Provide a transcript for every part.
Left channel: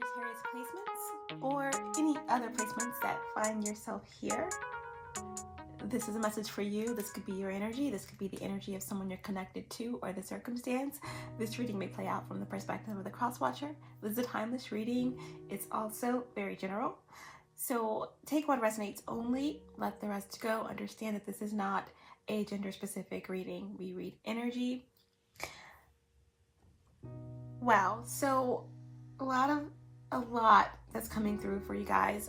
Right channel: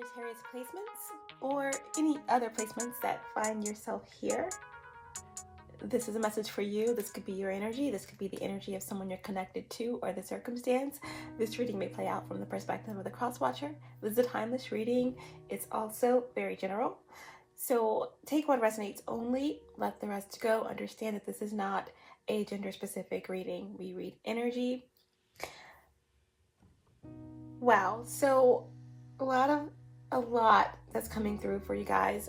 Sagittarius placements or any other placements that find yourself here. This is a message for you. This could be your energy. This could be the energy of someone you're connected to or the circumstance. This reading may play out from the perspective of the cross watcher. This is a timeless reading. It's also very general. So take what resonates only, let the rest go. Understand that this is not a gender specific reading. We read energy. Wow. So a lot that's coming through for you guys.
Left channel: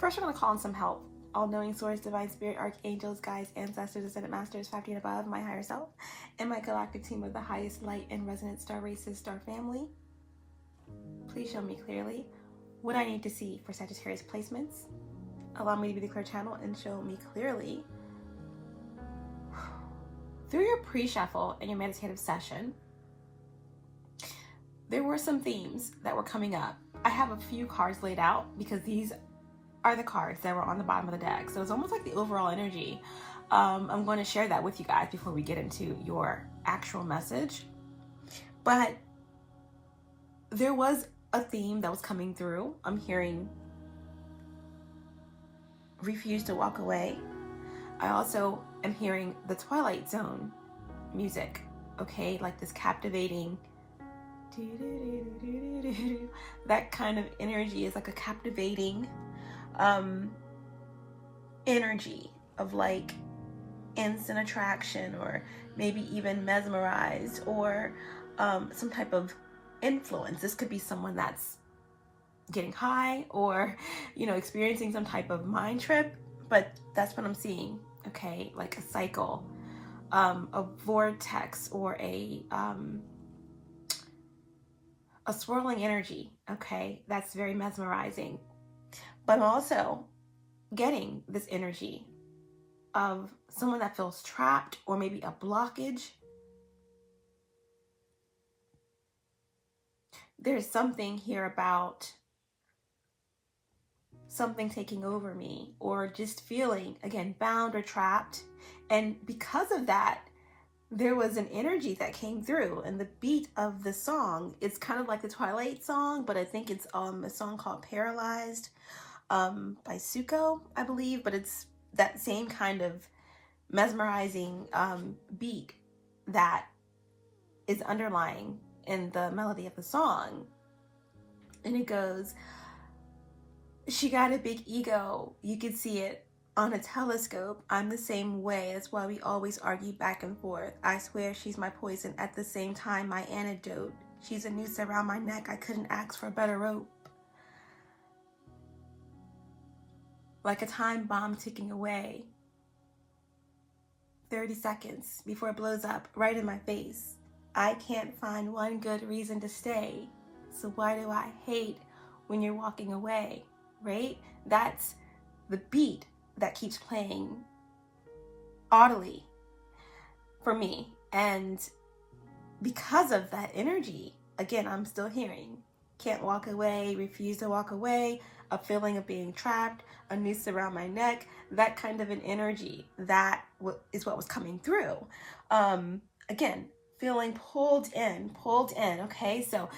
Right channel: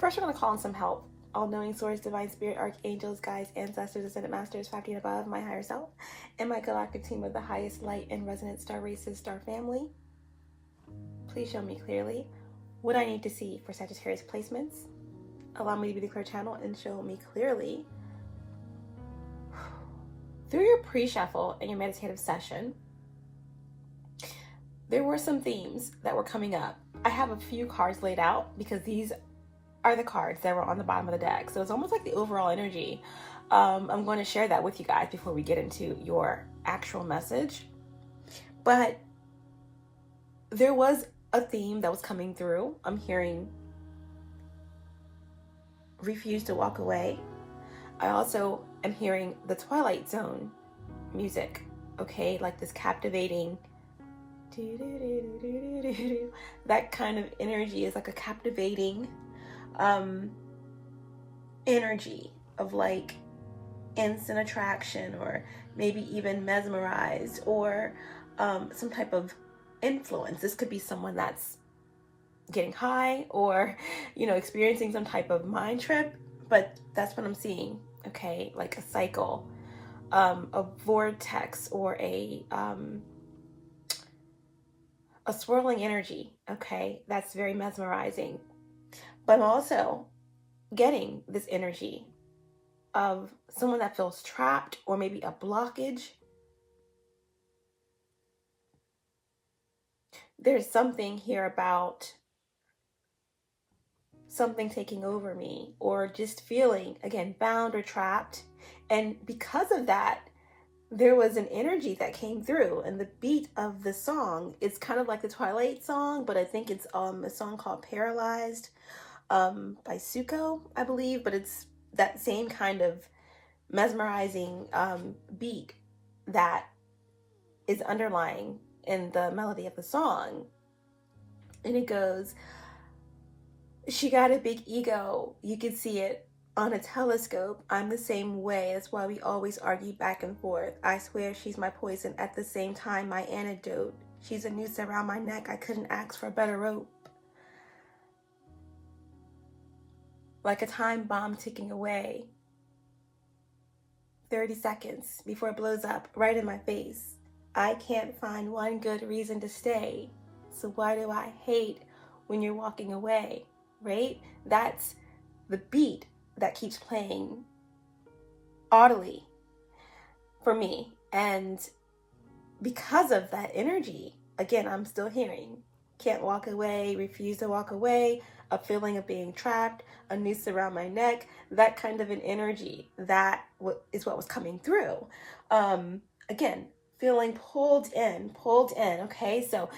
First, we're going to call in some help. All-knowing source, divine spirit, archangels, guides, ancestors, ascended masters, 5D and above, my higher self, and my galactic team of the highest light and resonant star races, star family. Please show me clearly what I need to see for Sagittarius placements. Allow me to be the clear channel and show me clearly through your pre-shuffle and your meditative session. There were some themes that were coming up. I have a few cards laid out because these are the cards that were on the bottom of the deck. So it's almost like the overall energy. I'm going to share that with you guys before we get into your actual message. But there was a theme that was coming through. I'm hearing refuse to walk away. I also am hearing the Twilight Zone music, okay? Like this captivating, that kind of energy is like a captivating energy of like instant attraction, or maybe even mesmerized, or some type of influence. This could be someone that's getting high or, you know, experiencing some type of mind trip, but that's what I'm seeing, okay? Like a cycle, a vortex, or a swirling energy, okay? That's very mesmerizing. But I'm also getting this energy of someone that feels trapped, or maybe a blockage. There's something here about something taking over me, or just feeling, again, bound or trapped. And because of that, there was an energy that came through, and the beat of the song, it's kind of like the Twilight song, but I think it's a song called Paralyzed by Suko, I believe, but it's that same kind of mesmerizing beat that is underlying in the melody of the song. And it goes, she got a big ego, you could see it on a telescope. I'm the same way, that's why we always argue back and forth. I swear she's my poison, at the same time my antidote. She's a noose around my neck, I couldn't ask for a better rope. Like a time bomb ticking away. 30 seconds before it blows up right in my face. I can't find one good reason to stay. So why do I hate when you're walking away, right? That's the beat that keeps playing audibly for me. And because of that energy, again, I'm still hearing, can't walk away, refuse to walk away, a feeling of being trapped, a noose around my neck, that kind of an energy, that is what was coming through. Again, feeling pulled in, okay? So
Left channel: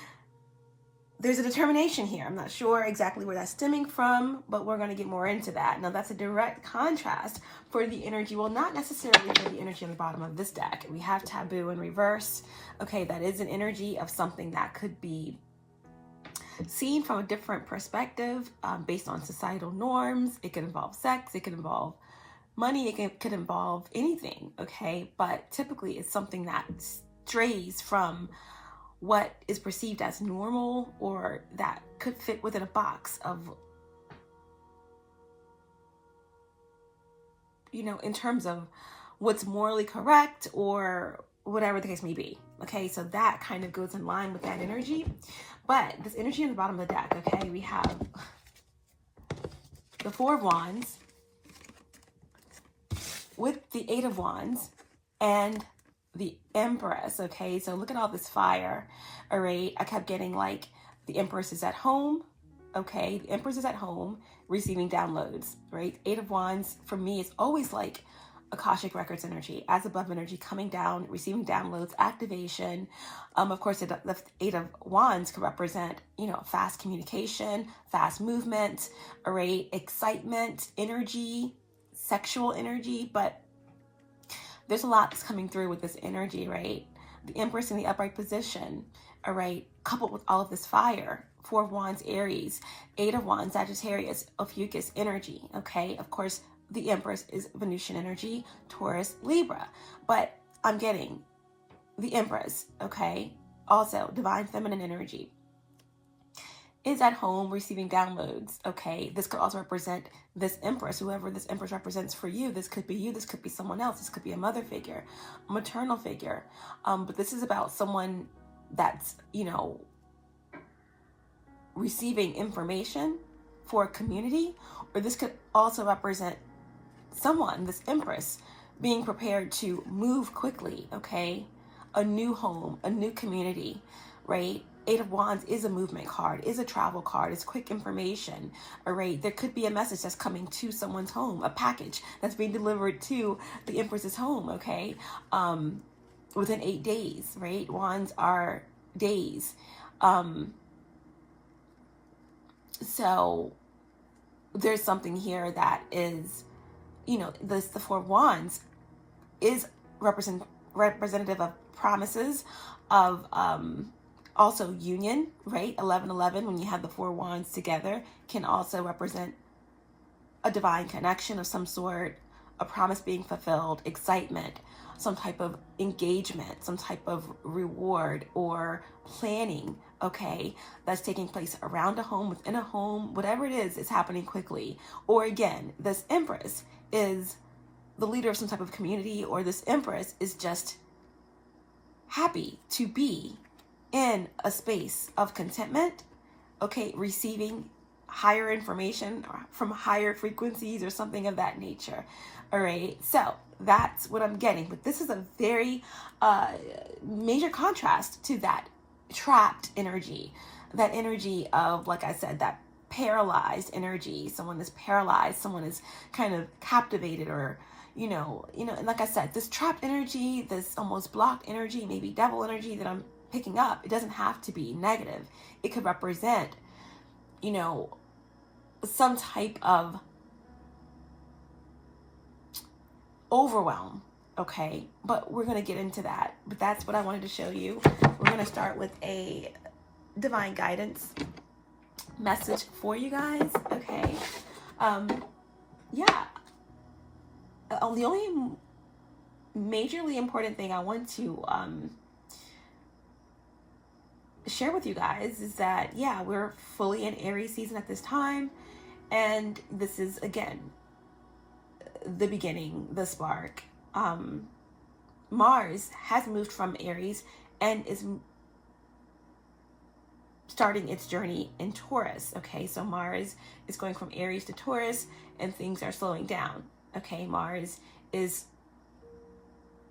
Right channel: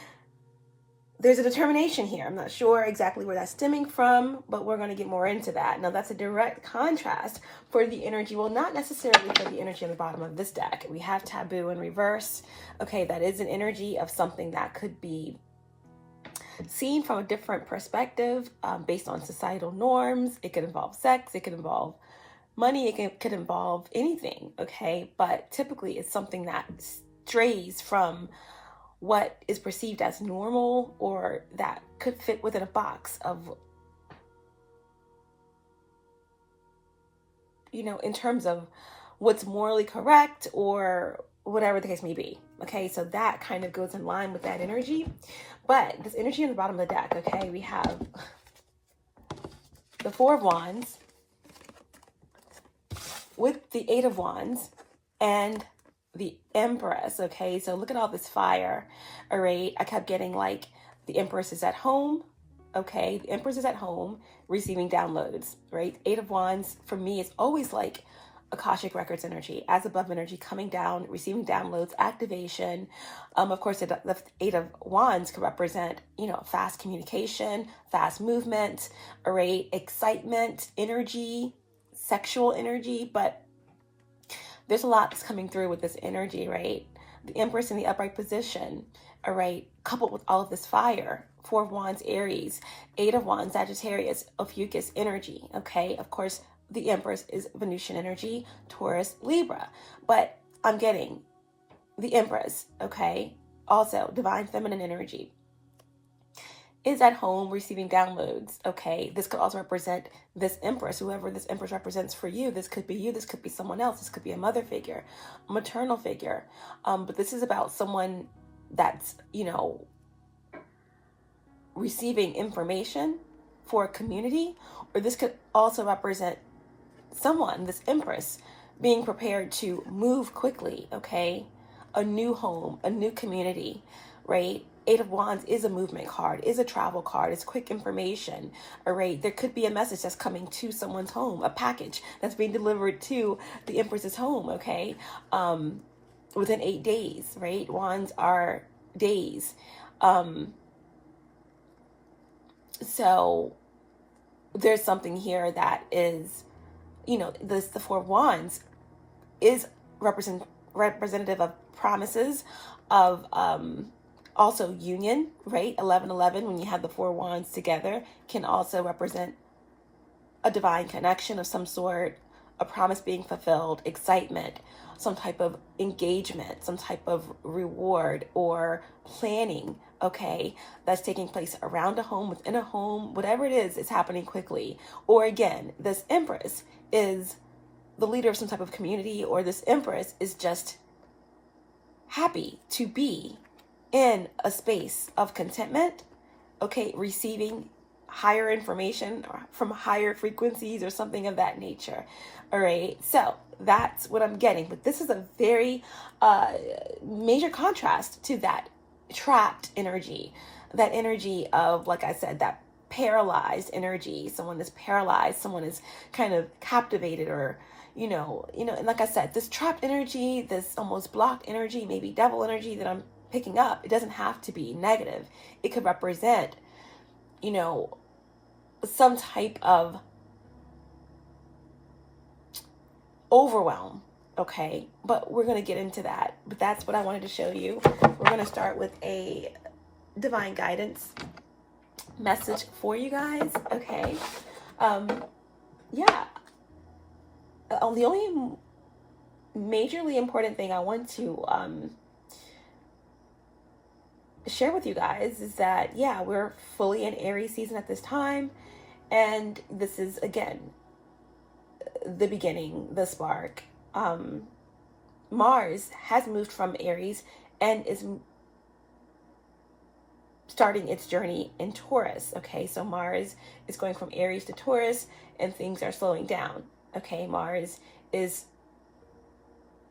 there's a determination here. I'm not sure exactly where that's stemming from, but we're going to get more into that. Now, that's a direct contrast for the energy, well, not necessarily for the energy on the bottom of this deck. We have taboo in reverse. Okay, that is an energy of something that could be seen from a different perspective, based on societal norms. It could involve sex, it could involve money, it could involve anything, okay? But typically it's something that strays from what is perceived as normal, or that could fit within a box of, you know, in terms of what's morally correct, or whatever the case may be. Okay, so that kind of goes in line with that energy. But this energy on the bottom of the deck, okay, we have the Four of Wands with the Eight of Wands and the Empress, okay? So look at all this fire, all right? I kept getting like the Empress is at home, okay? The Empress is at home receiving downloads, right? Eight of Wands for me is always like Akashic Records energy, as above energy, coming down, receiving downloads, activation. Of course, the Eight of Wands could represent, fast communication, fast movement, right? Excitement, energy, sexual energy. But there's a lot that's coming through with this energy, right? The Empress in the upright position, all right, coupled with all of this fire. Four of Wands, Aries, Eight of Wands, Sagittarius, Ophiuchus energy, okay? Of course, the Empress is Venusian energy, Taurus, Libra. But I'm getting the Empress, okay? Also, divine feminine energy is at home receiving downloads, okay? This could also represent this Empress, whoever this Empress represents for you. This could be you, this could be someone else, this could be a mother figure, a maternal figure. But this is about someone that's, receiving information for a community, or this could also represent someone, this Empress, being prepared to move quickly, okay? A new home, a new community, right? Eight of Wands is a movement card, is a travel card, it's quick information, all right? There could be a message that's coming to someone's home, a package that's being delivered to the Empress's home, okay? Within 8 days, right? Wands are days. So there's something here that is, the Four of Wands is representative of promises, of also union, right? 11:11, when you have the Four Wands together, can also represent a divine connection of some sort, a promise being fulfilled, excitement, some type of engagement, some type of reward or planning, okay, that's taking place around a home, within a home, whatever it is happening quickly. Or again, this Empress is the leader of some type of community, or this Empress is just happy to be in a space of contentment, okay, receiving higher information from higher frequencies or something of that nature. All right, so that's what I'm getting. But this is a very major contrast to that trapped energy, that energy of, like I said, that paralyzed energy. Someone is paralyzed, someone is kind of captivated, or and like I said, this trapped energy, this almost blocked energy, maybe devil energy that I'm picking up, it doesn't have to be negative. It could represent, some type of overwhelm, okay? But we're going to get into that. But that's what I wanted to show you. We're going to start with a divine guidance message for you guys, okay? The only majorly important thing I want to share with you guys is that, we're fully in Aries season at this time. And this is, again, the beginning, the spark. Mars has moved from Aries and is starting its journey in Taurus, okay? So Mars is going from Aries to Taurus, and things are slowing down, okay? Mars is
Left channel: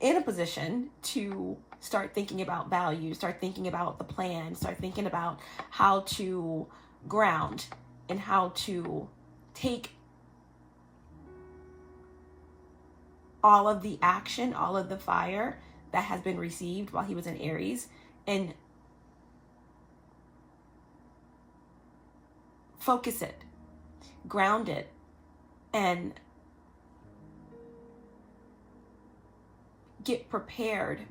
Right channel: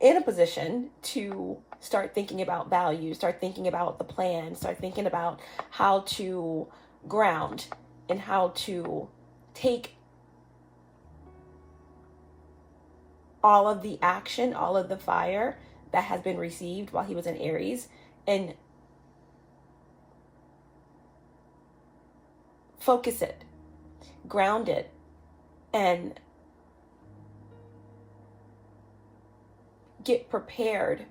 in a position to start thinking about values, start thinking about the plan, start thinking about how to ground and how to take all of the action, all of the fire that has been received while he was in Aries, and focus it, ground it, and get prepared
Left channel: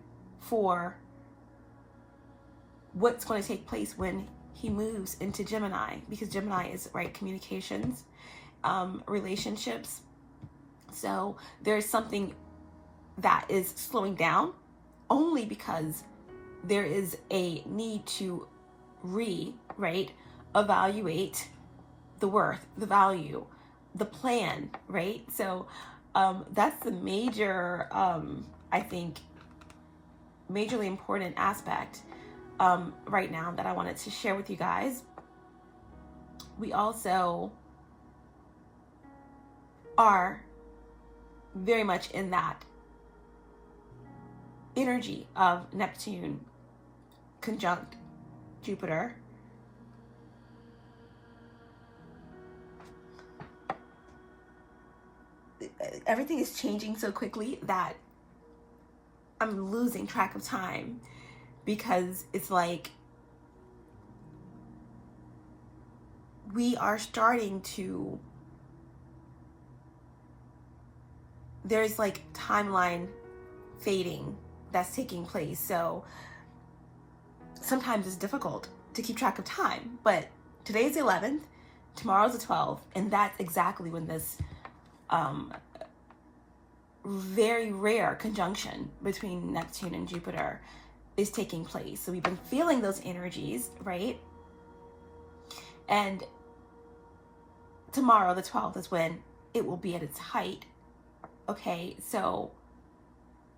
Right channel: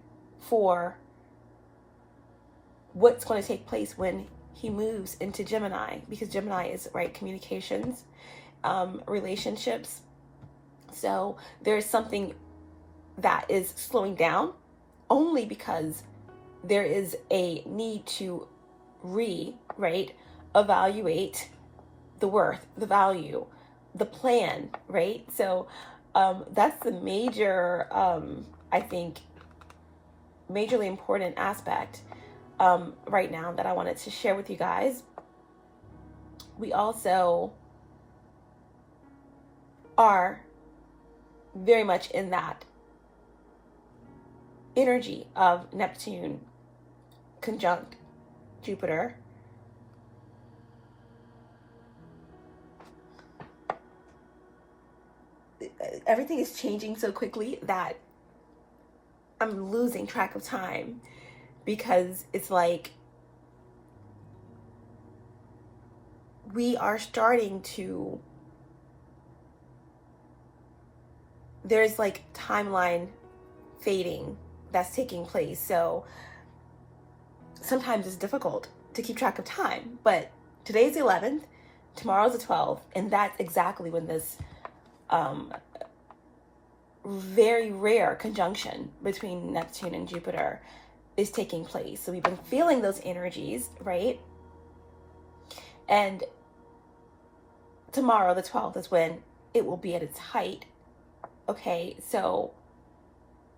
for what's going to take place when he moves into Gemini, because Gemini is, right, communications, relationships. So there's something that is slowing down only because there is a need to evaluate the worth, the value, the plan, right? So that's the major, I think, majorly important aspect right now that I wanted to share with you guys. We also are very much in that energy of Neptune conjunct Jupiter. everything is changing so quickly that I'm losing track of time, because it's like we are starting to, there's like timeline fading that's taking place. So sometimes it's difficult to keep track of time, but today's the 11th, tomorrow's the 12th, and that's exactly when this very rare conjunction between Neptune and Jupiter is taking place. So we've been feeling those energies, right? And tomorrow, the 12th, is when it will be at its height. Okay, so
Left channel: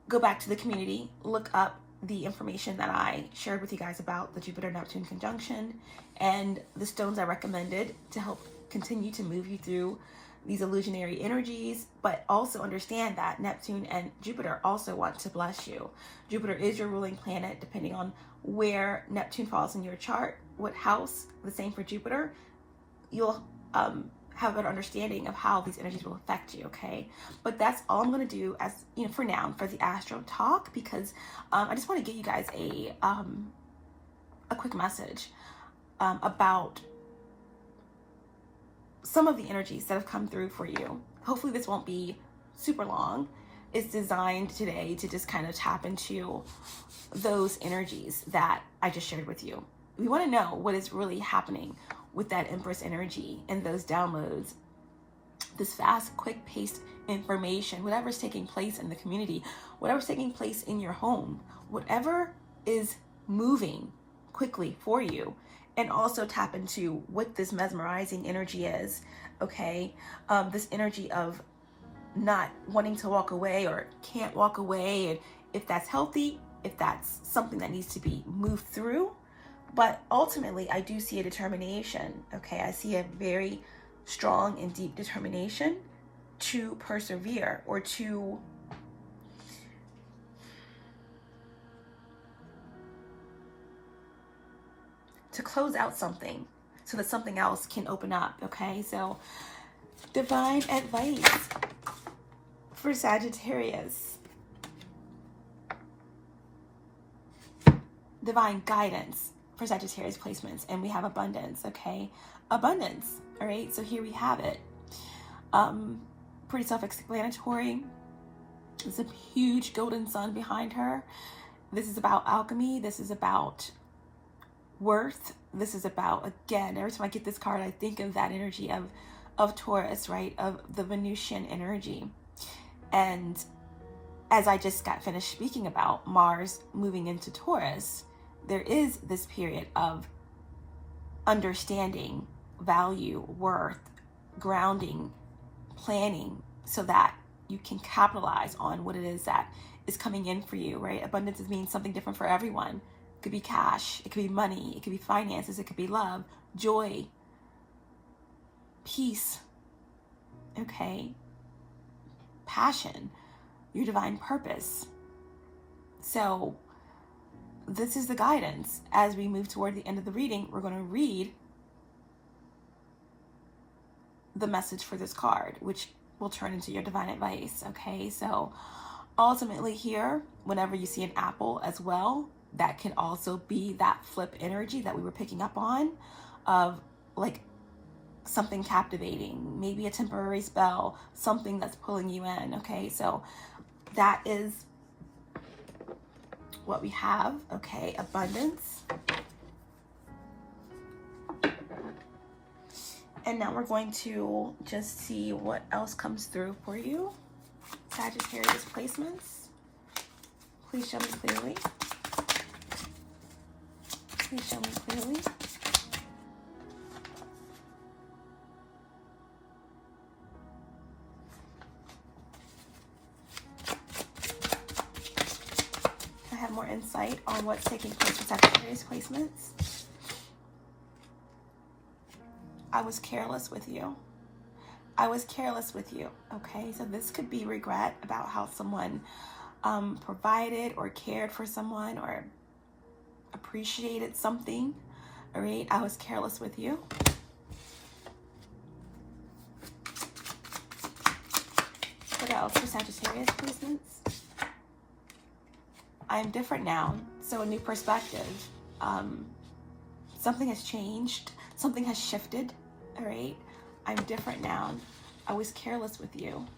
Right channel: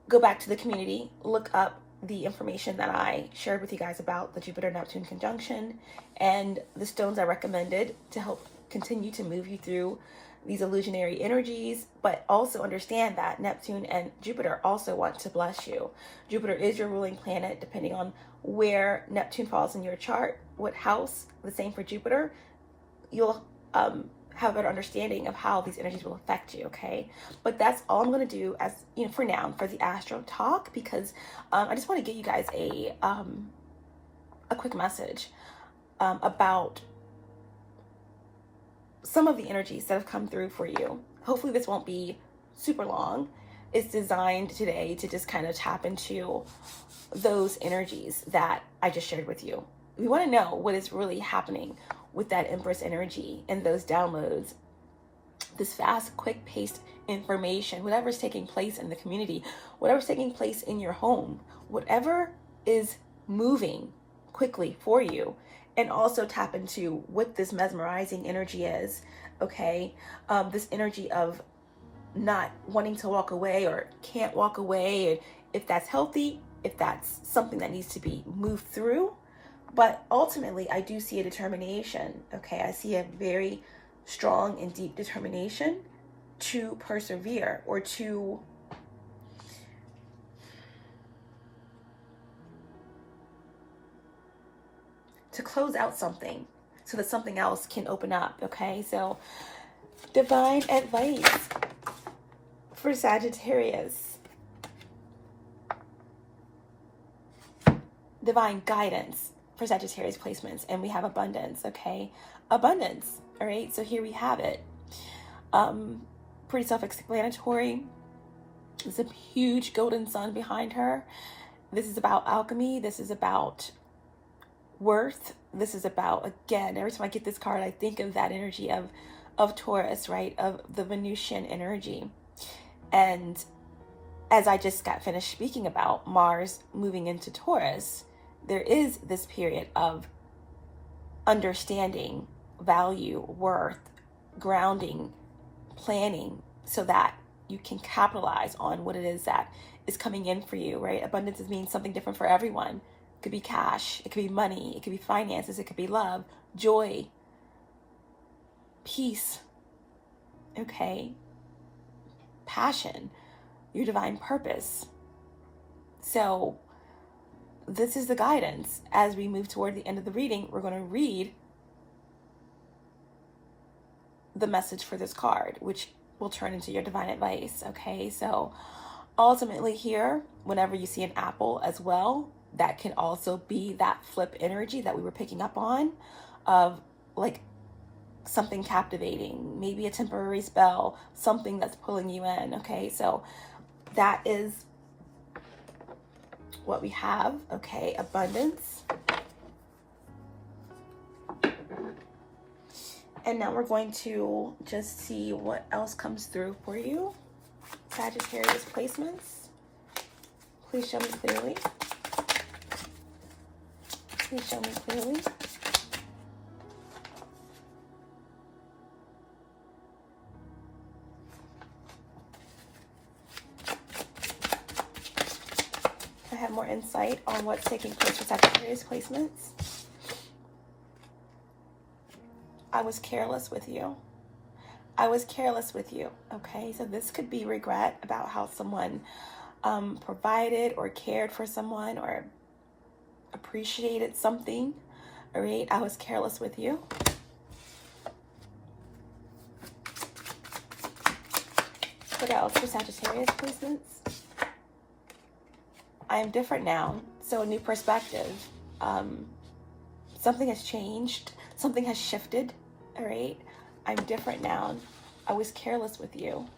go back to the community, look up the information that I shared with you guys about the Jupiter-Neptune conjunction and the stones I recommended to help continue to move you through these illusionary energies, but also understand that Neptune and Jupiter also want to bless you. Jupiter is your ruling planet, depending on where Neptune falls in your chart, what house, the same for Jupiter. You'll have a better understanding of how these energies will affect you, okay? But that's all I'm going to do as, for now, for the Astro Talk, because I just want to give you guys a quick message about some of the energies that have come through for you. Hopefully this won't be super long. It's designed today to just kind of tap into those energies that I just shared with you. We want to know what is really happening with that Empress energy and those downloads, this fast, quick-paced information, whatever's taking place in the community, whatever's taking place in your home, whatever is moving quickly for you, and also tap into what this mesmerizing energy is, okay? This energy of not wanting to walk away or can't walk away, and if that's healthy, if that's something that needs to be moved through. But ultimately, I do see a determination, okay? I see a very strong and deep determination to persevere or to close out something so that something else can open up, okay? So, divine advice for Sagittarius. Divine guidance for Sagittarius placements, and we have abundance, okay? Abundance, all right? So here we have it. Pretty self-explanatory. There's a huge golden sun behind her. This is about alchemy. This is about worth. This is about, again, every time I get this card, I think of that energy of Taurus, right? Of the Venusian energy. And as I just got finished speaking about Mars moving into Taurus, there is this period of understanding, value, worth, grounding, planning, so that you can capitalize on what it is that is coming in for you, right? Abundance means something different for everyone. It could be cash, it could be money, it could be finances, it could be love, joy, peace, okay? Passion, your divine purpose. So this is the guidance. As we move toward the end of the reading, we're going to read the message for this card, which will turn into your divine advice, okay? So ultimately here, whenever you see an apple as well, that can also be that flip energy that we were picking up on, of like something captivating, maybe a temporary spell, something that's pulling you in, okay? So that is what we have, okay? Abundance. And now we're going to just see what else comes through for you. Sagittarius placements. Please show me clearly. Please show me clearly. I have more insight on what's taking place with Sagittarius placements. I was careless with you. I was careless with you, okay? So this could be regret about how someone provided or cared for someone or appreciated something, all right? I was careless with you. What else for Sagittarius placements? I am different now. So a new perspective. Something has changed. Something has shifted. All right. I'm different now. I was careless with you.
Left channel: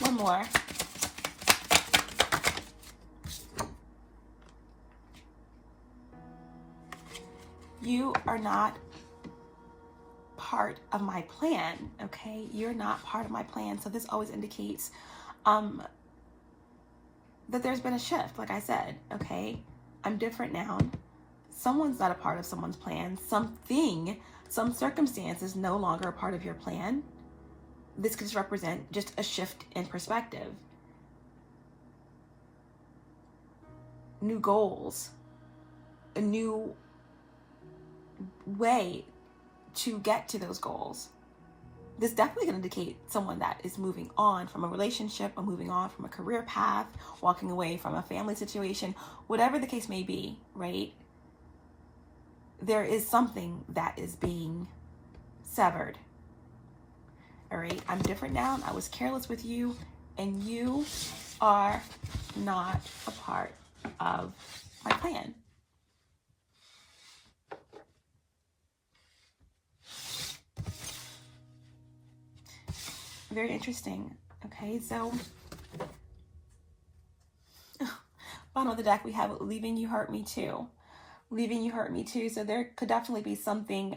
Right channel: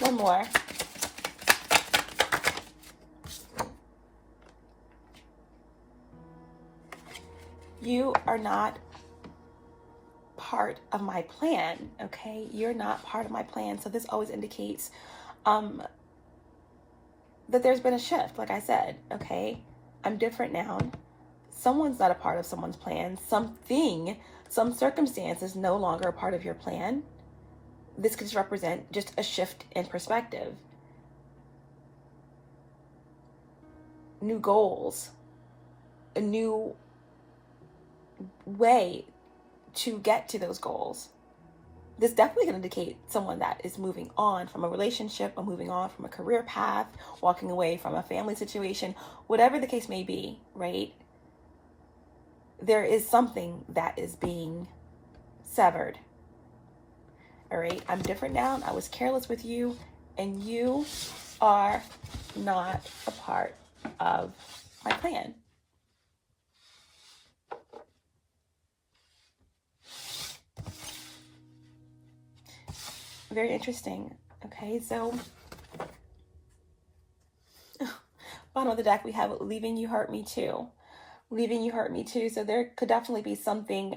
One more. You are not part of my plan, okay? You're not part of my plan. So this always indicates that there's been a shift, like I said, okay? I'm different now. Someone's not a part of someone's plan. Some circumstance is no longer a part of your plan. This could just represent just a shift in perspective. New goals, a new way to get to those goals. This definitely going to indicate someone that is moving on from a relationship, or moving on from a career path, walking away from a family situation, whatever the case may be, right? There is something that is being severed. All right, I'm different now. I was careless with you, and you are not a part of my plan. Very interesting. Okay, so bottom of the deck, we have leaving you hurt me too. Leaving you hurt me too. So there could definitely be something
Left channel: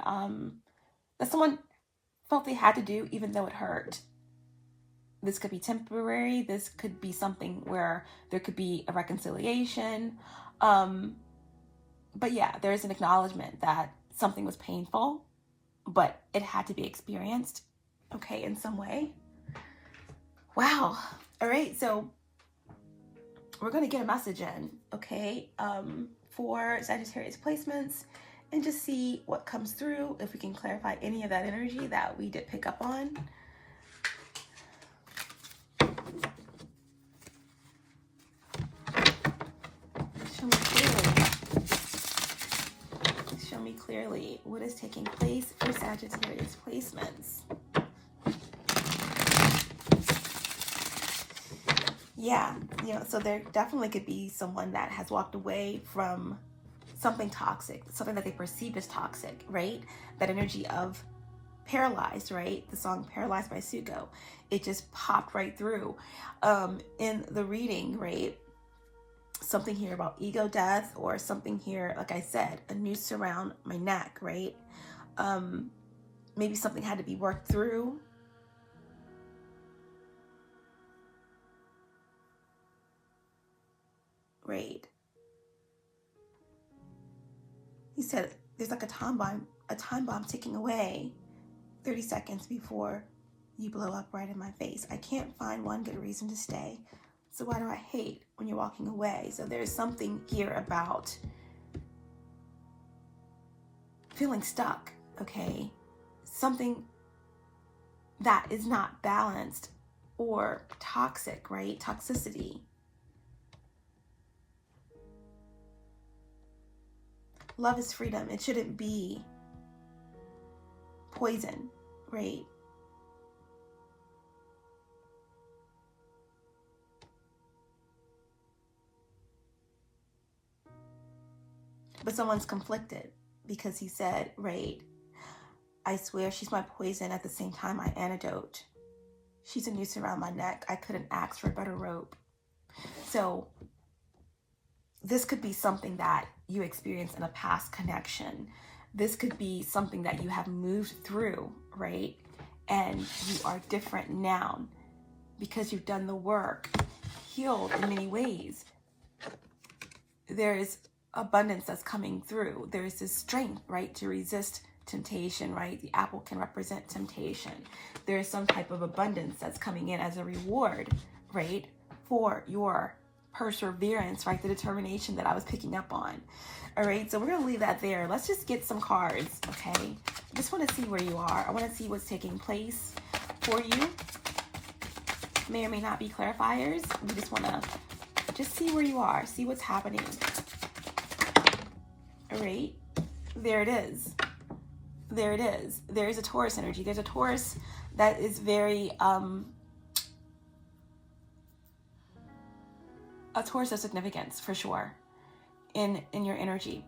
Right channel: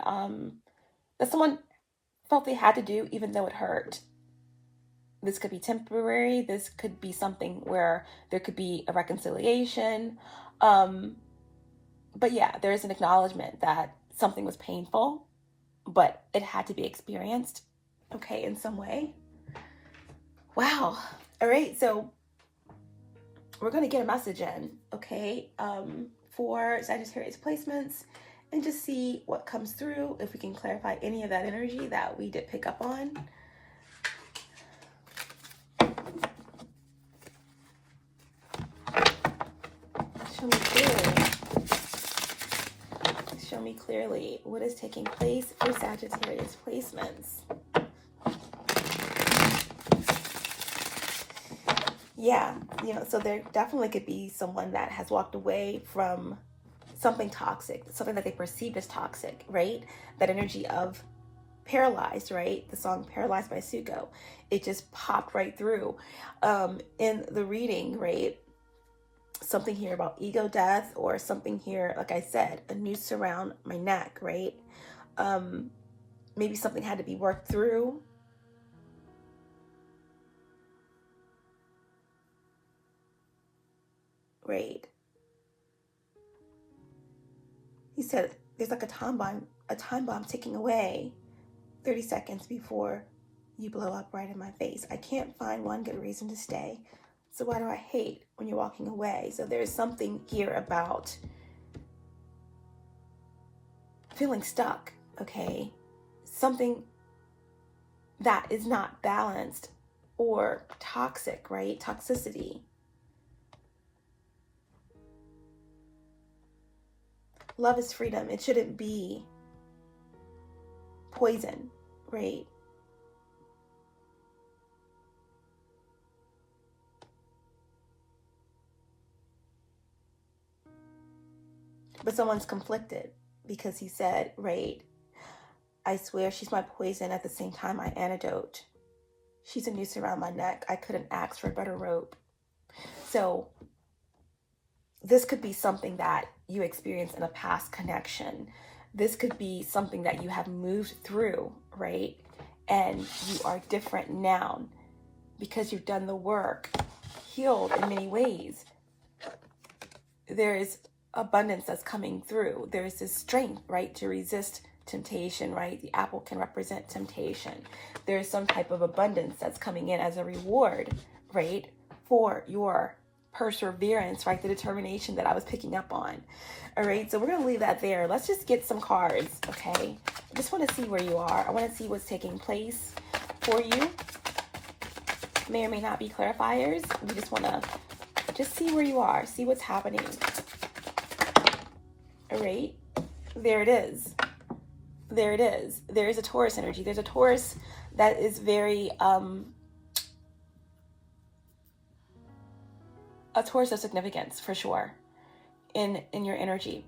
that someone felt they had to do even though it hurt. This could be temporary. This could be something where there could be a reconciliation. But yeah, there is an acknowledgement that something was painful, but it had to be experienced, okay, in some way. Wow. All right, so we're going to get a message in, okay, for Sagittarius placements, and just see what comes through, if we can clarify any of that energy that we did pick up on. Show me clearly. Show me clearly what is taking place for Sagittarius placements. Yeah, so there definitely could be someone that has walked away from something toxic, something that they perceived as toxic, right? That energy of Paralyzed, right? The song Paralyzed by Sugo. It just popped right through in the reading, right? Something here about ego death, or something here, like I said, a noose around my neck, right? Maybe something had to be worked through. Right. He said there's like a time bomb ticking away 30 seconds before you blow up right in my face. I can't find one good reason to stay. So why do I hate when you're walking away? So there's something here about feeling stuck, okay? Something that is not balanced or toxic, right? Toxicity. Love is freedom. It shouldn't be poison, right? But someone's conflicted because he said, right, I swear she's my poison, at the same time my antidote. She's a noose around my neck. I couldn't ask for a better rope. So this could be something that you experienced in a past connection. This could be something that you have moved through, right? And you are different now because you've done the work, healed in many ways. There's abundance that's coming through. There's this strength, right, to resist temptation, right? The apple can represent temptation. There's some type of abundance that's coming in as a reward, right, for your perseverance, right? The determination that I was picking up on. All right, so we're going to leave that there. Let's just get some cards, okay? I just want to see where you are. I want to see what's taking place for you. May or may not be clarifiers. We just want to just see where you are, see what's happening. All right, there it is. there it is. There is a Taurus energy. There's a Taurus that is very, a Taurus of significance for sure in your energy.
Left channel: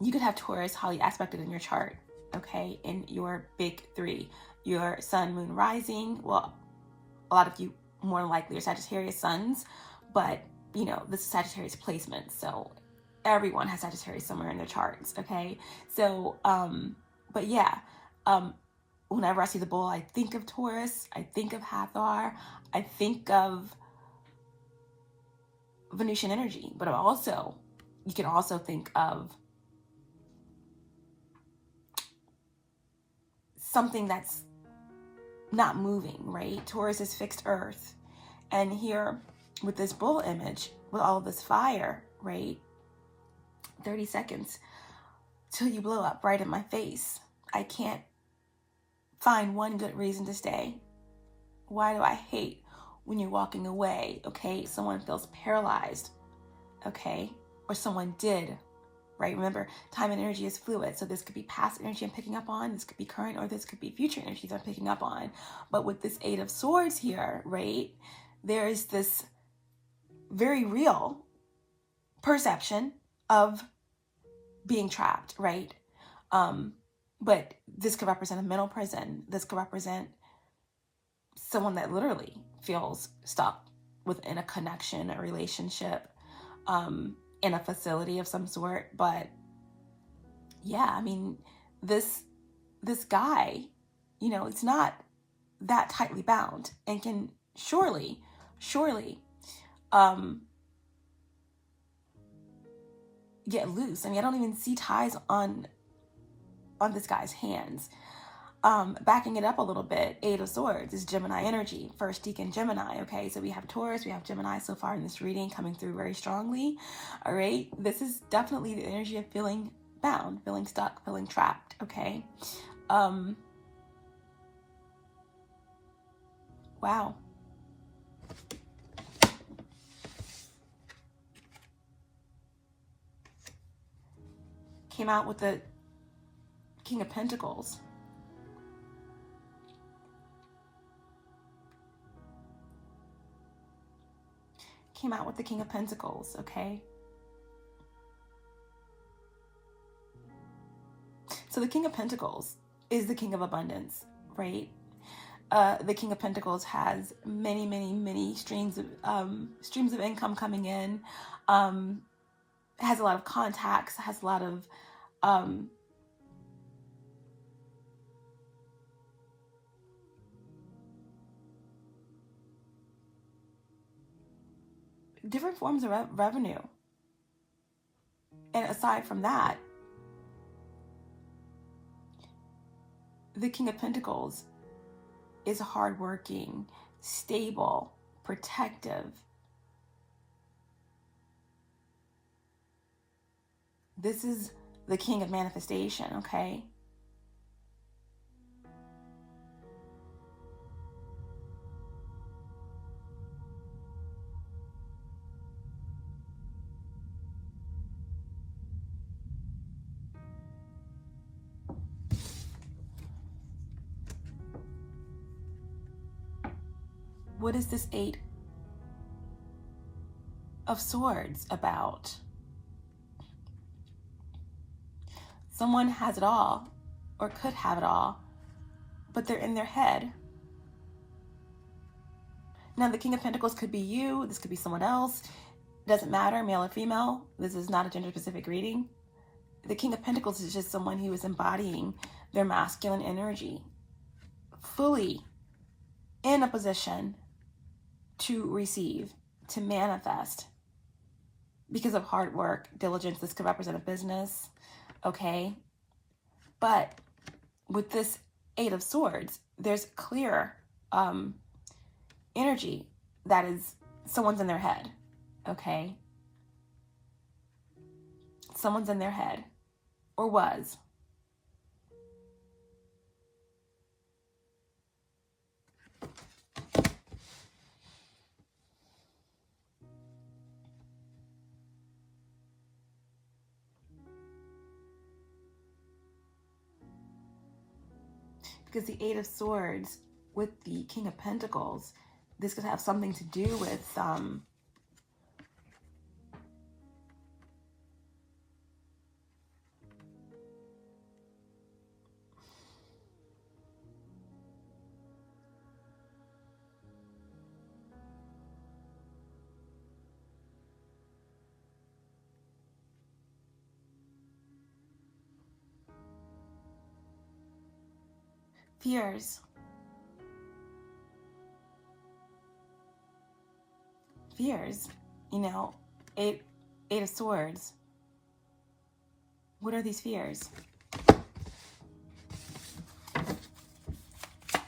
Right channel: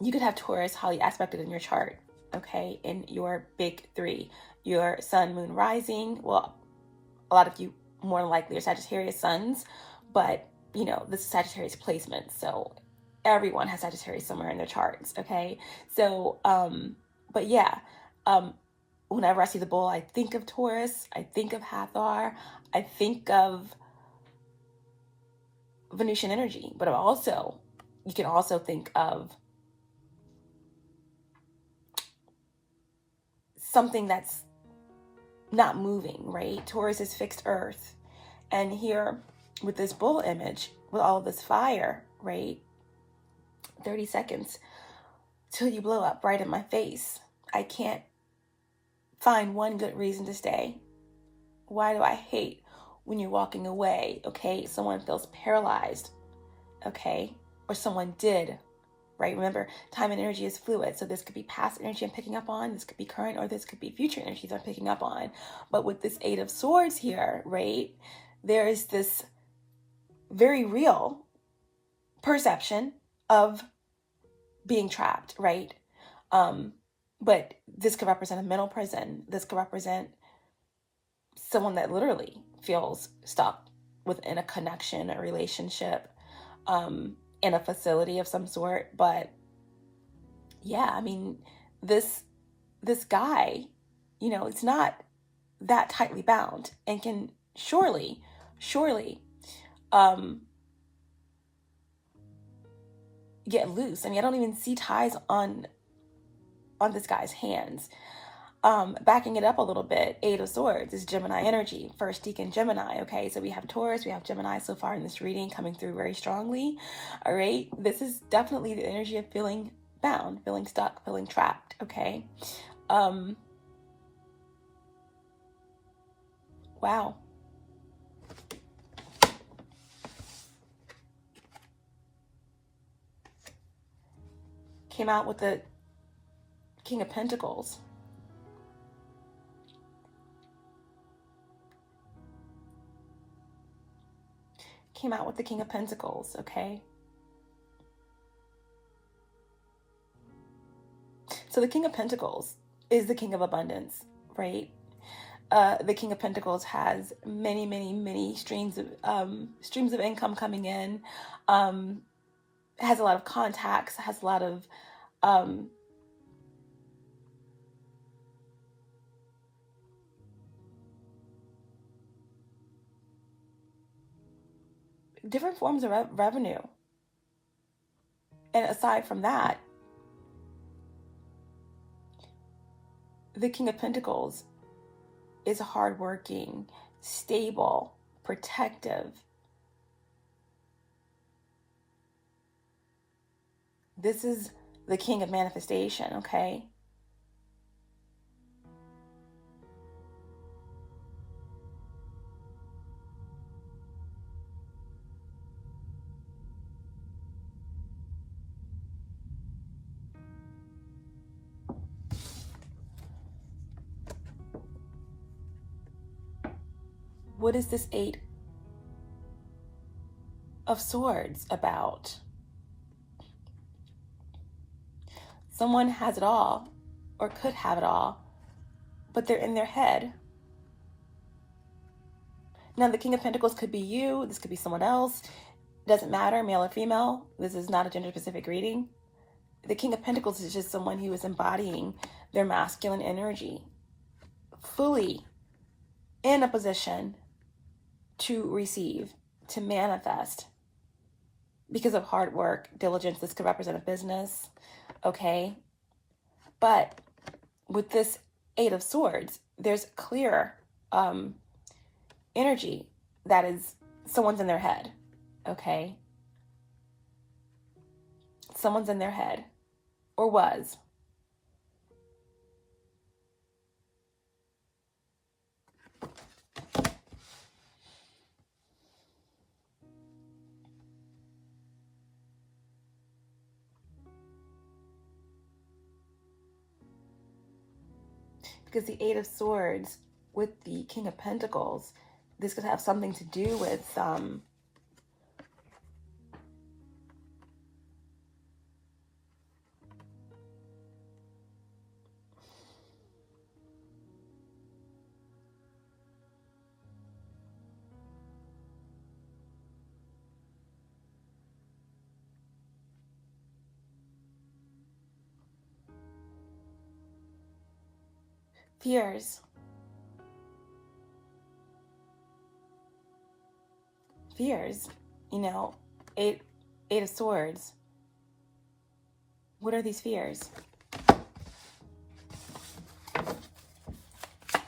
You could have Taurus highly aspected in your chart, okay, in your big three, your Sun, Moon, Rising. Well, a lot of you more than likely are Sagittarius Suns, but you know, this is Sagittarius placement, so everyone has Sagittarius somewhere in their charts, okay? So, but yeah, whenever I see the bull, I think of Taurus, I think of Hathor, I think of Venusian energy, but also, you can also think of something that's not moving, right? Taurus is fixed earth. And here with this bull image, with all of this fire, right? 30 seconds till you blow up right in my face. I can't find one good reason to stay. Why do I hate when you're walking away? Okay, someone feels paralyzed, okay? Or someone did, right? Remember, time and energy is fluid. So this could be past energy I'm picking up on, this could be current, or this could be future energies I'm picking up on. But with this Eight of Swords here, right, there is this very real perception of being trapped, right? But this could represent a mental prison. This could represent someone that literally feels stuck within a connection, a relationship, in a facility of some sort. But yeah, I mean, this guy, you know, it's not that tightly bound and can surely get loose. I mean, I don't even see ties on this guy's hands. Backing it up a little bit, Eight of Swords is Gemini energy, first deacon Gemini, okay? So we have Taurus, we have Gemini so far in this reading coming through very strongly, all right? This is definitely the energy of feeling bound, feeling stuck, feeling trapped, okay? Wow. Came out with the King of Pentacles. Came out with the King of Pentacles, okay? So the King of Pentacles is the King of Abundance, right? The King of Pentacles has many streams of income coming in, has a lot of contacts, has a lot of different forms of revenue. And aside from that, the King of Pentacles is hardworking, stable, protective. This is the King of Manifestation, okay? What is this Eight of Swords about? Someone has it all, or could have it all, but they're in their head. Now, the King of Pentacles could be you. This could be someone else. It doesn't matter, male or female. This is not a gender-specific reading. The King of Pentacles is just someone who is embodying their masculine energy, fully in a position to receive, to manifest, because of hard work, diligence. This could represent a business, okay? But with this Eight of Swords, there's clear energy that is someone's in their head, okay? Someone's in their head, or was. Because the Eight of Swords with the King of Pentacles, this could have something to do with fears. Fears, you know, Eight of Swords. What are these fears?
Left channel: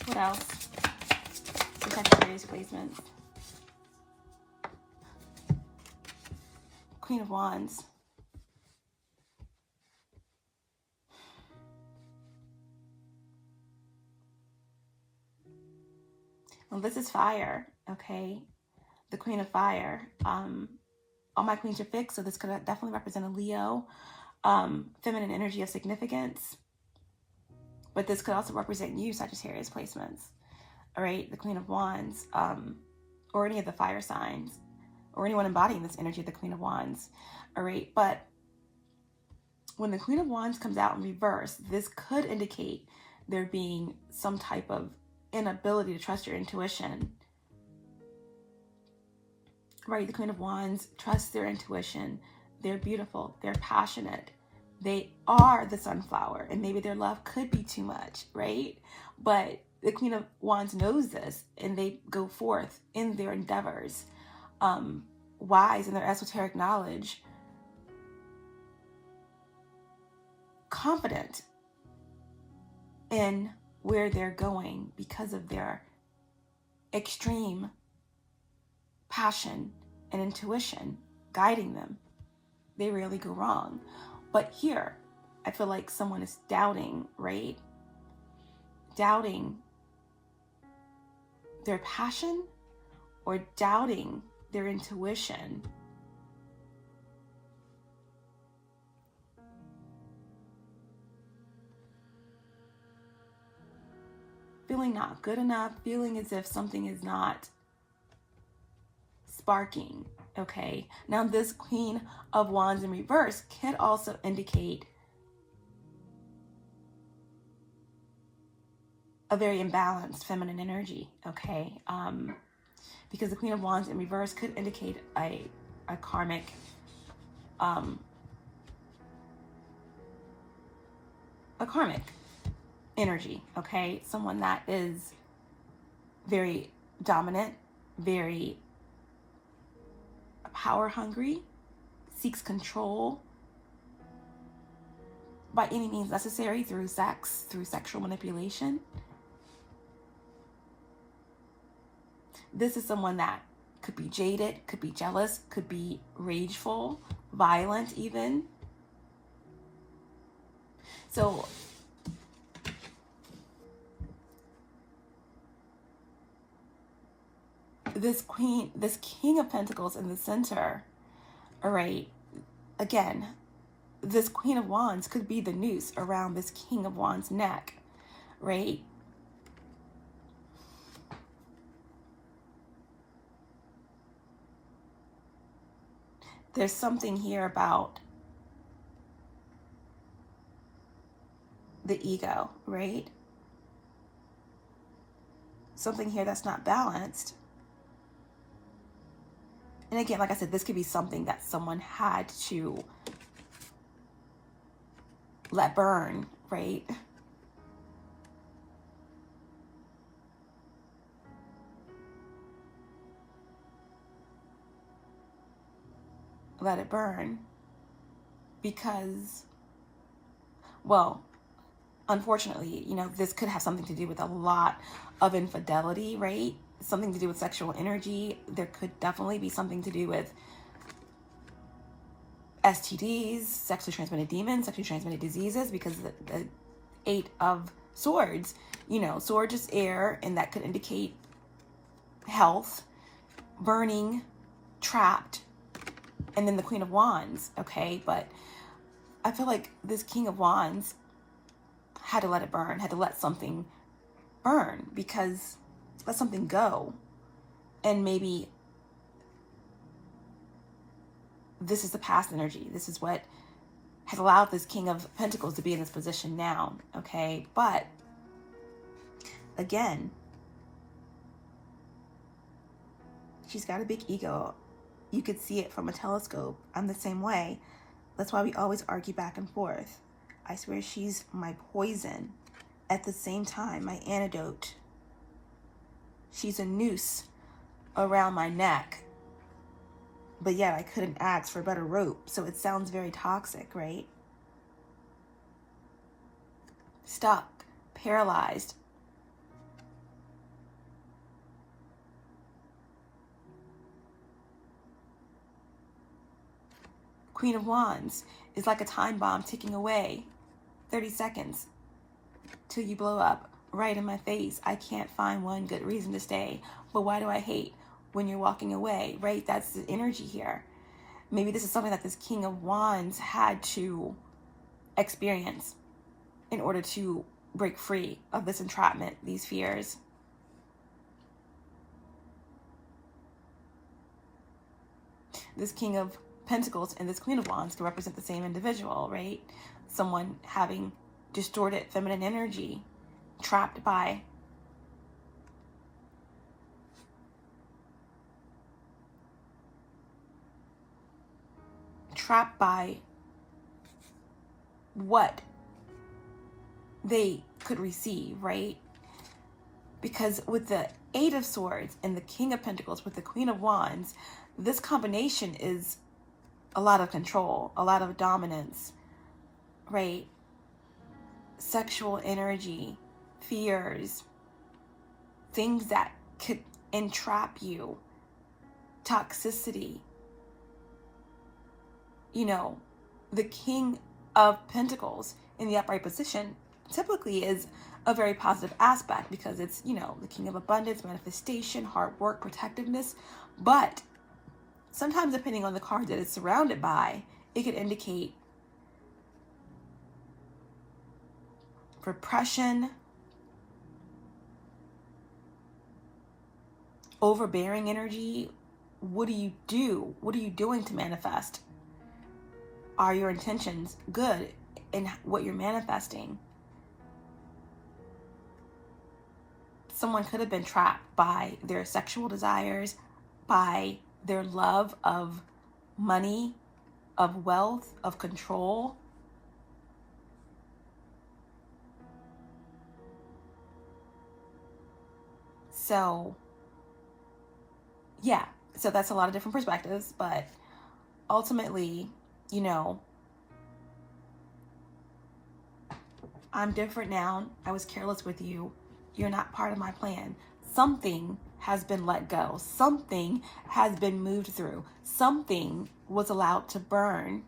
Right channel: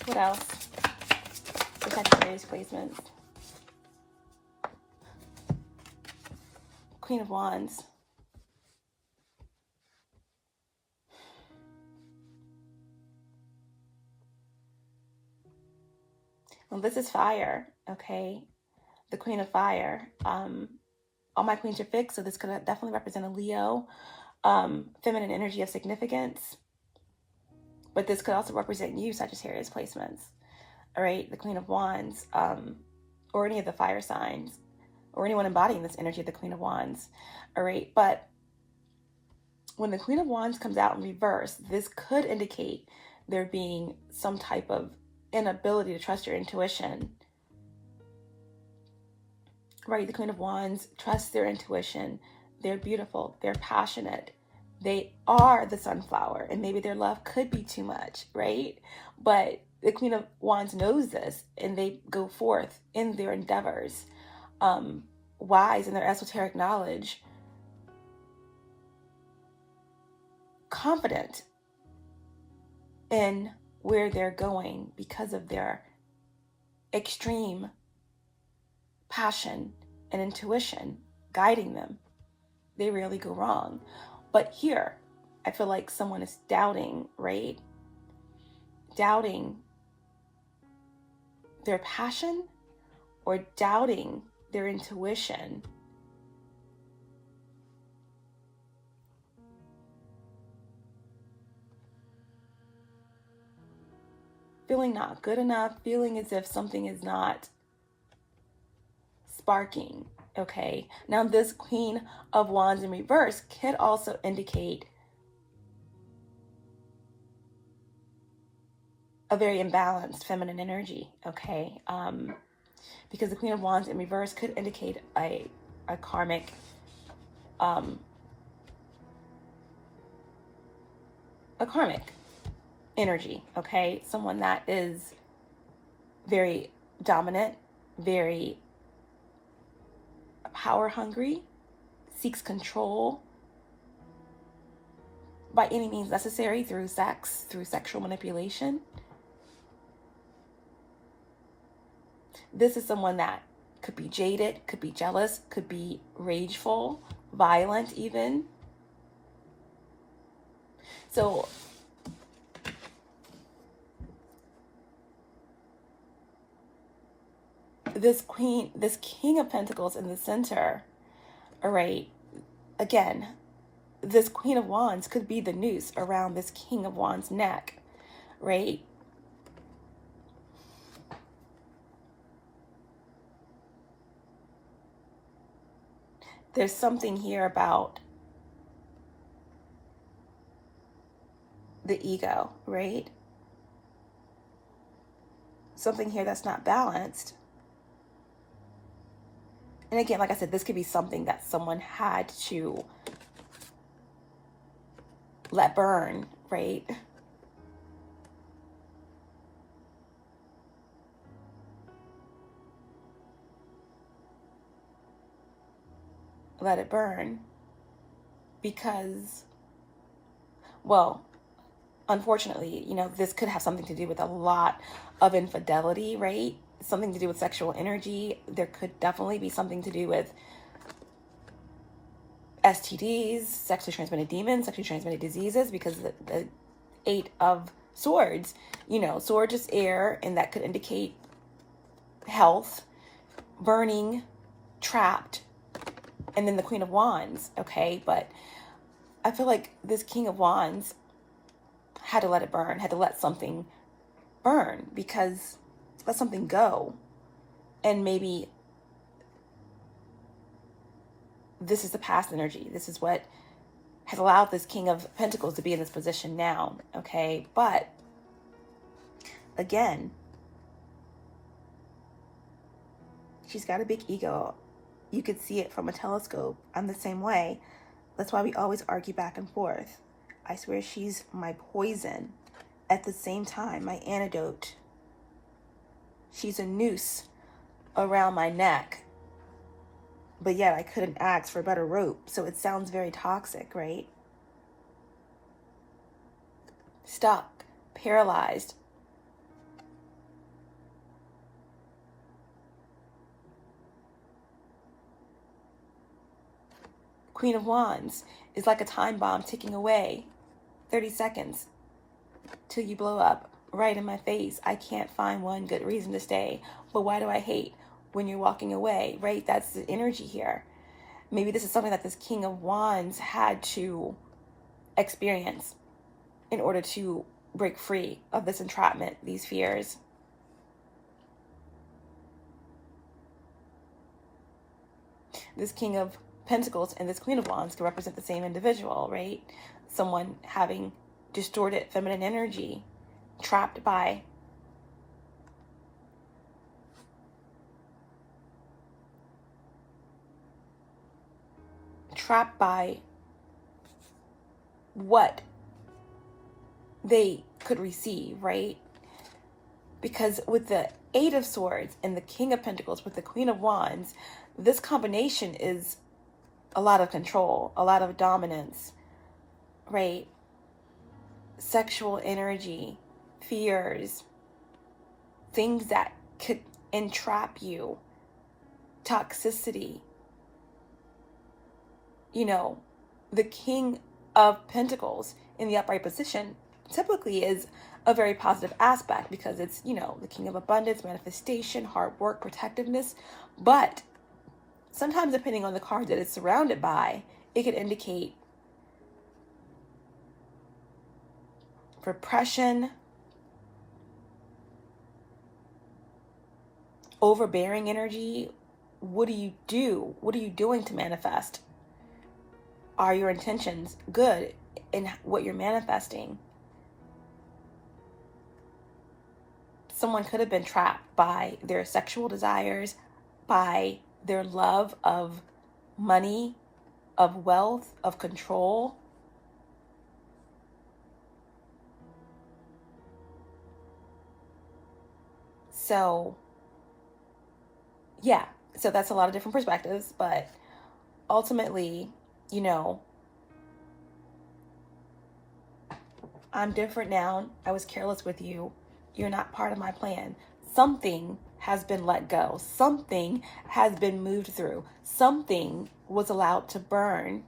What else? The Sagittarius placements. Queen of Wands. Well, this is fire, okay? The Queen of Fire. All my queens are fixed, so this could definitely represent a Leo. Feminine energy of significance. But this could also represent you, Sagittarius placements. All right, the Queen of Wands, or any of the fire signs, or anyone embodying this energy of the Queen of Wands. All right, but when the Queen of Wands comes out in reverse, this could indicate there being some type of inability to trust your intuition. Right, the Queen of Wands trusts their intuition. They're beautiful. They're passionate. They are the sunflower, and maybe their love could be too much, right? But the Queen of Wands knows this, and they go forth in their endeavors, wise in their esoteric knowledge, confident in where they're going because of their extreme passion and intuition guiding them. They rarely go wrong. But here, I feel like someone is doubting, right? Doubting their passion or doubting their intuition. Feeling not good enough, feeling as if something is not sparking, okay? Now this Queen of Wands in reverse could also indicate a very imbalanced feminine energy, okay? Because the Queen of Wands in reverse could indicate a karmic energy, okay? Someone that is very dominant, very power hungry, seeks control by any means necessary through sex, through sexual manipulation. This is someone that could be jaded, could be jealous, could be rageful, violent even. So this King of Pentacles in the center, all right, again, this Queen of Wands could be the noose around this King of Wands' neck, right? There's something here about the ego, right? Something here that's not balanced. And again, like I said, this could be something that someone had to let burn, right? Let it burn because, well, unfortunately, you know, this could have something to do with a lot of infidelity, right? Something to do with sexual energy. There could definitely be something to do with STDs, sexually transmitted demons, sexually transmitted diseases, because the Eight of Swords, you know, sword is air, and that could indicate health, burning, trapped, and then the Queen of Wands, okay? But I feel like this King of Wands had to let it burn, had to let something burn, because let something go. And maybe this is the past energy. This is what has allowed this King of Pentacles to be in this position now, okay? But again, she's got a big ego. You could see it from a telescope. I'm the same way. That's why we always argue back and forth. I swear she's my poison. At the same time, my antidote. She's a noose around my neck. But yet I couldn't ask for a better rope. So it sounds very toxic, right? Stuck, paralyzed. Queen of Wands is like a time bomb ticking away. 30 seconds till you blow up right in my face. I can't find one good reason to stay. But why do I hate when you're walking away, right? That's the energy here. Maybe this is something that this King of Wands had to experience in order to break free of this entrapment, these fears. This King of Pentacles and this Queen of Wands can represent the same individual, right? Someone having distorted feminine energy, trapped by what they could receive, right? Because with the Eight of Swords and the King of Pentacles with the Queen of Wands, this combination is a lot of control, a lot of dominance, right? Sexual energy, fears, things that could entrap you, toxicity. You know, the King of Pentacles in the upright position typically is a very positive aspect because it's, you know, the King of Abundance, manifestation, hard work, protectiveness. But sometimes depending on the card that it's surrounded by, it could indicate repression, overbearing energy. What do you do? What are you doing to manifest? Are your intentions good in what you're manifesting? Someone could have been trapped by their sexual desires, by their love of money, of wealth, of control. So, yeah, so that's a lot of different perspectives, but ultimately, you know, I'm different now. I was careless with you. You're not part of my plan. Something has been let go. Something has been moved through. Something was allowed to burn.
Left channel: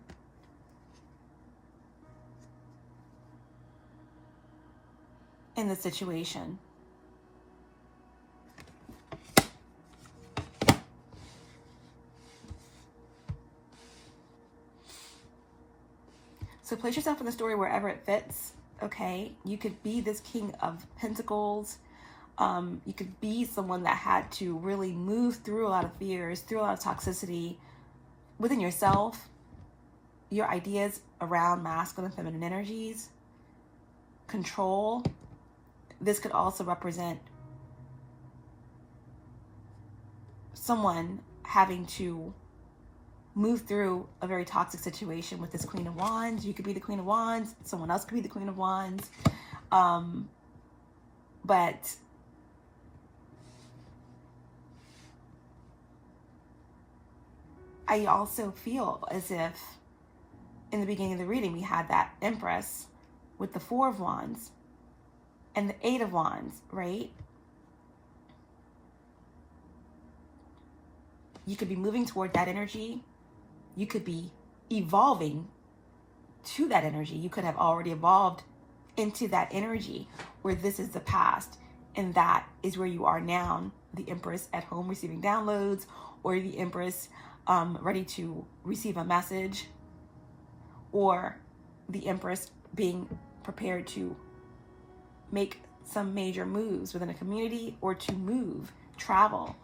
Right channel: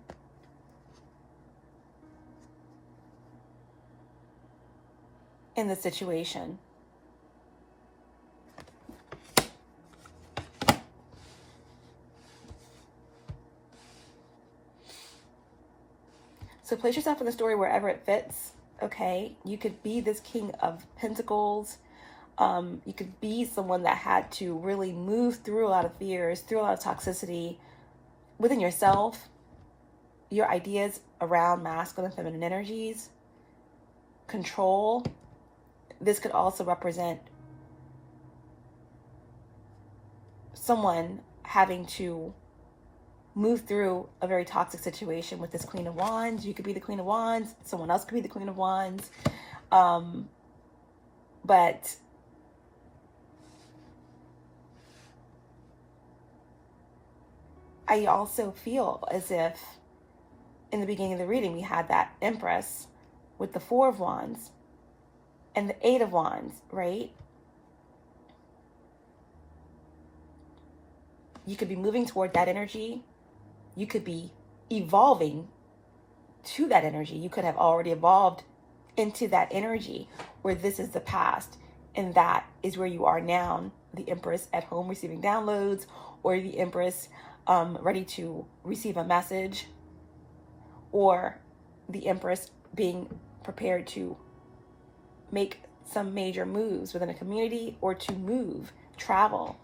In the situation. So place yourself in the story wherever it fits, okay? You could be this King of Pentacles. You could be someone that had to really move through a lot of fears, through a lot of toxicity within yourself, your ideas around masculine and feminine energies, control. This could also represent someone having to move through a very toxic situation with this Queen of Wands. You could be the Queen of Wands. Someone else could be the Queen of Wands. But I also feel as if in the beginning of the reading, we had that Empress with the Four of Wands and the Eight of Wands, right? You could be moving toward that energy. You could be evolving to that energy. You could have already evolved into that energy where this is the past and that is where you are now. The Empress at home receiving downloads, or the Empress ready to receive a message, or the Empress being prepared to make some major moves within a community or to move, travel.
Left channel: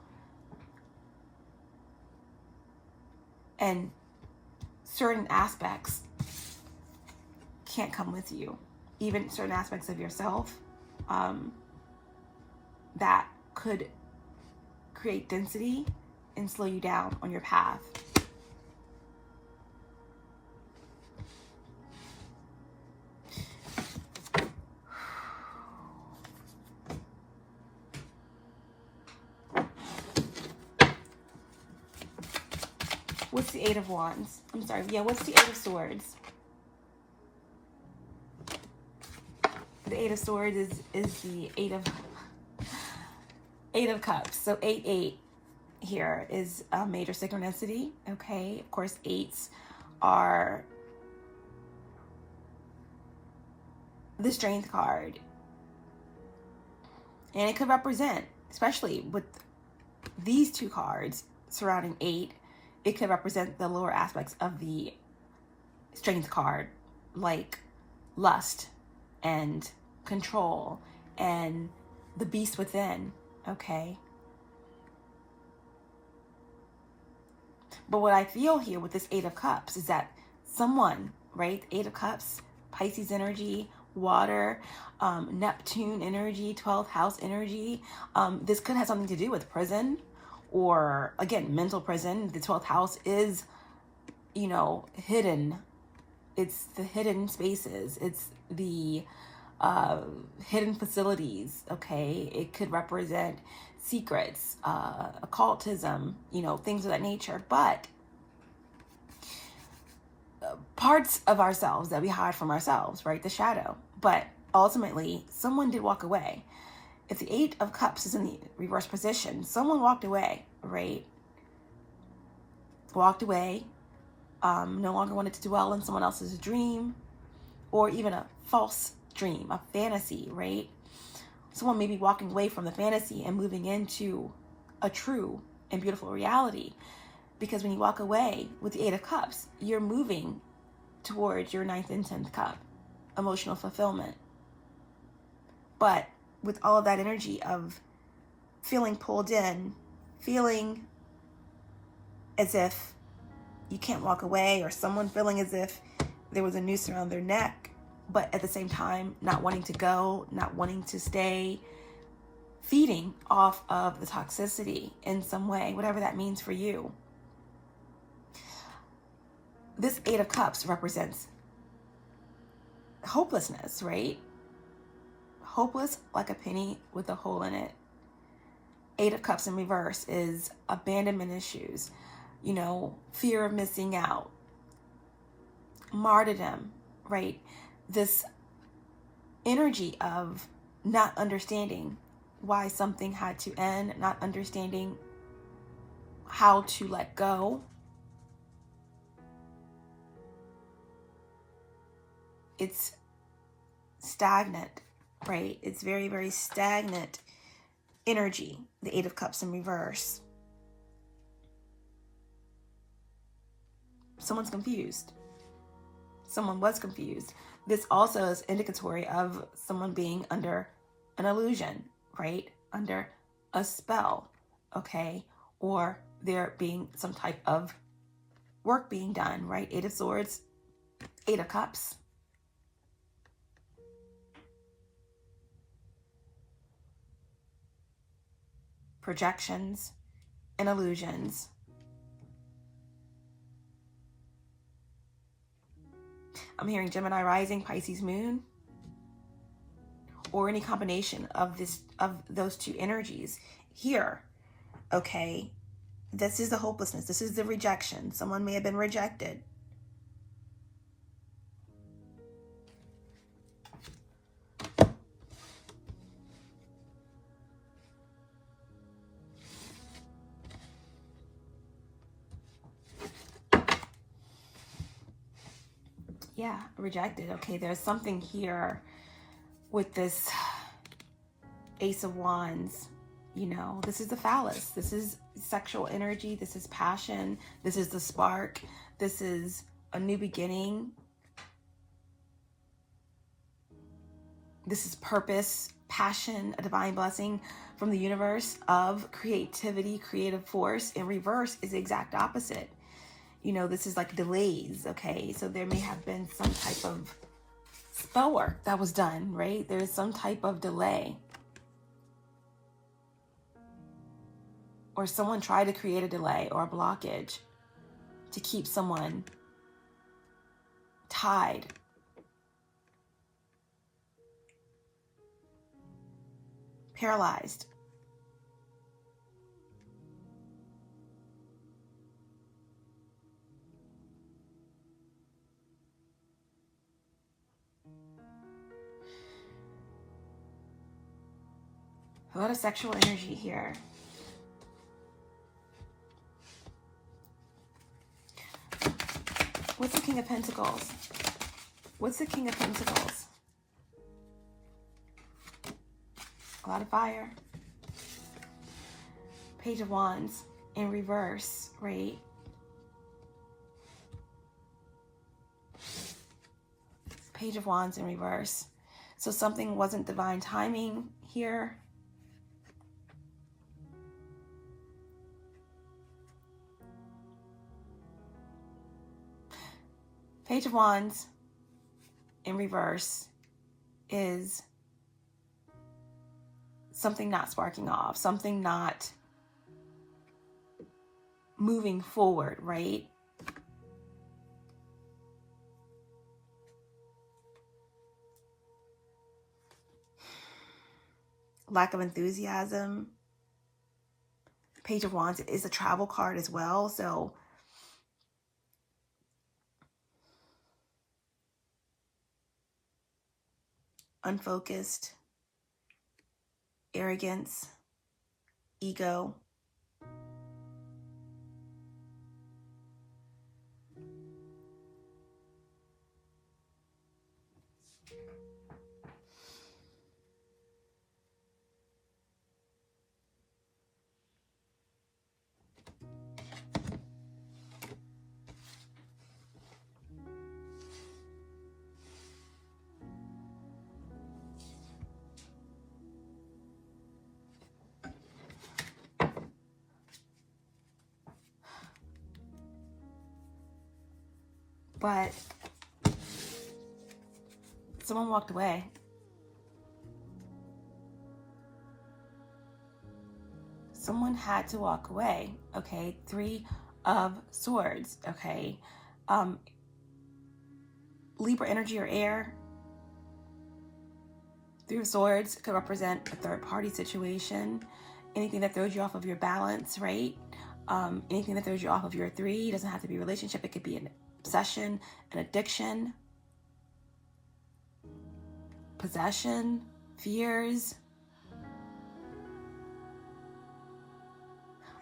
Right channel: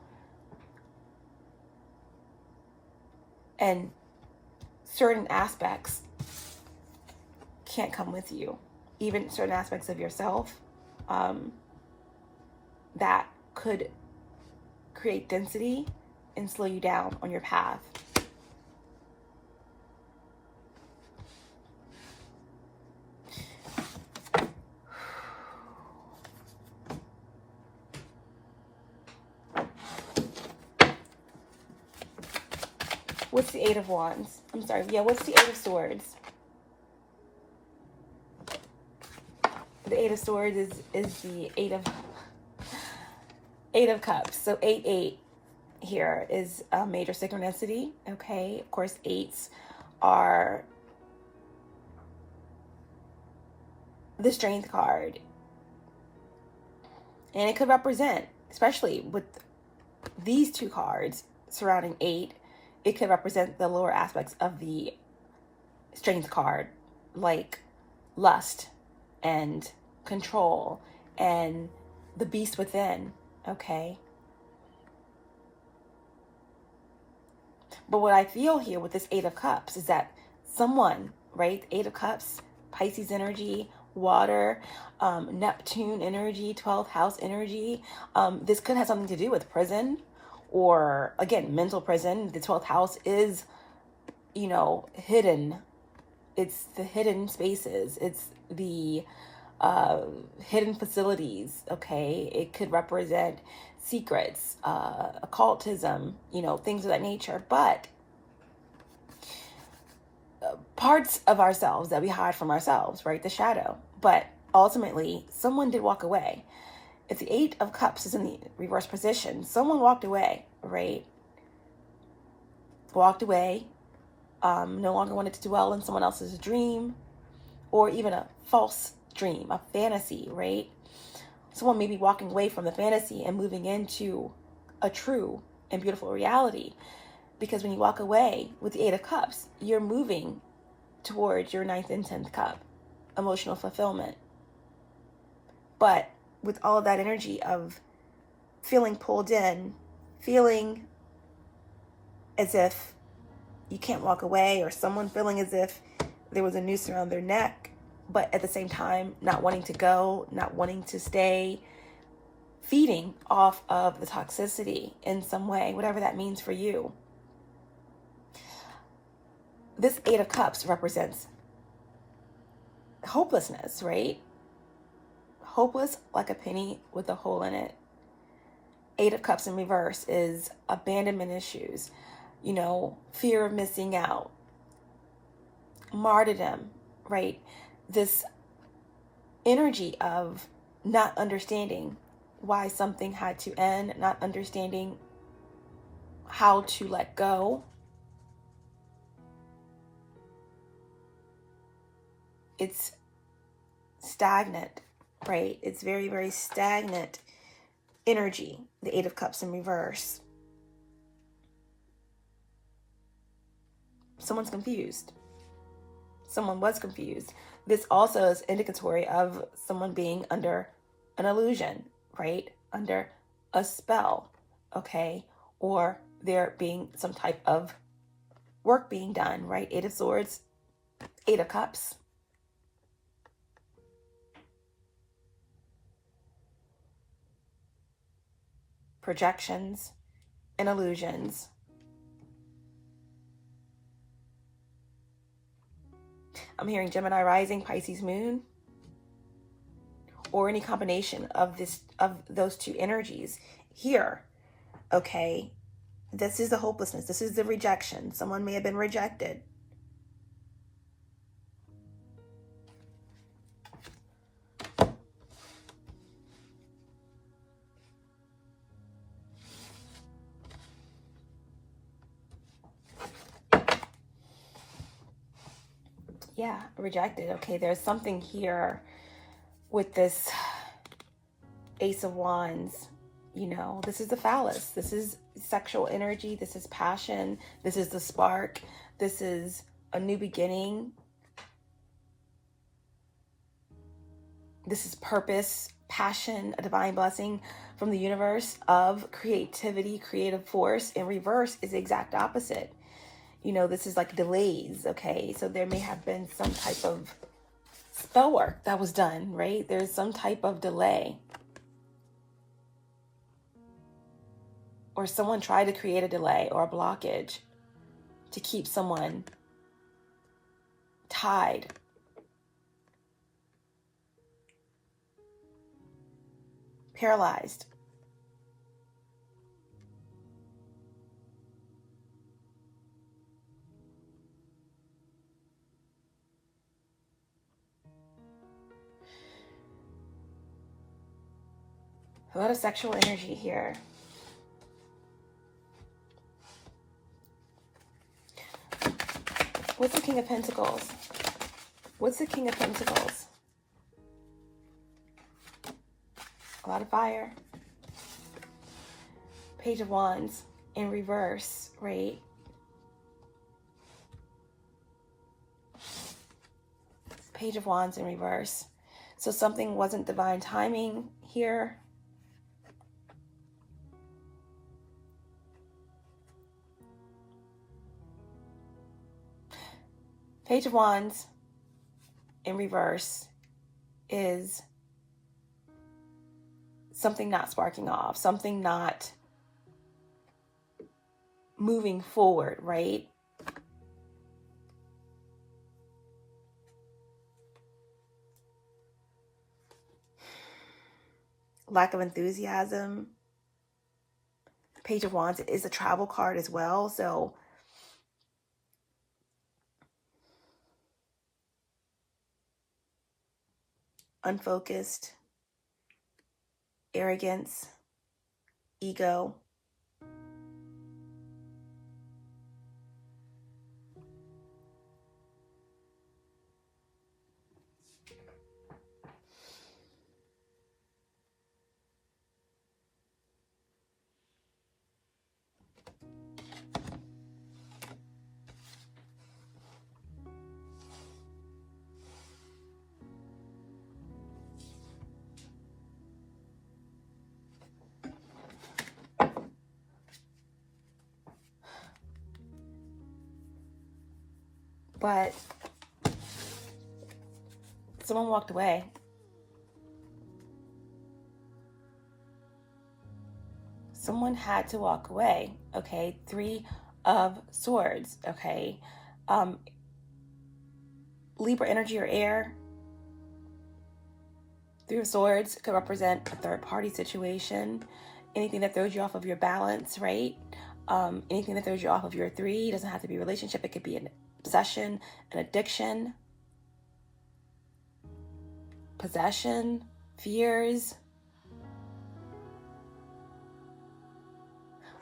And certain aspects can't come with you. Even certain aspects of yourself that could create density and slow you down on your path. What's the Eight of Wands? I'm sorry. Yeah, what's the Eight of Swords? The Eight of Swords is the Eight of Cups. So 8 here is a major synchronicity. Okay, of course, eights are the Strength card, and it could represent, especially with these two cards surrounding 8, it could represent the lower aspects of the Strength card, like lust and control and the beast within. Okay. But what I feel here with this Eight of Cups is that someone, right? Eight of Cups, Pisces energy, water, Neptune energy, 12th house energy. This could have something to do with prison or, again, mental prison. The 12th house is, hidden. It's the hidden spaces. It's the hidden facilities. Okay. It could represent secrets, occultism, things of that nature, but parts of ourselves that we hide from ourselves, right? The shadow. But ultimately, someone did walk away. If the Eight of Cups is in the reverse position, someone walked away, right? Walked away, no longer wanted to dwell in someone else's dream, or even a false dream, a fantasy, right? Someone may be walking away from the fantasy and moving into a true and beautiful reality. Because when you walk away with the Eight of Cups, you're moving towards your 9th and 10th cup, emotional fulfillment. But with all of that energy of feeling pulled in, feeling as if you can't walk away, or someone feeling as if there was a noose around their neck, but at the same time, not wanting to go, not wanting to stay, feeding off of the toxicity in some way, whatever that means for you. This Eight of Cups represents hopelessness, right? Hopeless like a penny with a hole in it. Eight of Cups in reverse is abandonment issues, fear of missing out, martyrdom, right? This energy of not understanding why something had to end, not understanding how to let go. It's stagnant, right? It's very, very stagnant energy, the Eight of Cups in reverse. Someone's confused. Someone was confused. This also is indicatory of someone being under an illusion, right? Under a spell, okay? Or there being some type of work being done, right? Eight of Swords, Eight of Cups. Projections and illusions. I'm hearing Gemini Rising, Pisces Moon, or any combination of those two energies here. Okay, this is the hopelessness. This is the rejection. Someone may have been rejected. Yeah, rejected. Okay, there's something here with this Ace of Wands. This is the phallus. This is sexual energy. This is passion. This is the spark. This is a new beginning. This is purpose. passion, a divine blessing from the universe of creativity, creative force. In reverse is the exact opposite. You know, this is like delays, okay? So there may have been some type of spell work that was done, right? There's some type of delay. Or someone tried to create a delay or a blockage to keep someone tied. Paralyzed. A lot of sexual energy here. What's the King of Pentacles? What's the King of Pentacles? A lot of fire. Page of Wands in reverse, right? Page of Wands in reverse. So something wasn't divine timing here. Page of Wands in reverse is something not sparking off, something not moving forward, right? Lack of enthusiasm. Page of Wands is a travel card as well, so unfocused, arrogance, ego. But someone walked away. Someone had to walk away, okay? 3 of Swords, okay? Libra energy or air. 3 of Swords could represent a third-party situation. Anything that throws you off of your balance, right? Anything that throws you off of your 3. It doesn't have to be a relationship. It could be an obsession, an addiction, possession, fears.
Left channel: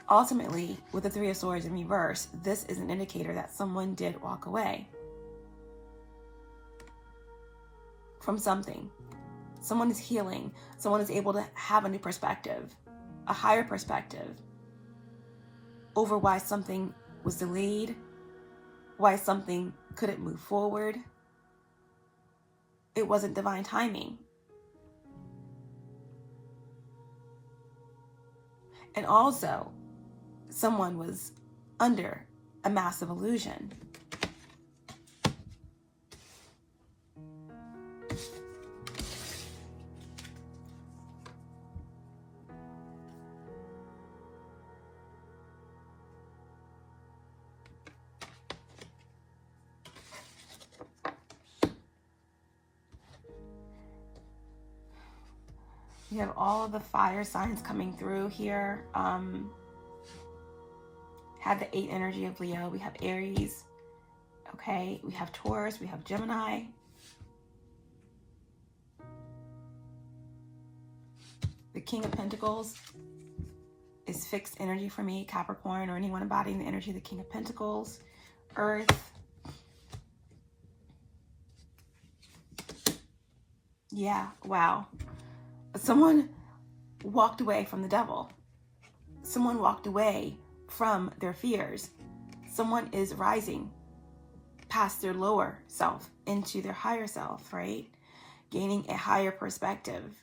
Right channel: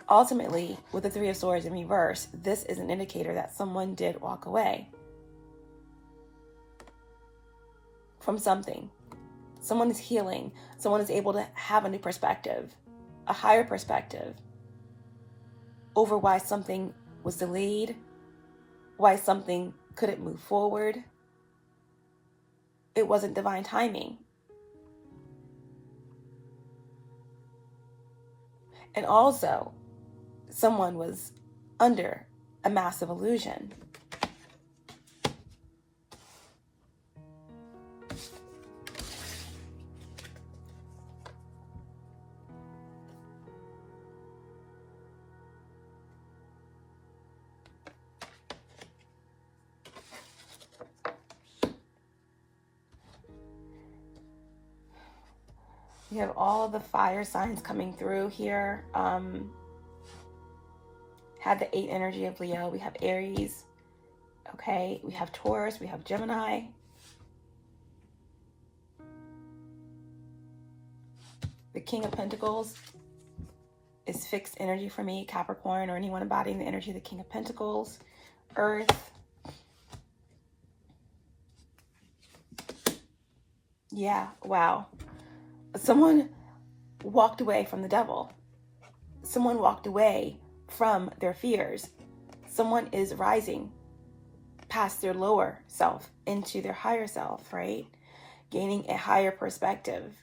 Ultimately, with the 3 of Swords in reverse, this is an indicator that someone did walk away from something. Someone is healing. Someone is able to have a new perspective, a higher perspective over why something was delayed, why something couldn't move forward. It wasn't divine timing. And also, someone was under a massive illusion. You have all of the fire signs coming through here. Had the 8 energy of Leo. We have Aries. Okay. We have Taurus. We have Gemini. The King of Pentacles is fixed energy for me. Capricorn, or anyone embodying the energy of the King of Pentacles. Earth. Yeah. Wow. Someone walked away from the devil. Someone walked away from their fears. Someone is rising past their lower self into their higher self, right? Gaining a higher perspective.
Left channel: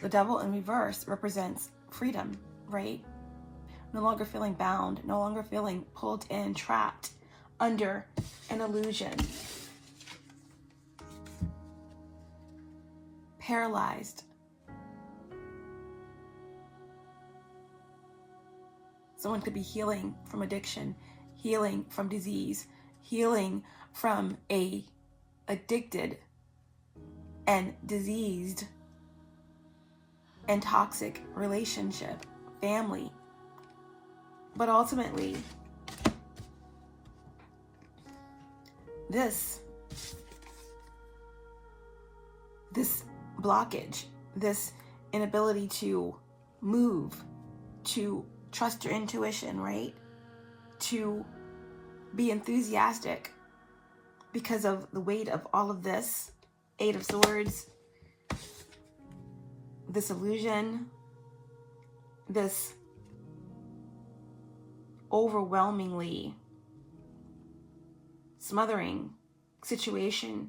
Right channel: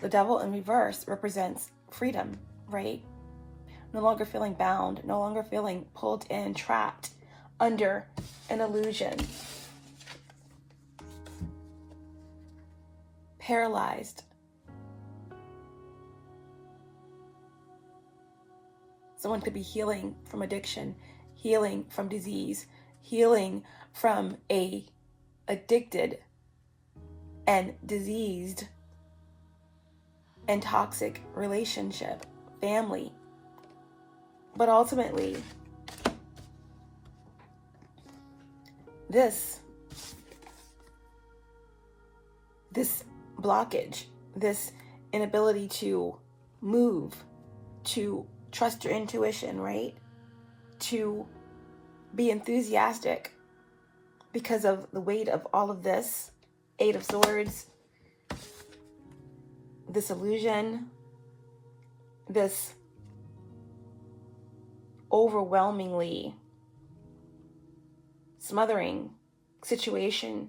The Devil in reverse represents freedom, right? No longer feeling bound, no longer feeling pulled in, trapped under an illusion. Paralyzed. Someone could be healing from addiction, healing from disease, healing from a addicted and diseased and toxic relationship, family. But ultimately, this blockage, this inability to move, to trust your intuition, right? To be enthusiastic because of the weight of all of this, Eight of Swords, this illusion, this overwhelmingly smothering situation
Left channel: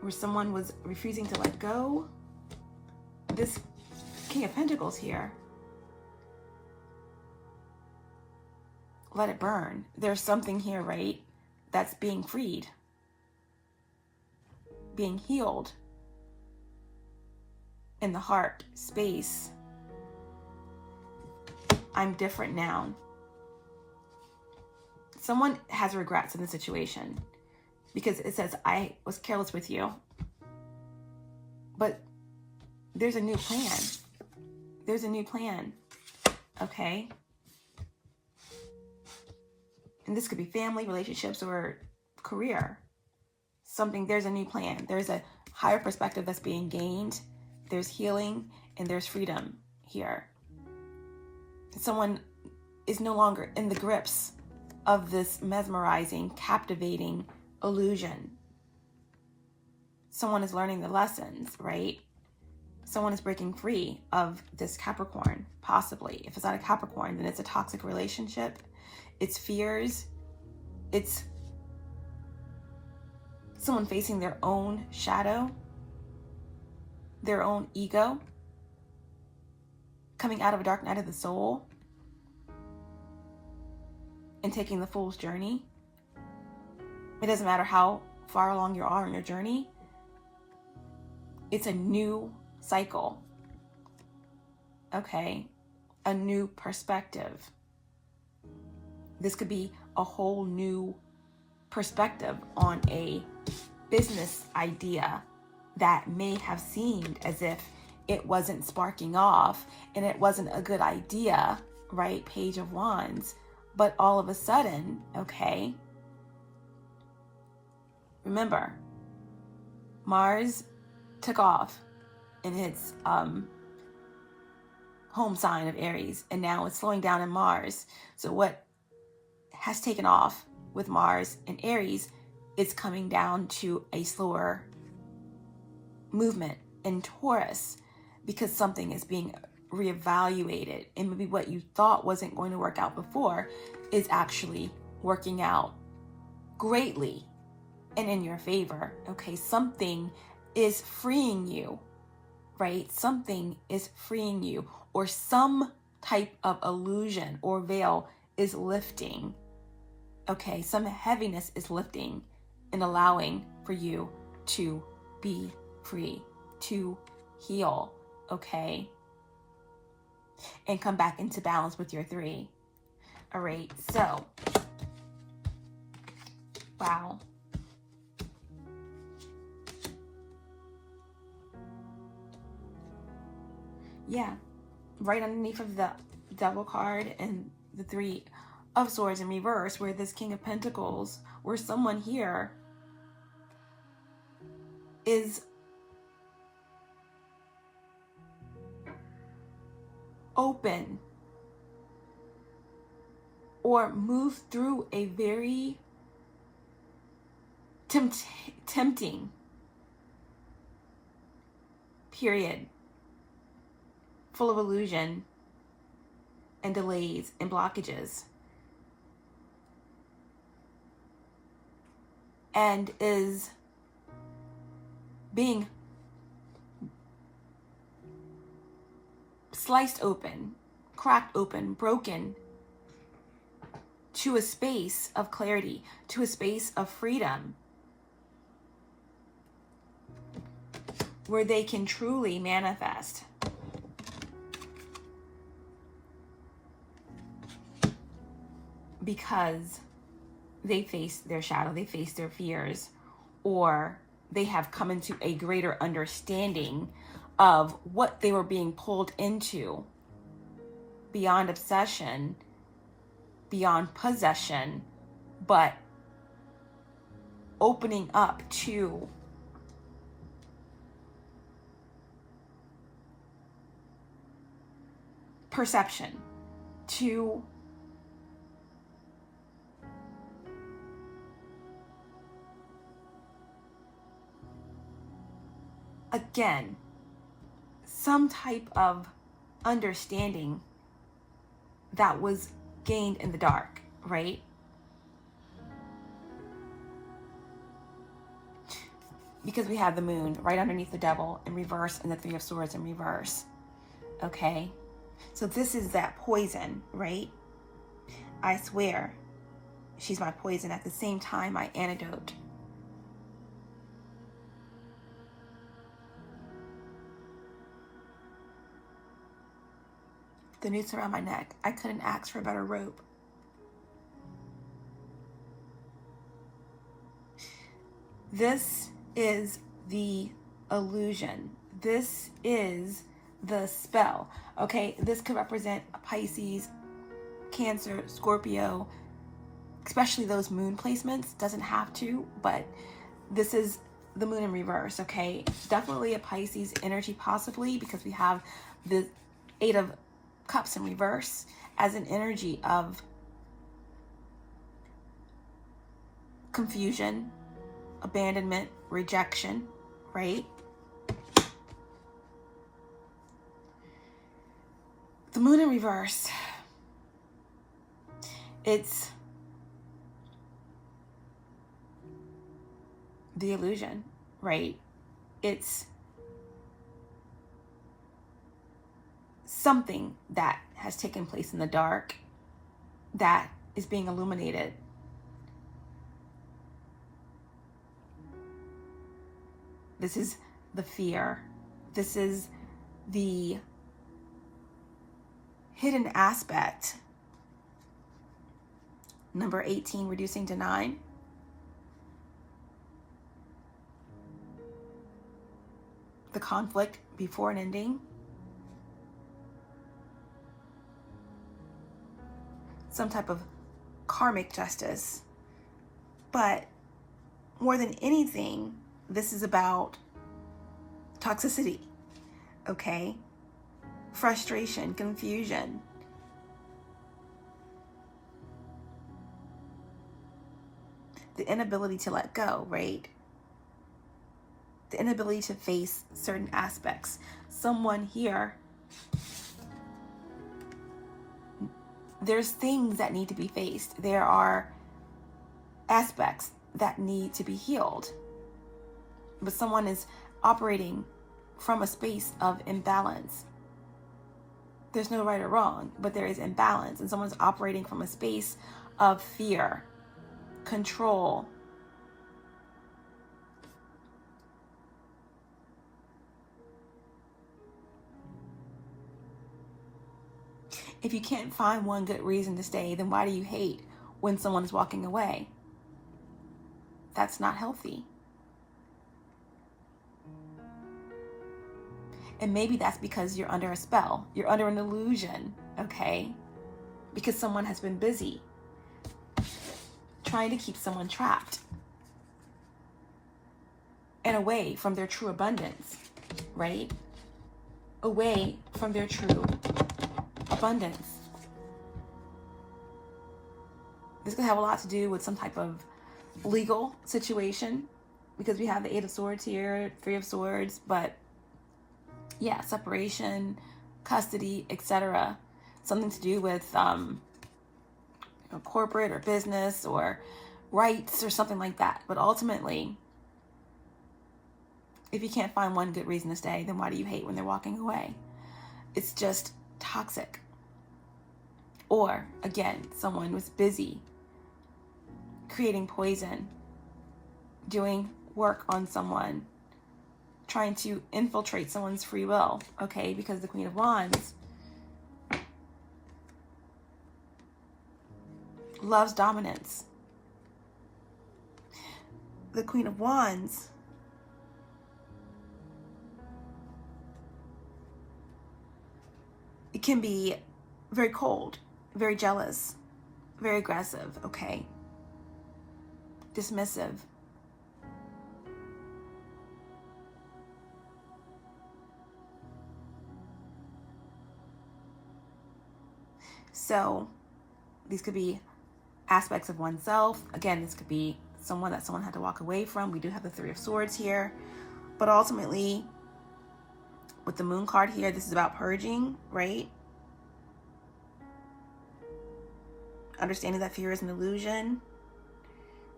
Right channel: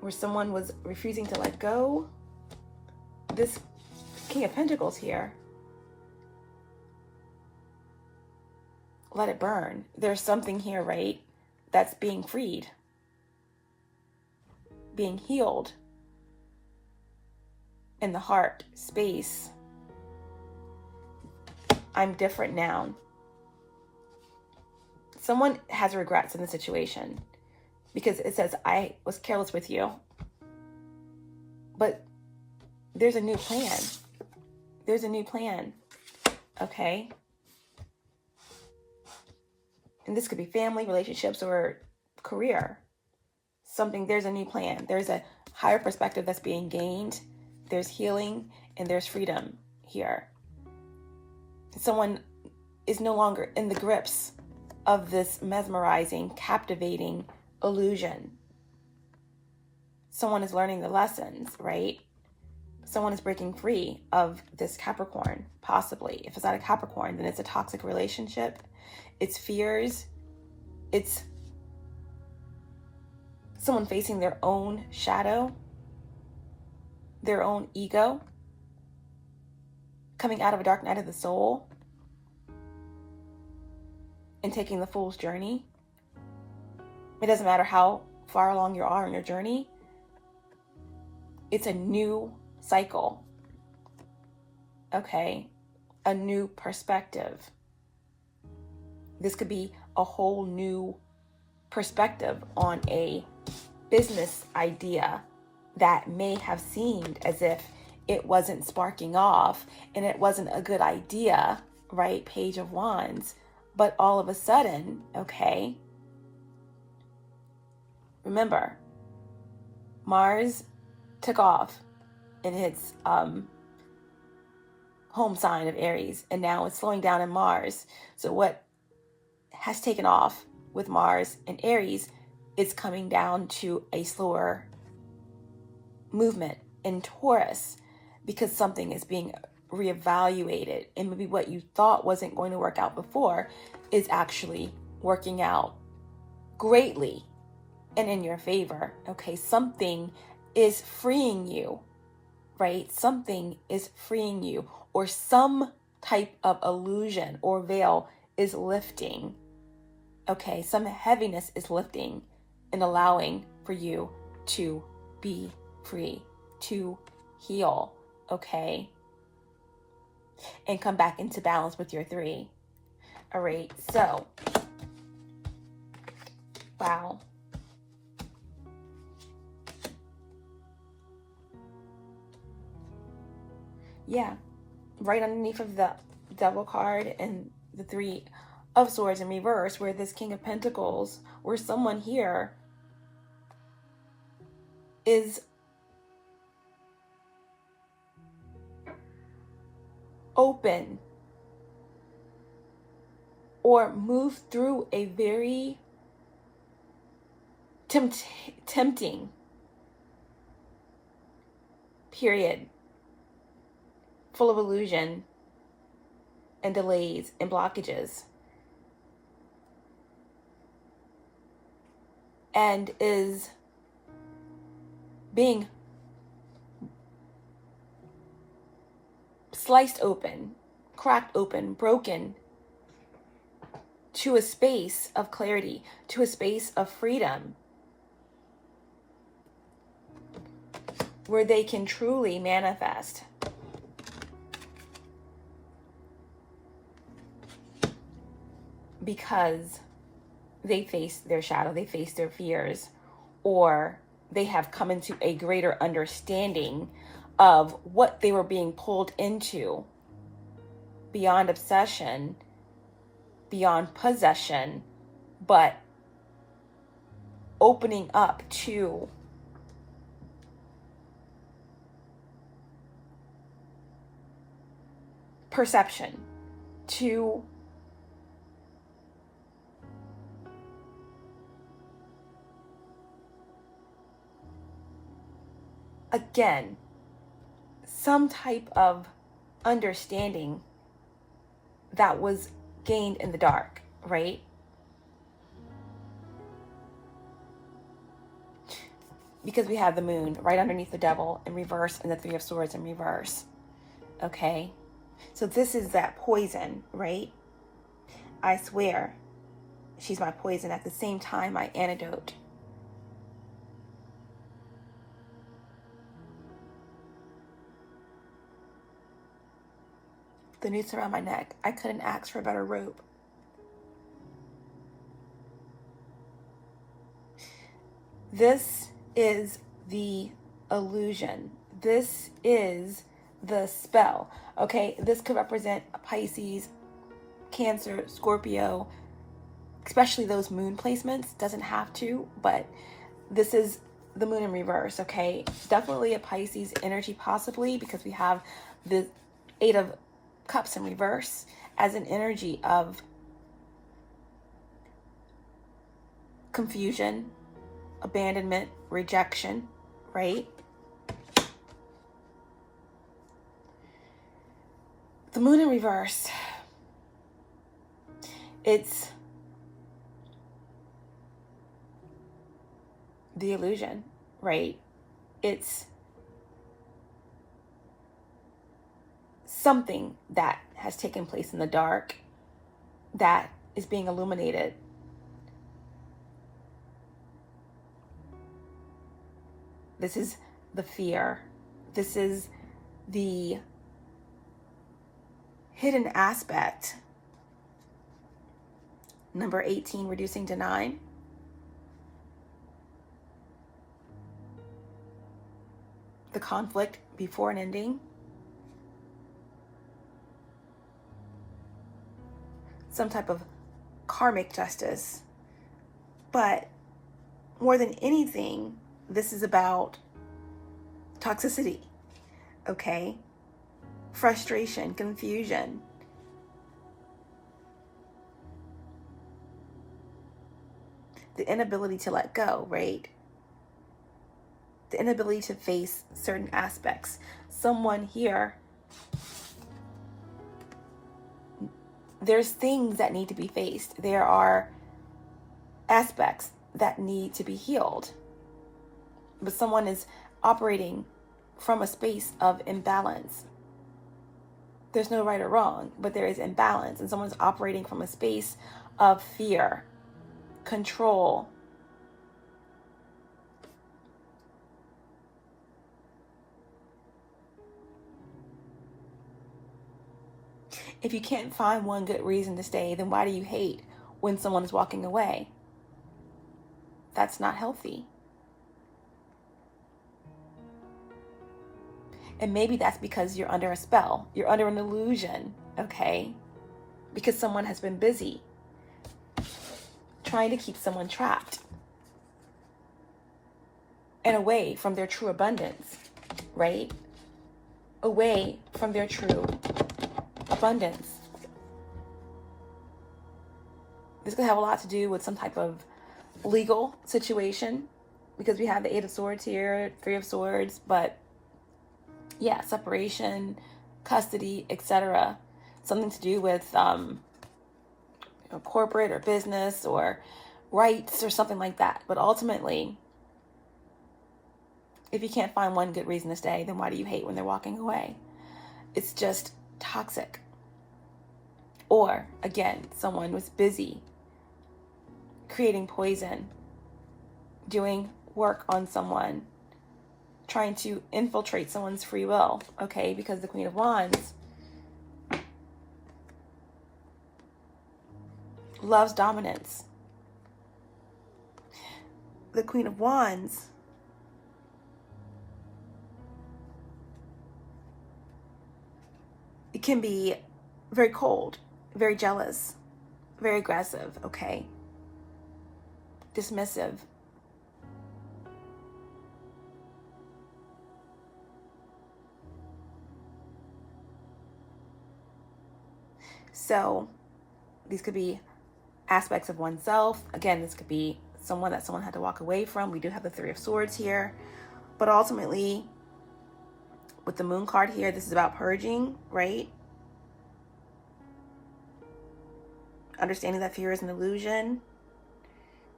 where someone was refusing to let go. This King of Pentacles here. Let it burn. There's something here, right? That's being freed, being healed in the heart space. I'm different now. Someone has regrets in the situation because it says, I was careless with you. But there's a new plan. There's a new plan. Okay? And this could be family, relationships, or career. There's a new plan. There's a higher perspective that's being gained. There's healing and there's freedom here. Someone is no longer in the grips of this mesmerizing, captivating illusion. Someone is learning the lessons, right? Someone is breaking free of this Capricorn, possibly. If it's not a Capricorn, then it's a toxic relationship. It's fears. It's someone facing their own shadow, their own ego, coming out of a dark night of the soul and taking the fool's journey. It doesn't matter how far along you are in your journey. It's a new cycle. Okay? A new perspective. This could be a whole new perspective on a business idea that may have seemed as if it wasn't sparking off and it wasn't a good idea, right? Page of Wands. But all of a sudden, okay, remember, Mars took off in its home sign of Aries, and now it's slowing down in Mars. So what has taken off with Mars and Aries is coming down to a slower movement in Taurus, because something is being reevaluated, and maybe what you thought wasn't going to work out before is actually working out greatly and in your favor. Okay, something is freeing you, right? Something is freeing you, or some type of illusion or veil is lifting. Okay, some heaviness is lifting and allowing for you to be free, to heal, okay? And come back into balance with your 3. All right, so, wow. Yeah, right underneath of the Devil card and the 3 of Swords in reverse, where this King of Pentacles, where someone here is open or move through a very tempting period full of illusion and delays and blockages, and is being sliced open, cracked open, broken, to a space of clarity, to a space of freedom, where they can truly manifest. Because they face their shadow, they face their fears, or they have come into a greater understanding of what they were being pulled into, beyond obsession, beyond possession, but opening up to perception, to again, some type of understanding that was gained in the dark, right? Because we have the moon right underneath the devil in reverse and the Three of Swords in reverse, okay? So this is that poison, right? I swear, she's my poison, at the same time my antidote. The noose around my neck. I couldn't ask for a better rope. This is the illusion. This is the spell. Okay, this could represent a Pisces, Cancer, Scorpio, especially those moon placements. Doesn't have to, but this is the moon in reverse, okay? Definitely a Pisces energy, possibly, because we have the Eight of Cups in reverse as an energy of confusion, abandonment, rejection, right? The moon in reverse, it's the illusion, right? It's something that has taken place in the dark that is being illuminated. This is the fear. This is the hidden aspect. Number 18, reducing to 9. The conflict before an ending. Some type of karmic justice. But more than anything, this is about toxicity, okay? Frustration, confusion. The inability to let go, right? The inability to face certain aspects. Someone here, there's things that need to be faced. There are aspects that need to be healed. But someone is operating from a space of imbalance. There's no right or wrong, but there is imbalance. And someone's operating from a space of fear, control. If you can't find one good reason to stay, then why do you hate when someone is walking away? That's not healthy. And maybe that's because you're under a spell. You're under an illusion, okay? Because someone has been busy trying to keep someone trapped and away from their true abundance, right? Away from their true abundance. This could have a lot to do with some type of legal situation, because we have the Eight of Swords here, Three of Swords, but yeah, separation, custody, etc. Something to do with corporate or business or rights or something like that. But ultimately, if you can't find one good reason to stay, then why do you hate when they're walking away? It's just toxic. Or, again, someone was busy creating poison, doing work on someone, trying to infiltrate someone's free will, okay? Because the Queen of Wands loves dominance. The Queen of Wands it can be very cold, very jealous, very aggressive, okay? Dismissive. So these could be aspects of oneself. Again, this could be someone that someone had to walk away from. We do have the Three of Swords here. But ultimately, with the Moon card here, this is about purging, right? Understanding that fear is an illusion,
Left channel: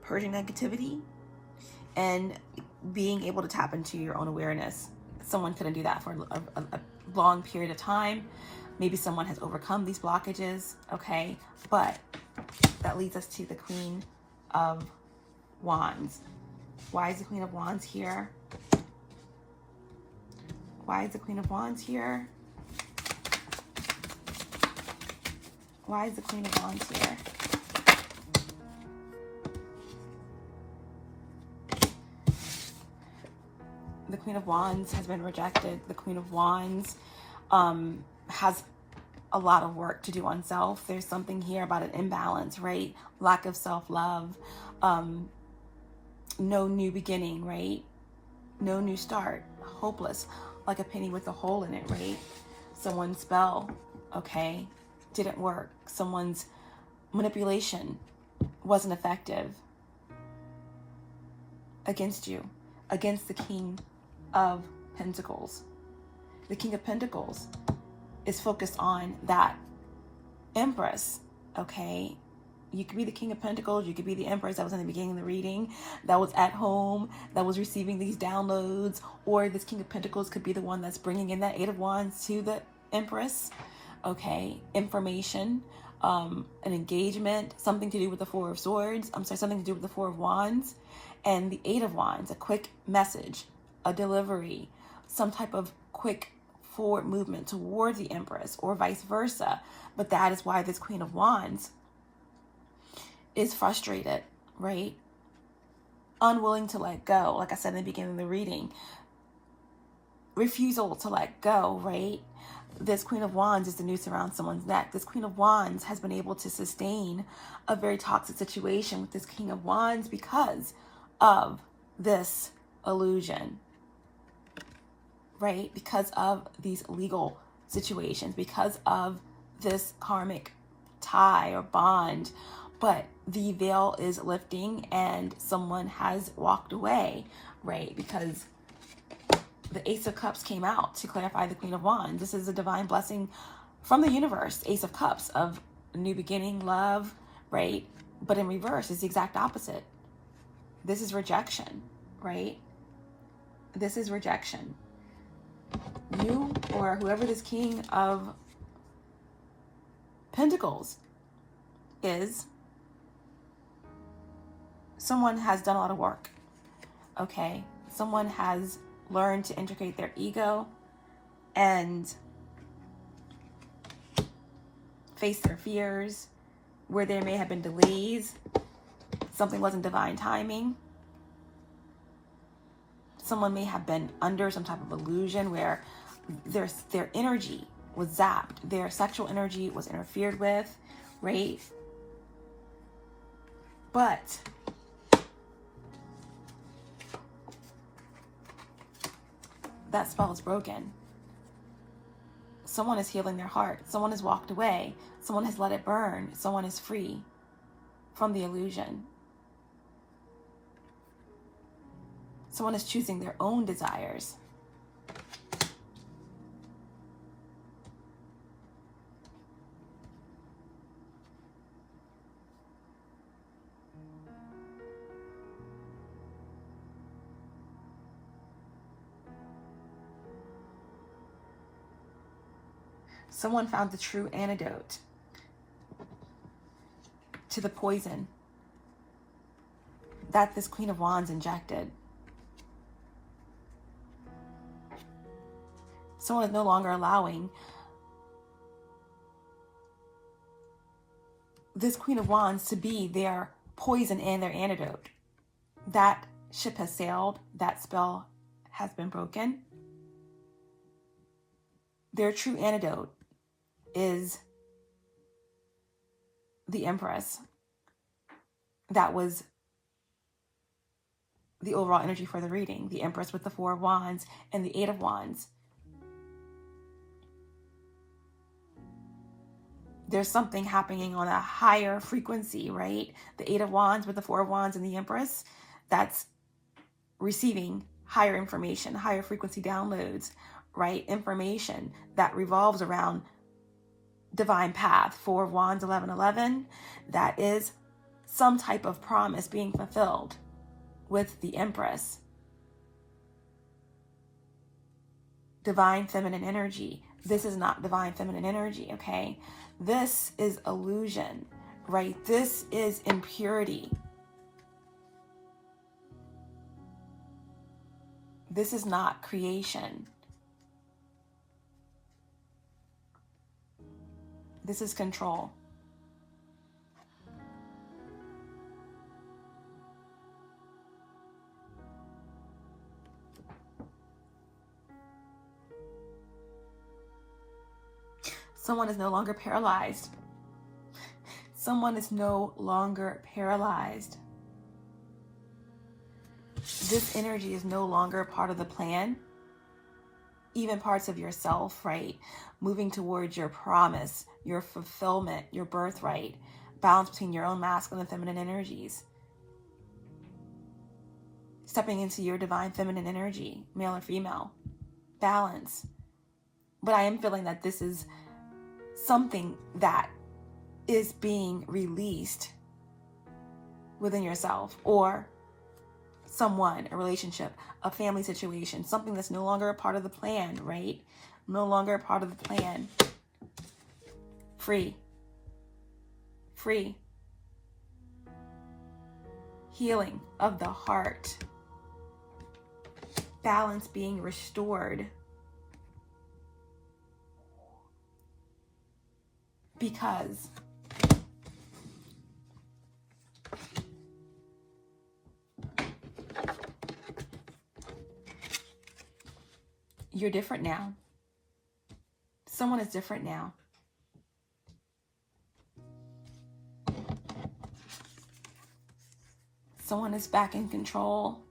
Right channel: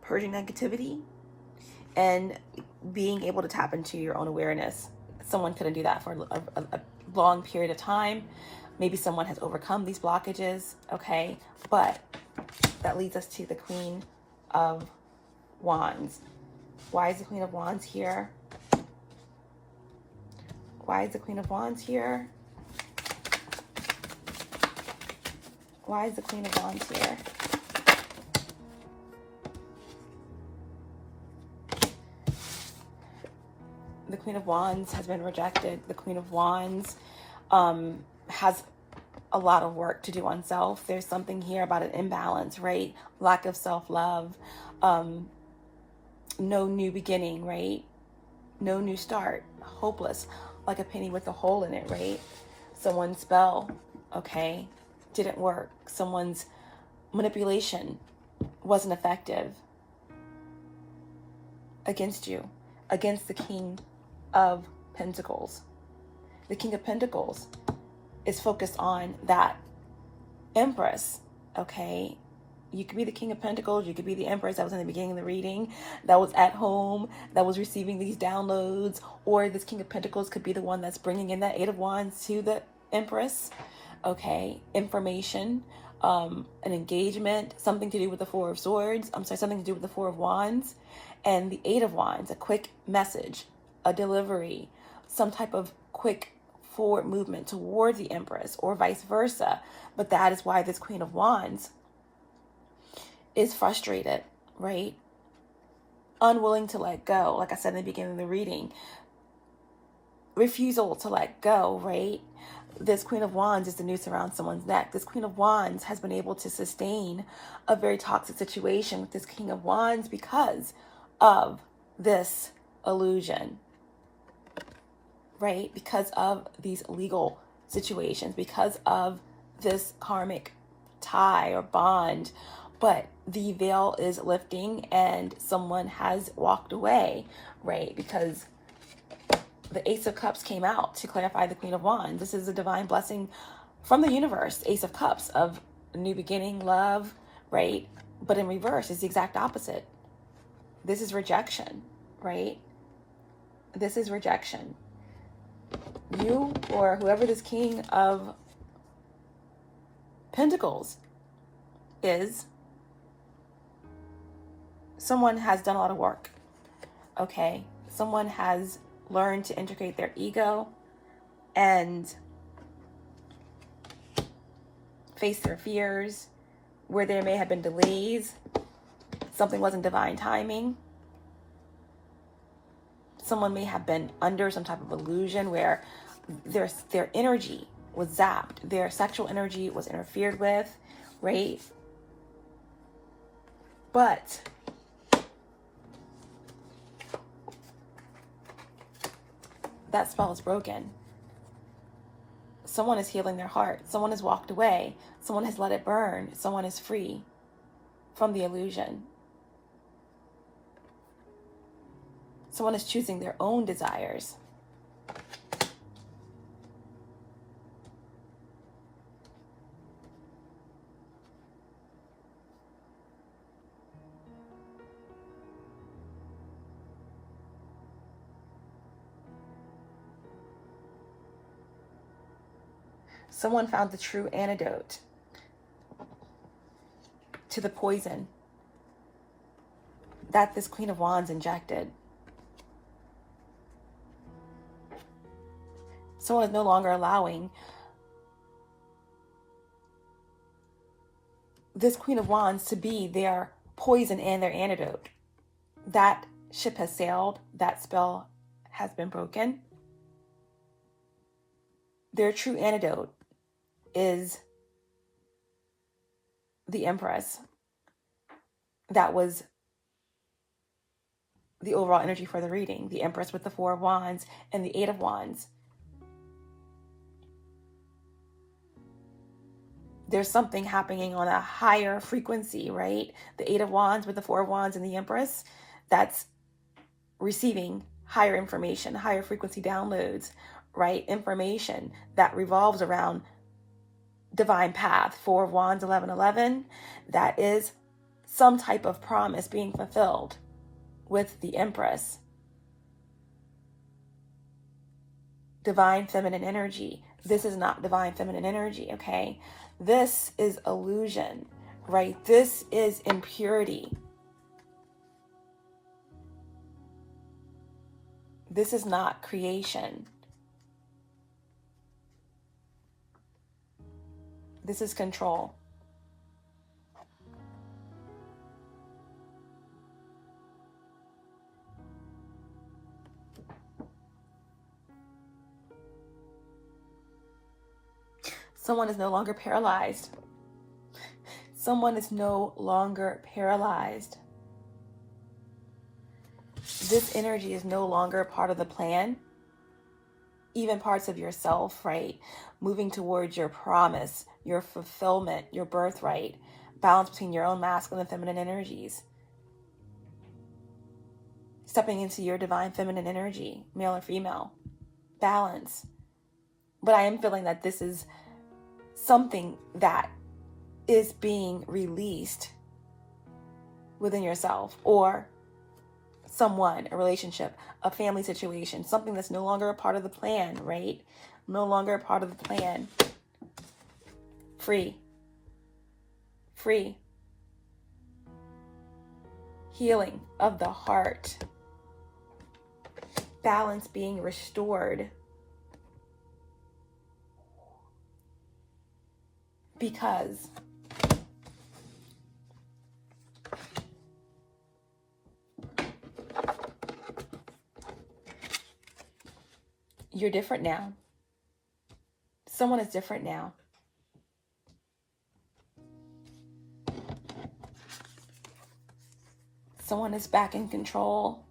purging negativity, and being able to tap into your own awareness. Someone couldn't do that for a long period of time. Maybe someone has overcome these blockages, okay? But that leads us to the Queen of Wands. Why is the Queen of Wands here? Why is the Queen of Wands here? Why is the Queen of Wands here? The Queen of Wands has been rejected. The Queen of Wands has a lot of work to do on self. There's something here about an imbalance, right? Lack of self-love, no new beginning, right? No new start, hopeless, like a penny with a hole in it, right? Someone's spell, okay, didn't work. Someone's manipulation wasn't effective against you, against the King of Pentacles. The King of Pentacles is focused on that Empress, okay? You could be the King of Pentacles, you could be the Empress that was in the beginning of the reading, that was at home, that was receiving these downloads, or this King of Pentacles could be the one that's bringing in that Eight of Wands to the Empress, okay? Information, an engagement, something to do with the Four of Swords, something to do with the Four of Wands, and the Eight of Wands, a quick message, a delivery, some type of quick forward movement toward the Empress or vice versa. But that is why this Queen of Wands is frustrated, right? Unwilling to let go. Like I said in the beginning of the reading, refusal to let go, right? This Queen of Wands is the noose around someone's neck. This Queen of Wands has been able to sustain a very toxic situation with this King of Wands because of this illusion, right? Because of these legal situations, because of this karmic tie or bond. But the veil is lifting and someone has walked away, right? Because the Ace of Cups came out to clarify the Queen of Wands. This is a divine blessing from the universe. Ace of Cups of new beginning, love, right? But in reverse, it's the exact opposite. This is rejection, right? This is rejection. You or whoever this King of Pentacles is, someone has done a lot of work, okay? Someone has learned to integrate their ego and face their fears where there may have been delays. Something wasn't divine timing. Someone may have been under some type of illusion where their energy was zapped. Their sexual energy was interfered with, right? But that spell is broken. Someone is healing their heart. Someone has walked away. Someone has let it burn. Someone is free from the illusion. Someone is choosing their own desires. Someone found the true antidote to the poison that this Queen of Wands injected. Someone is no longer allowing this Queen of Wands to be their poison and their antidote. That ship has sailed. That spell has been broken. Their true antidote is the Empress. That was the overall energy for the reading. The Empress with the Four of Wands and the Eight of Wands. There's something happening on a higher frequency, right? The Eight of Wands with the Four of Wands and the Empress, that's receiving higher information, higher frequency downloads, right? Information that revolves around divine path. Four of Wands, 1111, that is some type of promise being fulfilled with the Empress. Divine feminine energy. This is not divine feminine energy, okay? This is illusion, right? This is impurity. This is not creation. This is control. Someone is no longer paralyzed. Someone is no longer paralyzed. This energy is no longer part of the plan. Even parts of yourself, right? Moving towards your promise, your fulfillment, your birthright. Balance between your own masculine and feminine energies. Stepping into your divine feminine energy, male or female. Balance. But I am feeling that this is something that is being released within yourself, or someone, a relationship, a family situation, something that's no longer a part of the plan, right? No longer a part of the plan. Free. Free. Healing of the heart. Balance being restored. Because you're different now. Someone is different now. Someone is back in control.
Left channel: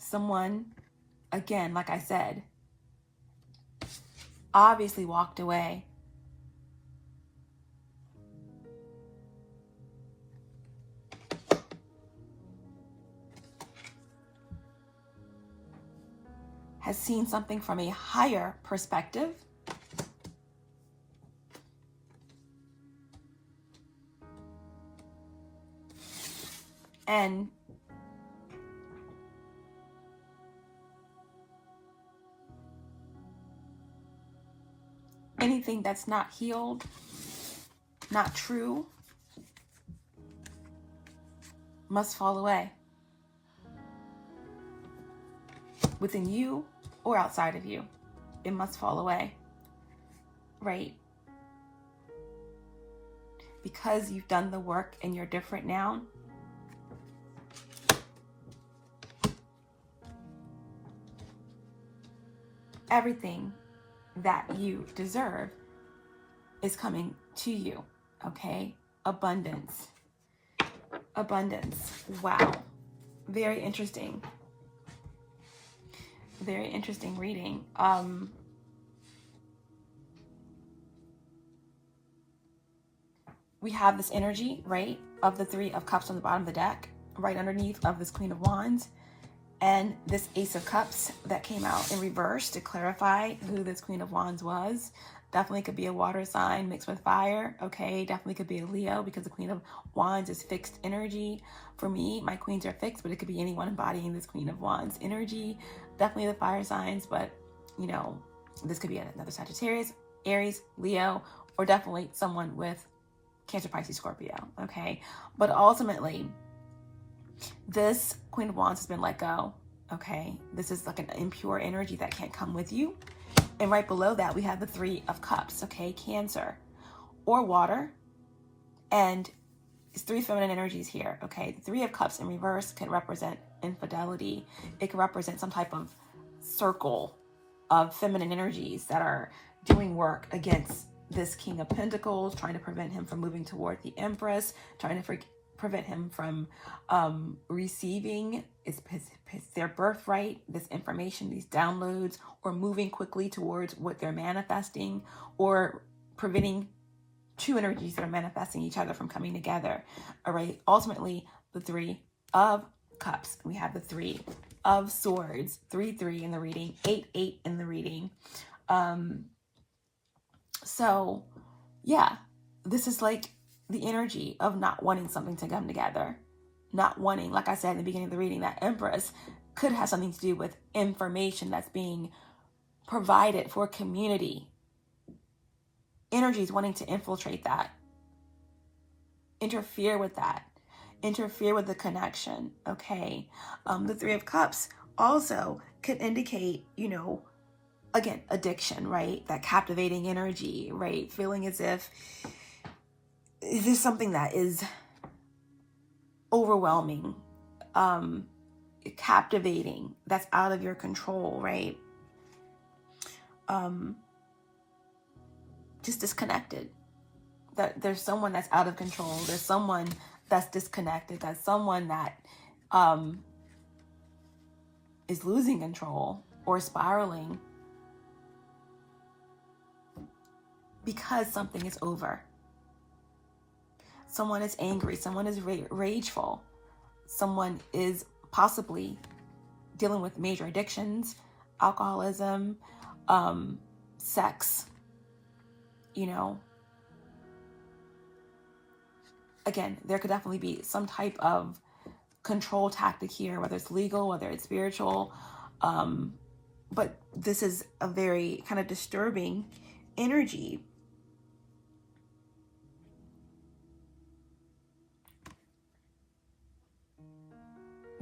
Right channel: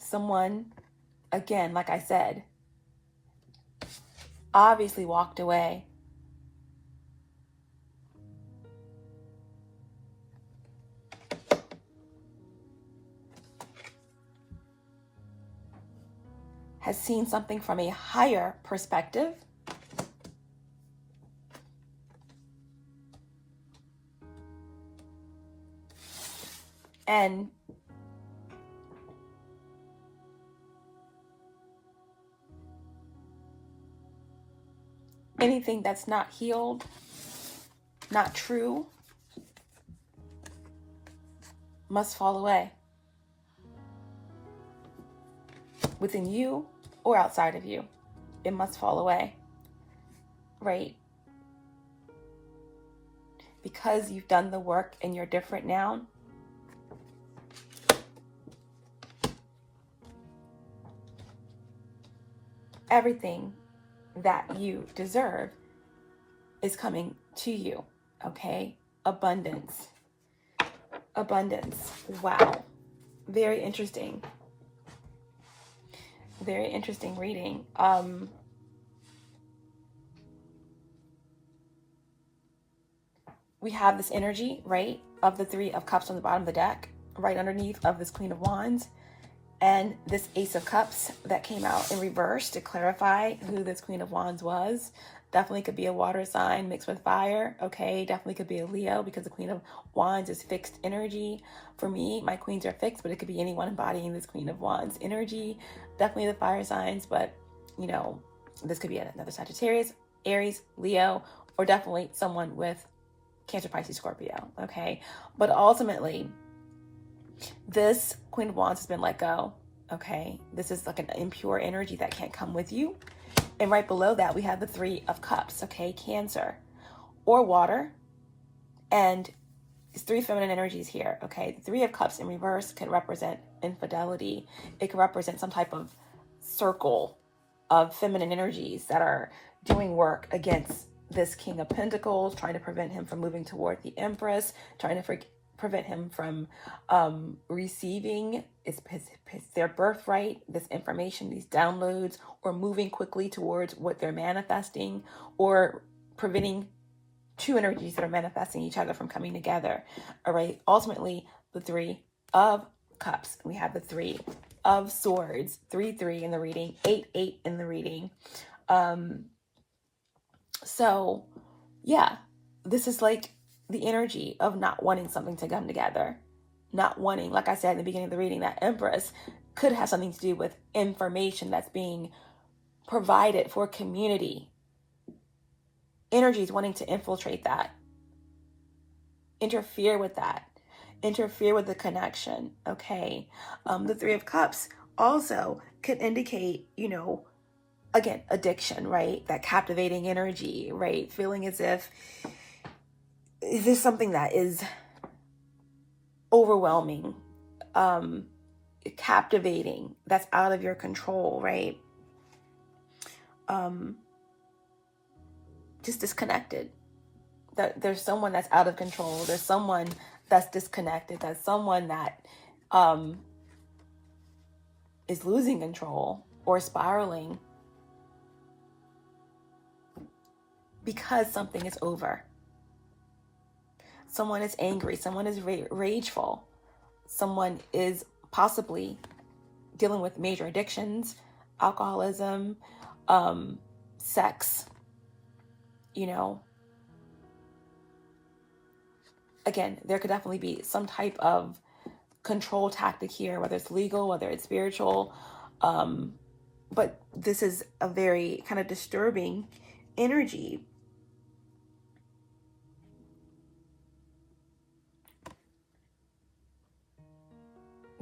Someone, again, like I said, obviously walked away. Has seen something from a higher perspective. And anything that's not healed, not true, must fall away. Within you or outside of you, it must fall away, right? Because you've done the work and you're different now, everything that you deserve is coming to you, okay? Abundance. Abundance. Wow. Very interesting. Very interesting reading. We have this energy, right, of the Three of Cups on the bottom of the deck, right underneath of this Queen of Wands. And this Ace of Cups that came out in reverse to clarify who this Queen of Wands was. Definitely could be a water sign mixed with fire, okay? Definitely could be a Leo, because the Queen of Wands is fixed energy. For me, my queens are fixed, but it could be anyone embodying this Queen of Wands energy. Definitely the fire signs, but, you know, this could be another Sagittarius, Aries, Leo, or definitely someone with Cancer, Pisces, Scorpio, okay? But ultimately, this Queen of Wands has been let go, okay? This is like an impure energy that can't come with you. And right below that, we have the Three of Cups, okay? Cancer or water. And it's three feminine energies here, okay? The Three of Cups in reverse can represent infidelity. It can represent some type of circle of feminine energies that are doing work against this King of Pentacles, trying to prevent him from moving toward the Empress, trying to prevent him from receiving their birthright, this information, these downloads, or moving quickly towards what they're manifesting, or preventing two energies that are manifesting each other from coming together. All right. Ultimately, the Three of Cups. We have the Three of Swords, 3-3 in the reading, 8-8 in the reading. So yeah, this is like the energy of not wanting something to come together. Not wanting, like I said in the beginning of the reading, that Empress could have something to do with information that's being provided for community. Energies wanting to infiltrate that. Interfere with that. Interfere with the connection, okay? The Three of Cups also could indicate, you know, again, addiction, right? That captivating energy, right? Feeling as if, is this something that is overwhelming, captivating, that's out of your control, right? Just disconnected. That there's someone that's out of control. There's someone that's disconnected. There's someone that is losing control or spiraling because something is over. Someone is angry. Someone is rageful. Someone is possibly dealing with major addictions, alcoholism, sex, you know. Again, there could definitely be some type of control tactic here, whether it's legal, whether it's spiritual. But this is a very kind of disturbing energy.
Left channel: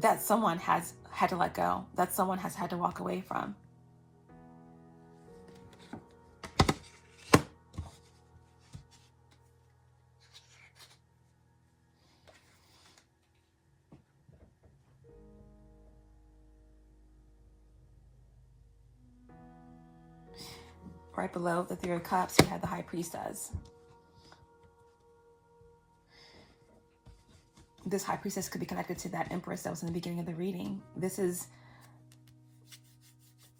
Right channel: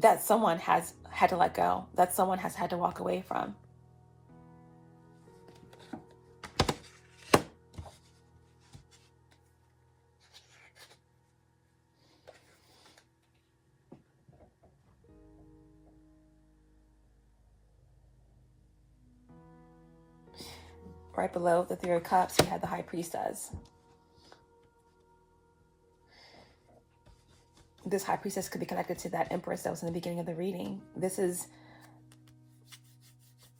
That someone has had to let go, that someone has had to walk away from. Right below the Three of Cups, we have the High Priestess. This High Priestess could be connected to that Empress that was in the beginning of the reading. This is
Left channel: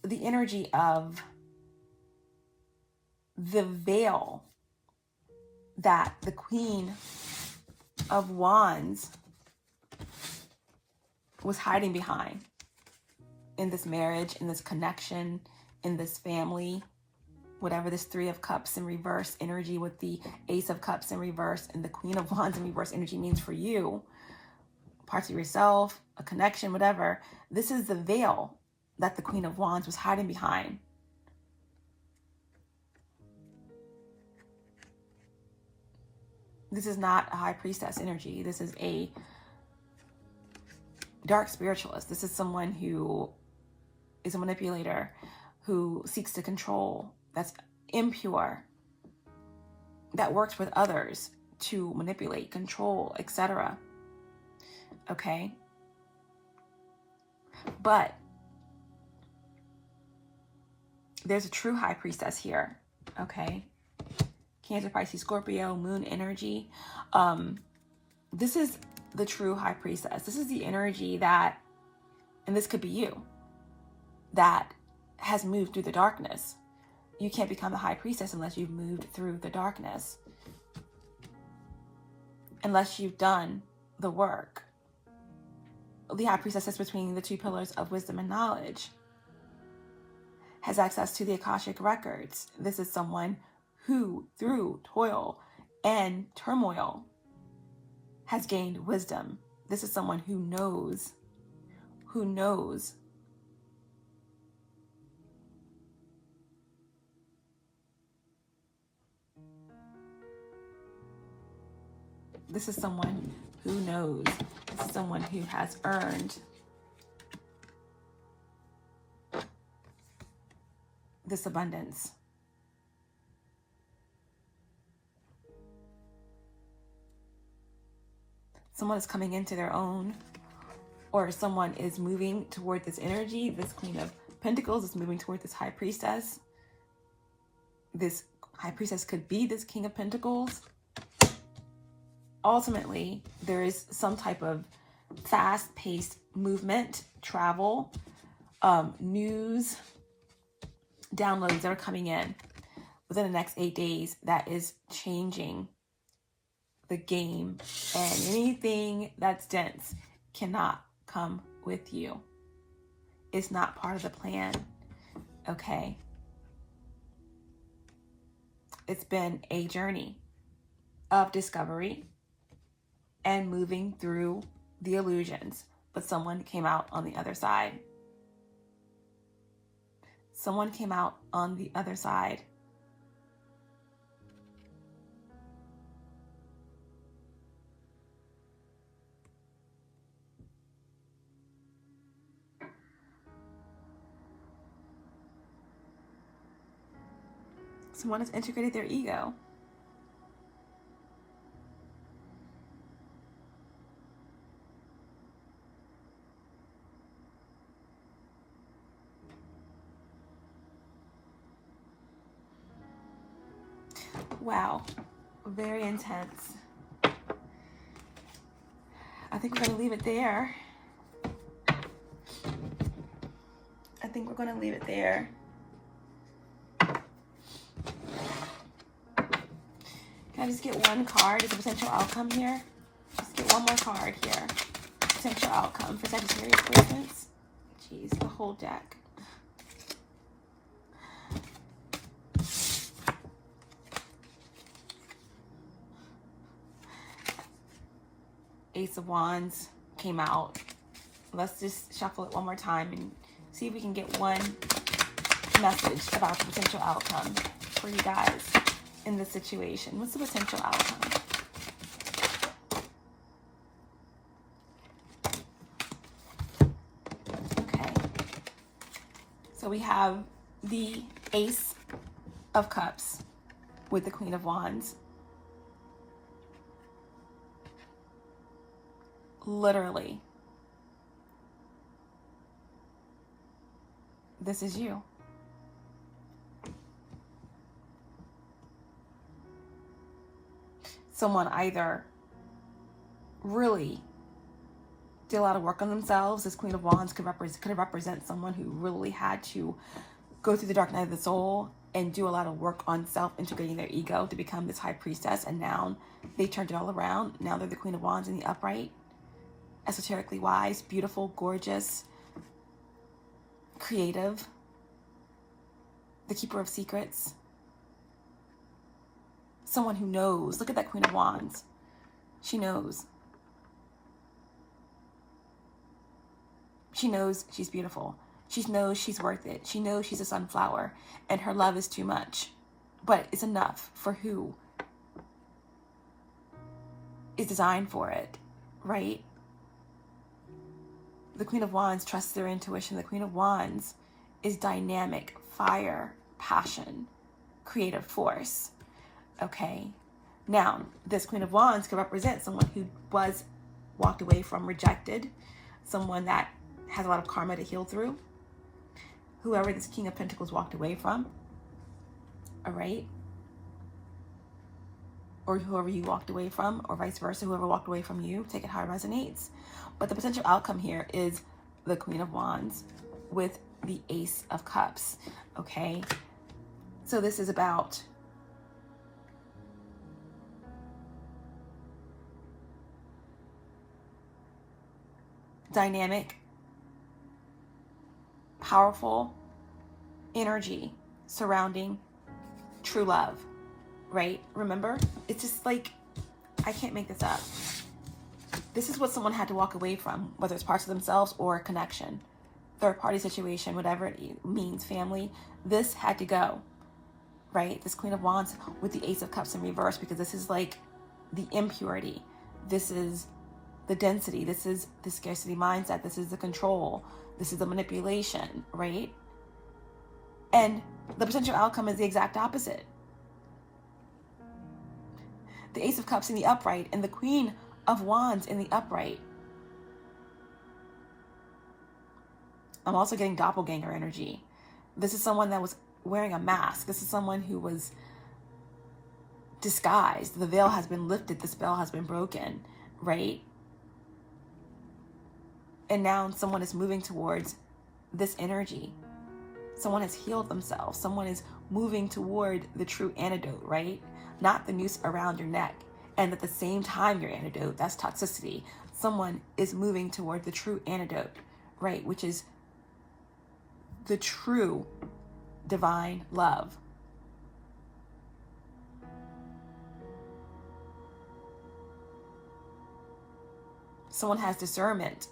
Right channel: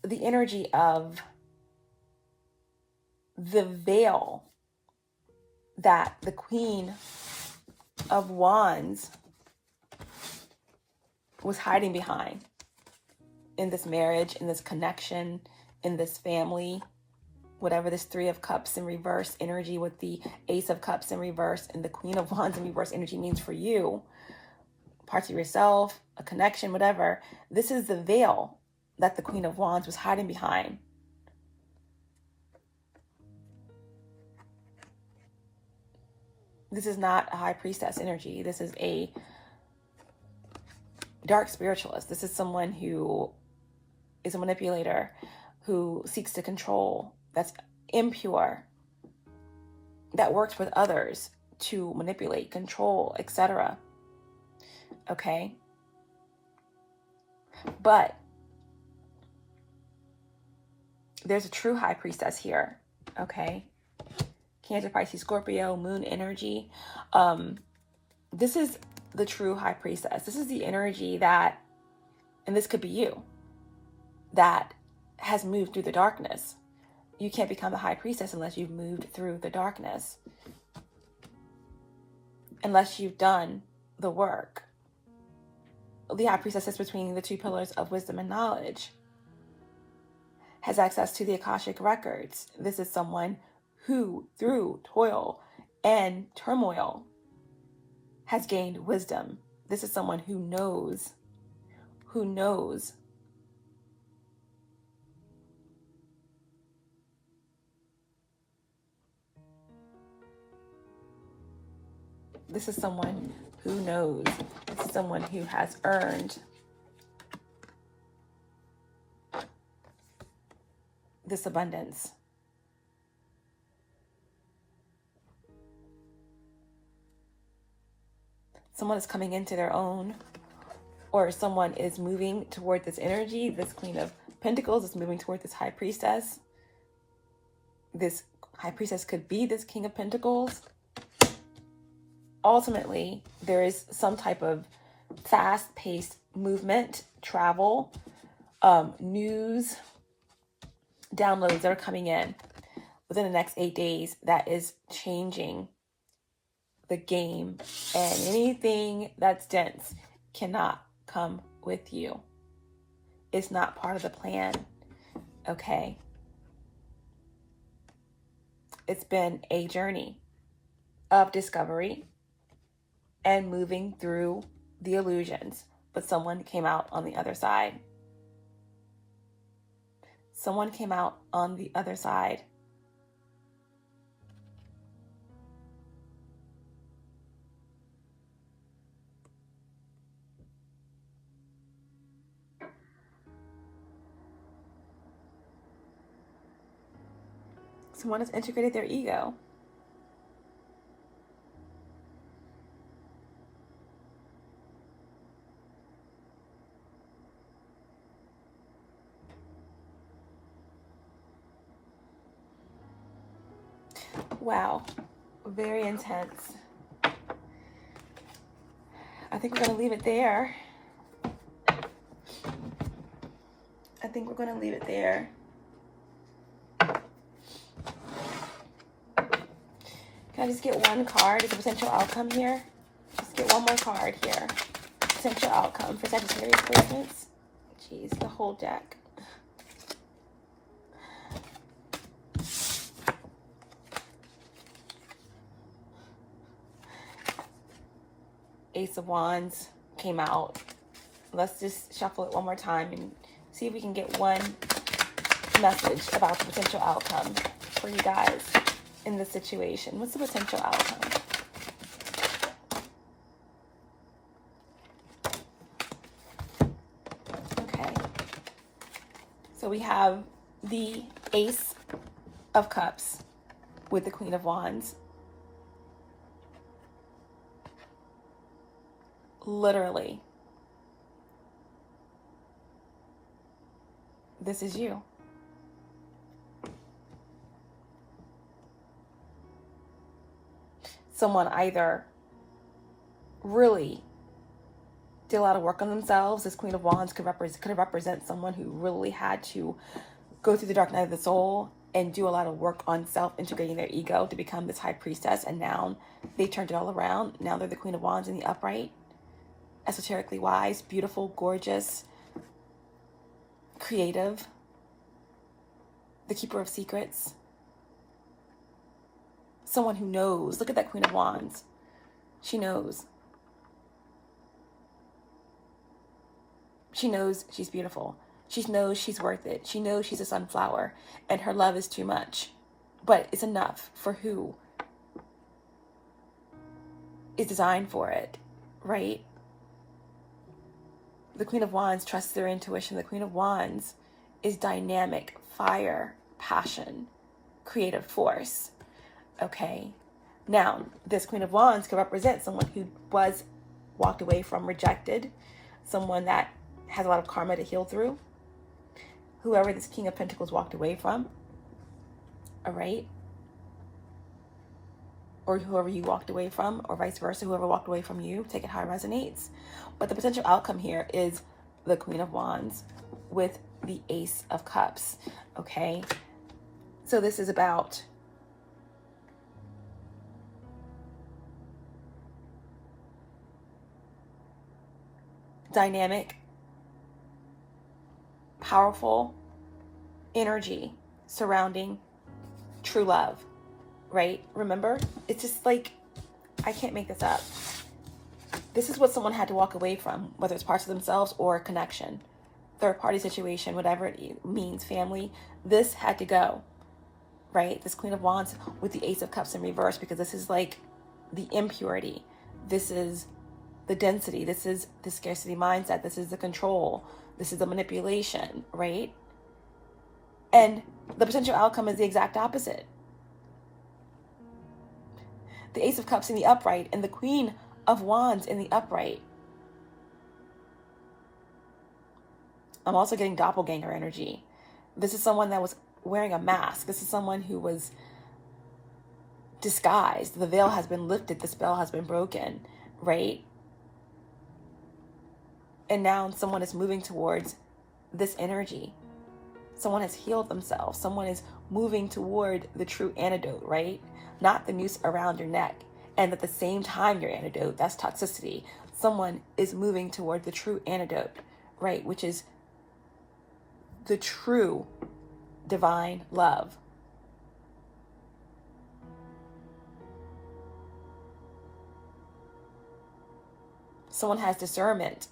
the energy of the veil that the Queen of Wands was hiding behind in this marriage, in this connection, in this family. Whatever this Three of Cups in reverse energy with the Ace of Cups in reverse and the Queen of Wands in reverse energy means for you, parts of yourself, a connection, whatever. This is the veil that the Queen of Wands was hiding behind. This is not a High Priestess energy. This is a dark spiritualist. This is someone who is a manipulator, who seeks to control, that's impure, that works with others to manipulate, control, etc. Okay? But there's a true High Priestess here, okay? Cancer, Pisces, Scorpio, Moon energy. This is the true High Priestess. This is the energy that, and this could be you, that has moved through the darkness. You can't become a High Priestess unless you've moved through the darkness. Unless you've done the work. the High Priestess sits between the two pillars of wisdom and knowledge, has access to the Akashic records. This is someone who, through toil and turmoil, has gained wisdom. This is someone who knows. This is someone who knows. This is someone who has earned this abundance. Someone is coming into their own, or someone is moving toward this energy. This Queen of Pentacles is moving toward this High Priestess. This High Priestess could be this King of Pentacles. Ultimately, there is some type of fast-paced movement, travel, news, downloads that are coming in within the next 8 days that is changing the game, and anything that's dense cannot come with you. It's not part of the plan, okay? It's been a journey of discovery and moving through the illusions, but someone came out on the other side. Someone came out on the other side. Someone has integrated their ego. Wow, very intense. I think we're going to leave it there. Can I just get one card as a potential outcome here? Just get one more card here. Potential outcome for Sagittarius placements. Jeez, the whole deck. Ace of Wands came out. Let's just shuffle it one more time and see if we can get one message about the potential outcome for you guys in this situation. What's the potential outcome? Okay. So we have the Ace of Cups with the Queen of Wands. Literally, this is you. Someone either really did a lot of work on themselves. This Queen of Wands could represent someone who really had to go through the dark night of the soul and do a lot of work on self-integrating their ego to become this High Priestess. And now they turned it all around. Now they're the Queen of Wands in the upright. Esoterically wise, beautiful, gorgeous, creative, the keeper of secrets, someone who knows. Look at that Queen of Wands. She knows. She knows she's beautiful. She knows she's worth it. She knows she's a sunflower and her love is too much, but it's enough for who is designed for it, right? The Queen of Wands trusts their intuition. The Queen of Wands is dynamic, fire, passion, creative force. Okay. Now, this Queen of Wands could represent someone who was walked away from, rejected, someone that has a lot of karma to heal through. Whoever this King of Pentacles walked away from. All right. Or whoever you walked away from, or vice versa, whoever walked away from you, take it how it resonates. But the potential outcome here is the Queen of Wands with the Ace of Cups, okay? So this is about dynamic, powerful energy surrounding true love, right? Remember, it's just like, I can't make this up. This is what someone had to walk away from, whether it's parts of themselves or a connection, third party situation, whatever it means, family. This had to go, right? This Queen of Wands with the Ace of Cups in reverse, because this is like the impurity. This is the density. This is the scarcity mindset. This is the control. This is the manipulation, right? And the potential outcome is the exact opposite. The Ace of Cups in the upright and the Queen of Wands in the upright. I'm also getting doppelganger energy. This is someone that was wearing a mask. This is someone who was disguised. The veil has been lifted. The spell has been broken, right? And now someone is moving towards this energy. Someone has healed themselves. Someone is moving toward the true antidote, right? Not the noose around your neck. And at the same time, your antidote, that's toxicity. Someone is moving toward the true antidote, right? Which is the true divine love. Someone has discernment.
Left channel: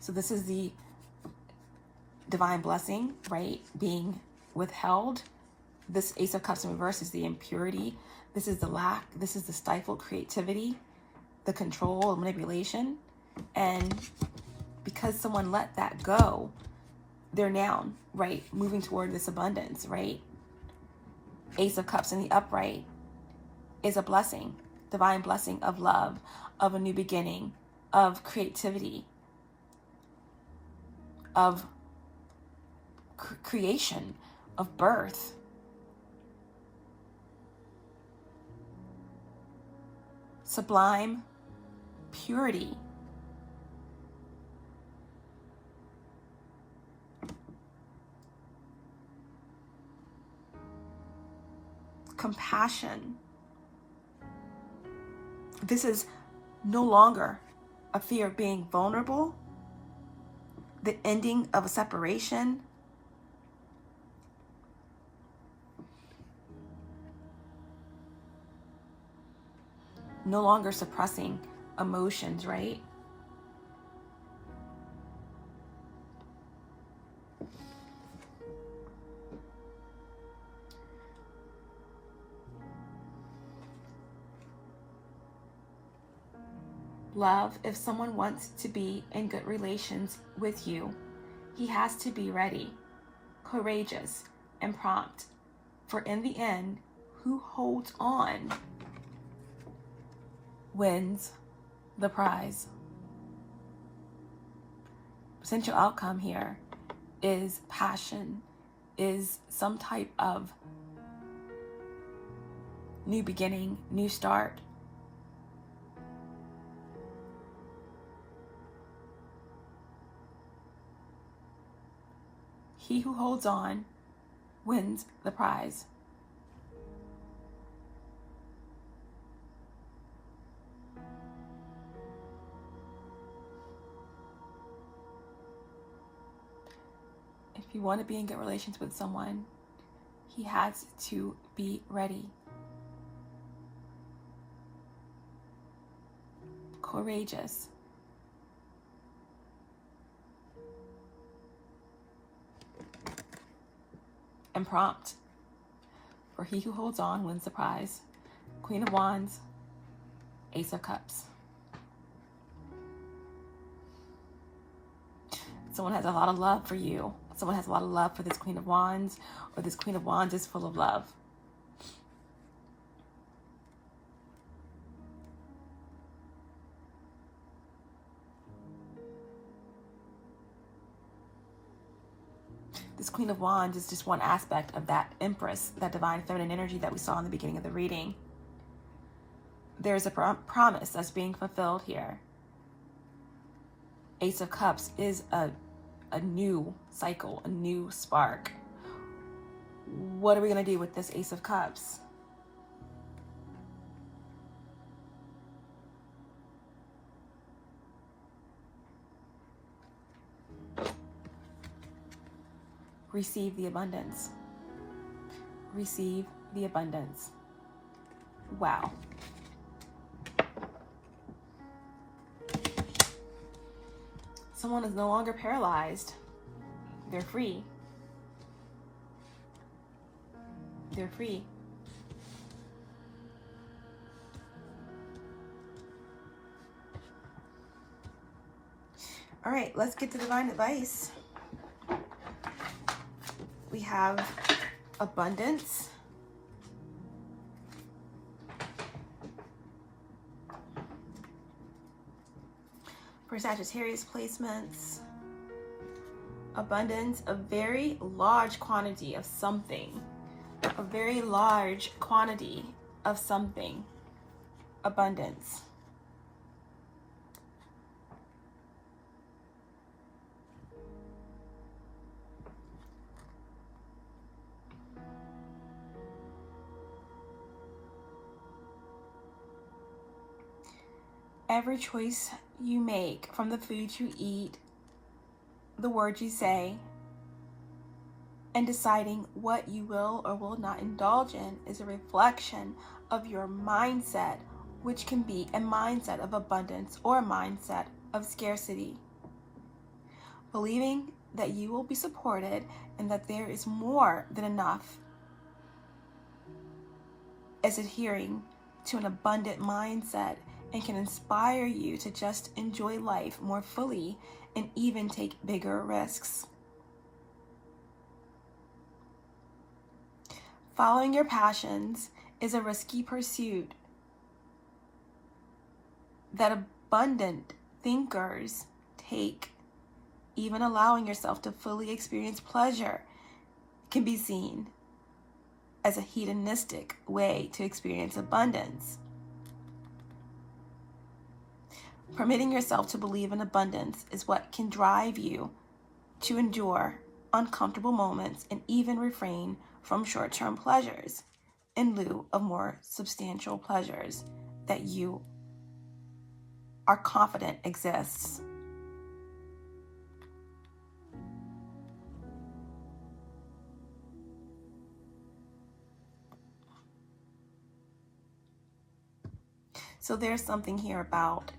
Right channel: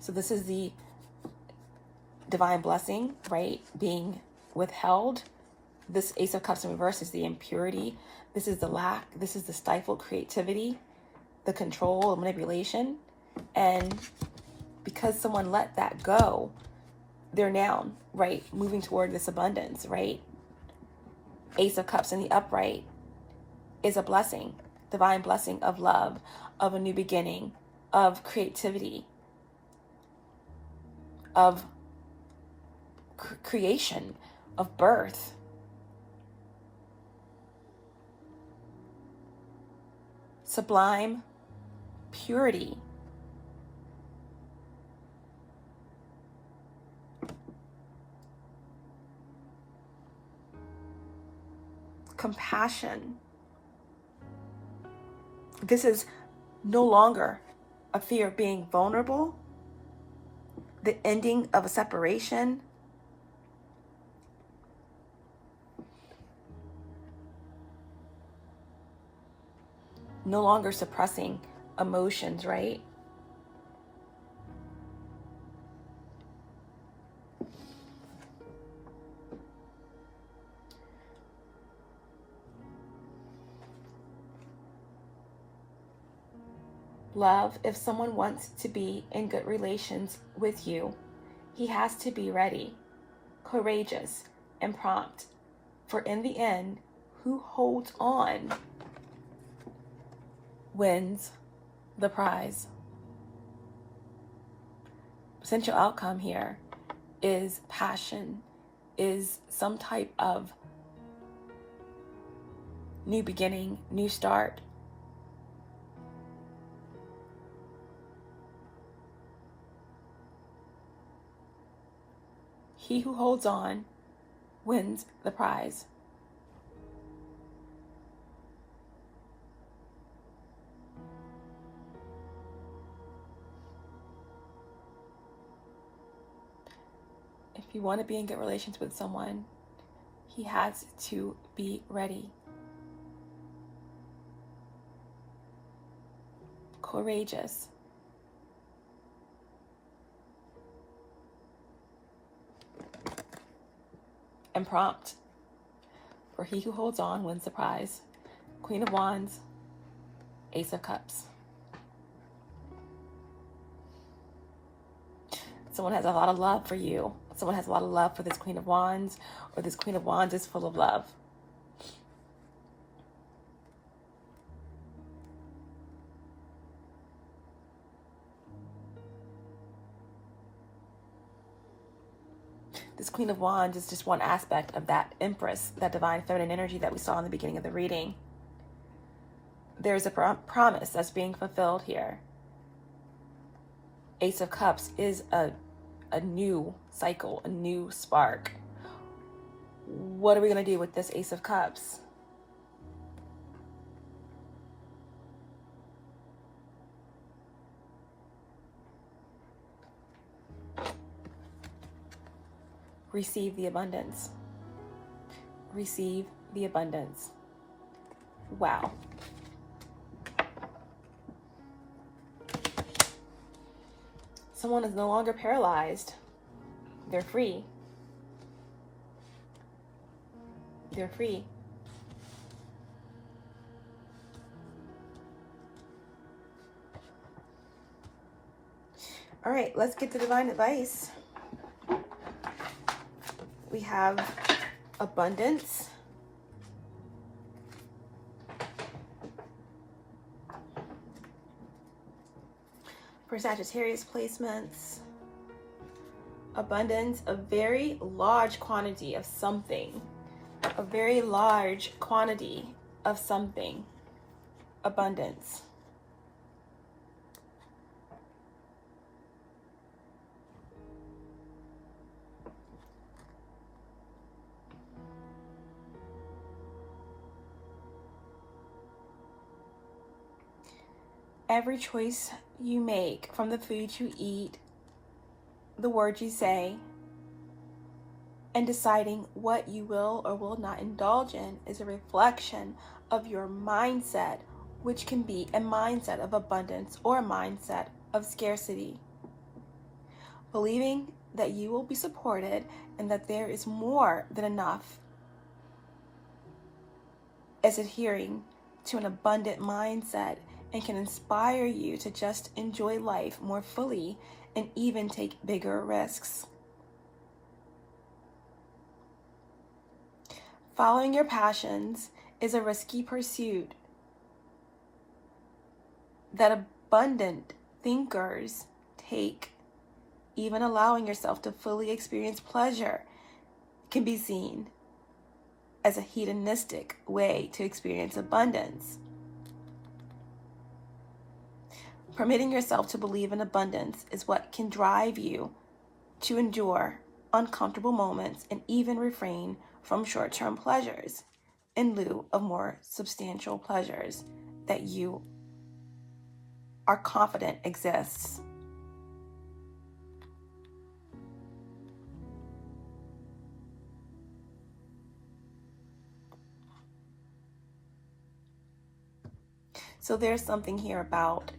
So this is the divine blessing, right? Being withheld. This Ace of Cups in reverse is the impurity. This is the lack. This is the stifled creativity, the control, the manipulation. And because someone let that go, they're now, right, moving toward this abundance, right? Ace of Cups in the upright is a blessing, divine blessing of love, of a new beginning, of creativity, of creation, of birth. Sublime purity. Compassion. This is no longer a fear of being vulnerable, the ending of a separation, no longer suppressing emotions, right? Love, if someone wants to be in good relations with you, he has to be ready, courageous, and prompt. For in the end, who holds on wins the prize. Potential outcome here is passion, is some type of new beginning, new start. He who holds on wins the prize. If you want to be in good relations with someone, he has to be ready, courageous, and prompt. For he who holds on wins the prize. Queen of Wands, Ace of Cups. Someone has a lot of love for you. Someone has a lot of love for this Queen of Wands, or this Queen of Wands is full of love. This Queen of Wands is just one aspect of that Empress, that divine feminine energy that we saw in the beginning of the reading. There's a promise that's being fulfilled here. Ace of Cups is a new cycle, a new spark. What are we going to do with this Ace of Cups? Receive the abundance. Receive the abundance. Wow. Someone is no longer paralyzed. They're free. They're free. All right, let's get to divine advice. We have abundance. For Sagittarius placements, abundance, a very large quantity of something. A very large quantity of something. Abundance. Every choice you make, from the food you eat, the words you say, and deciding what you will or will not indulge in, is a reflection of your mindset, which can be a mindset of abundance or a mindset of scarcity. Believing that you will be supported and that there is more than enough is adhering to an abundant mindset and can inspire you to just enjoy life more fully and even take bigger risks. Following your passions is a risky pursuit that abundant thinkers take. Even allowing yourself to fully experience pleasure can be seen as a hedonistic way to experience abundance. Permitting yourself to believe in abundance is what can drive you to endure uncomfortable moments and even refrain from short-term pleasures in lieu of more substantial pleasures that you are confident exists. So there's something here about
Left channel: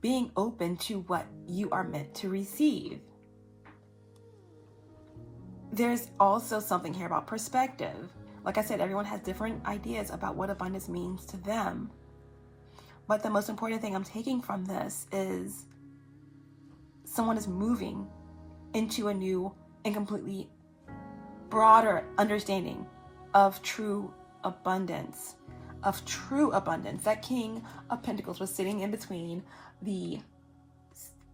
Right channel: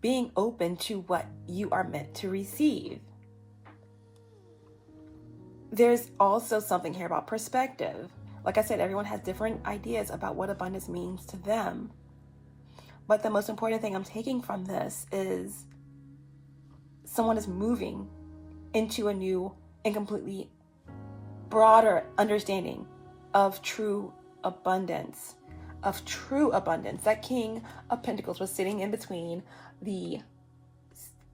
being open to what you are meant to receive. There's also something here about perspective. Like I said, everyone has different ideas about what abundance means to them. But the most important thing I'm taking from this is someone is moving into a new and completely broader understanding of true abundance. That King of Pentacles was sitting in between the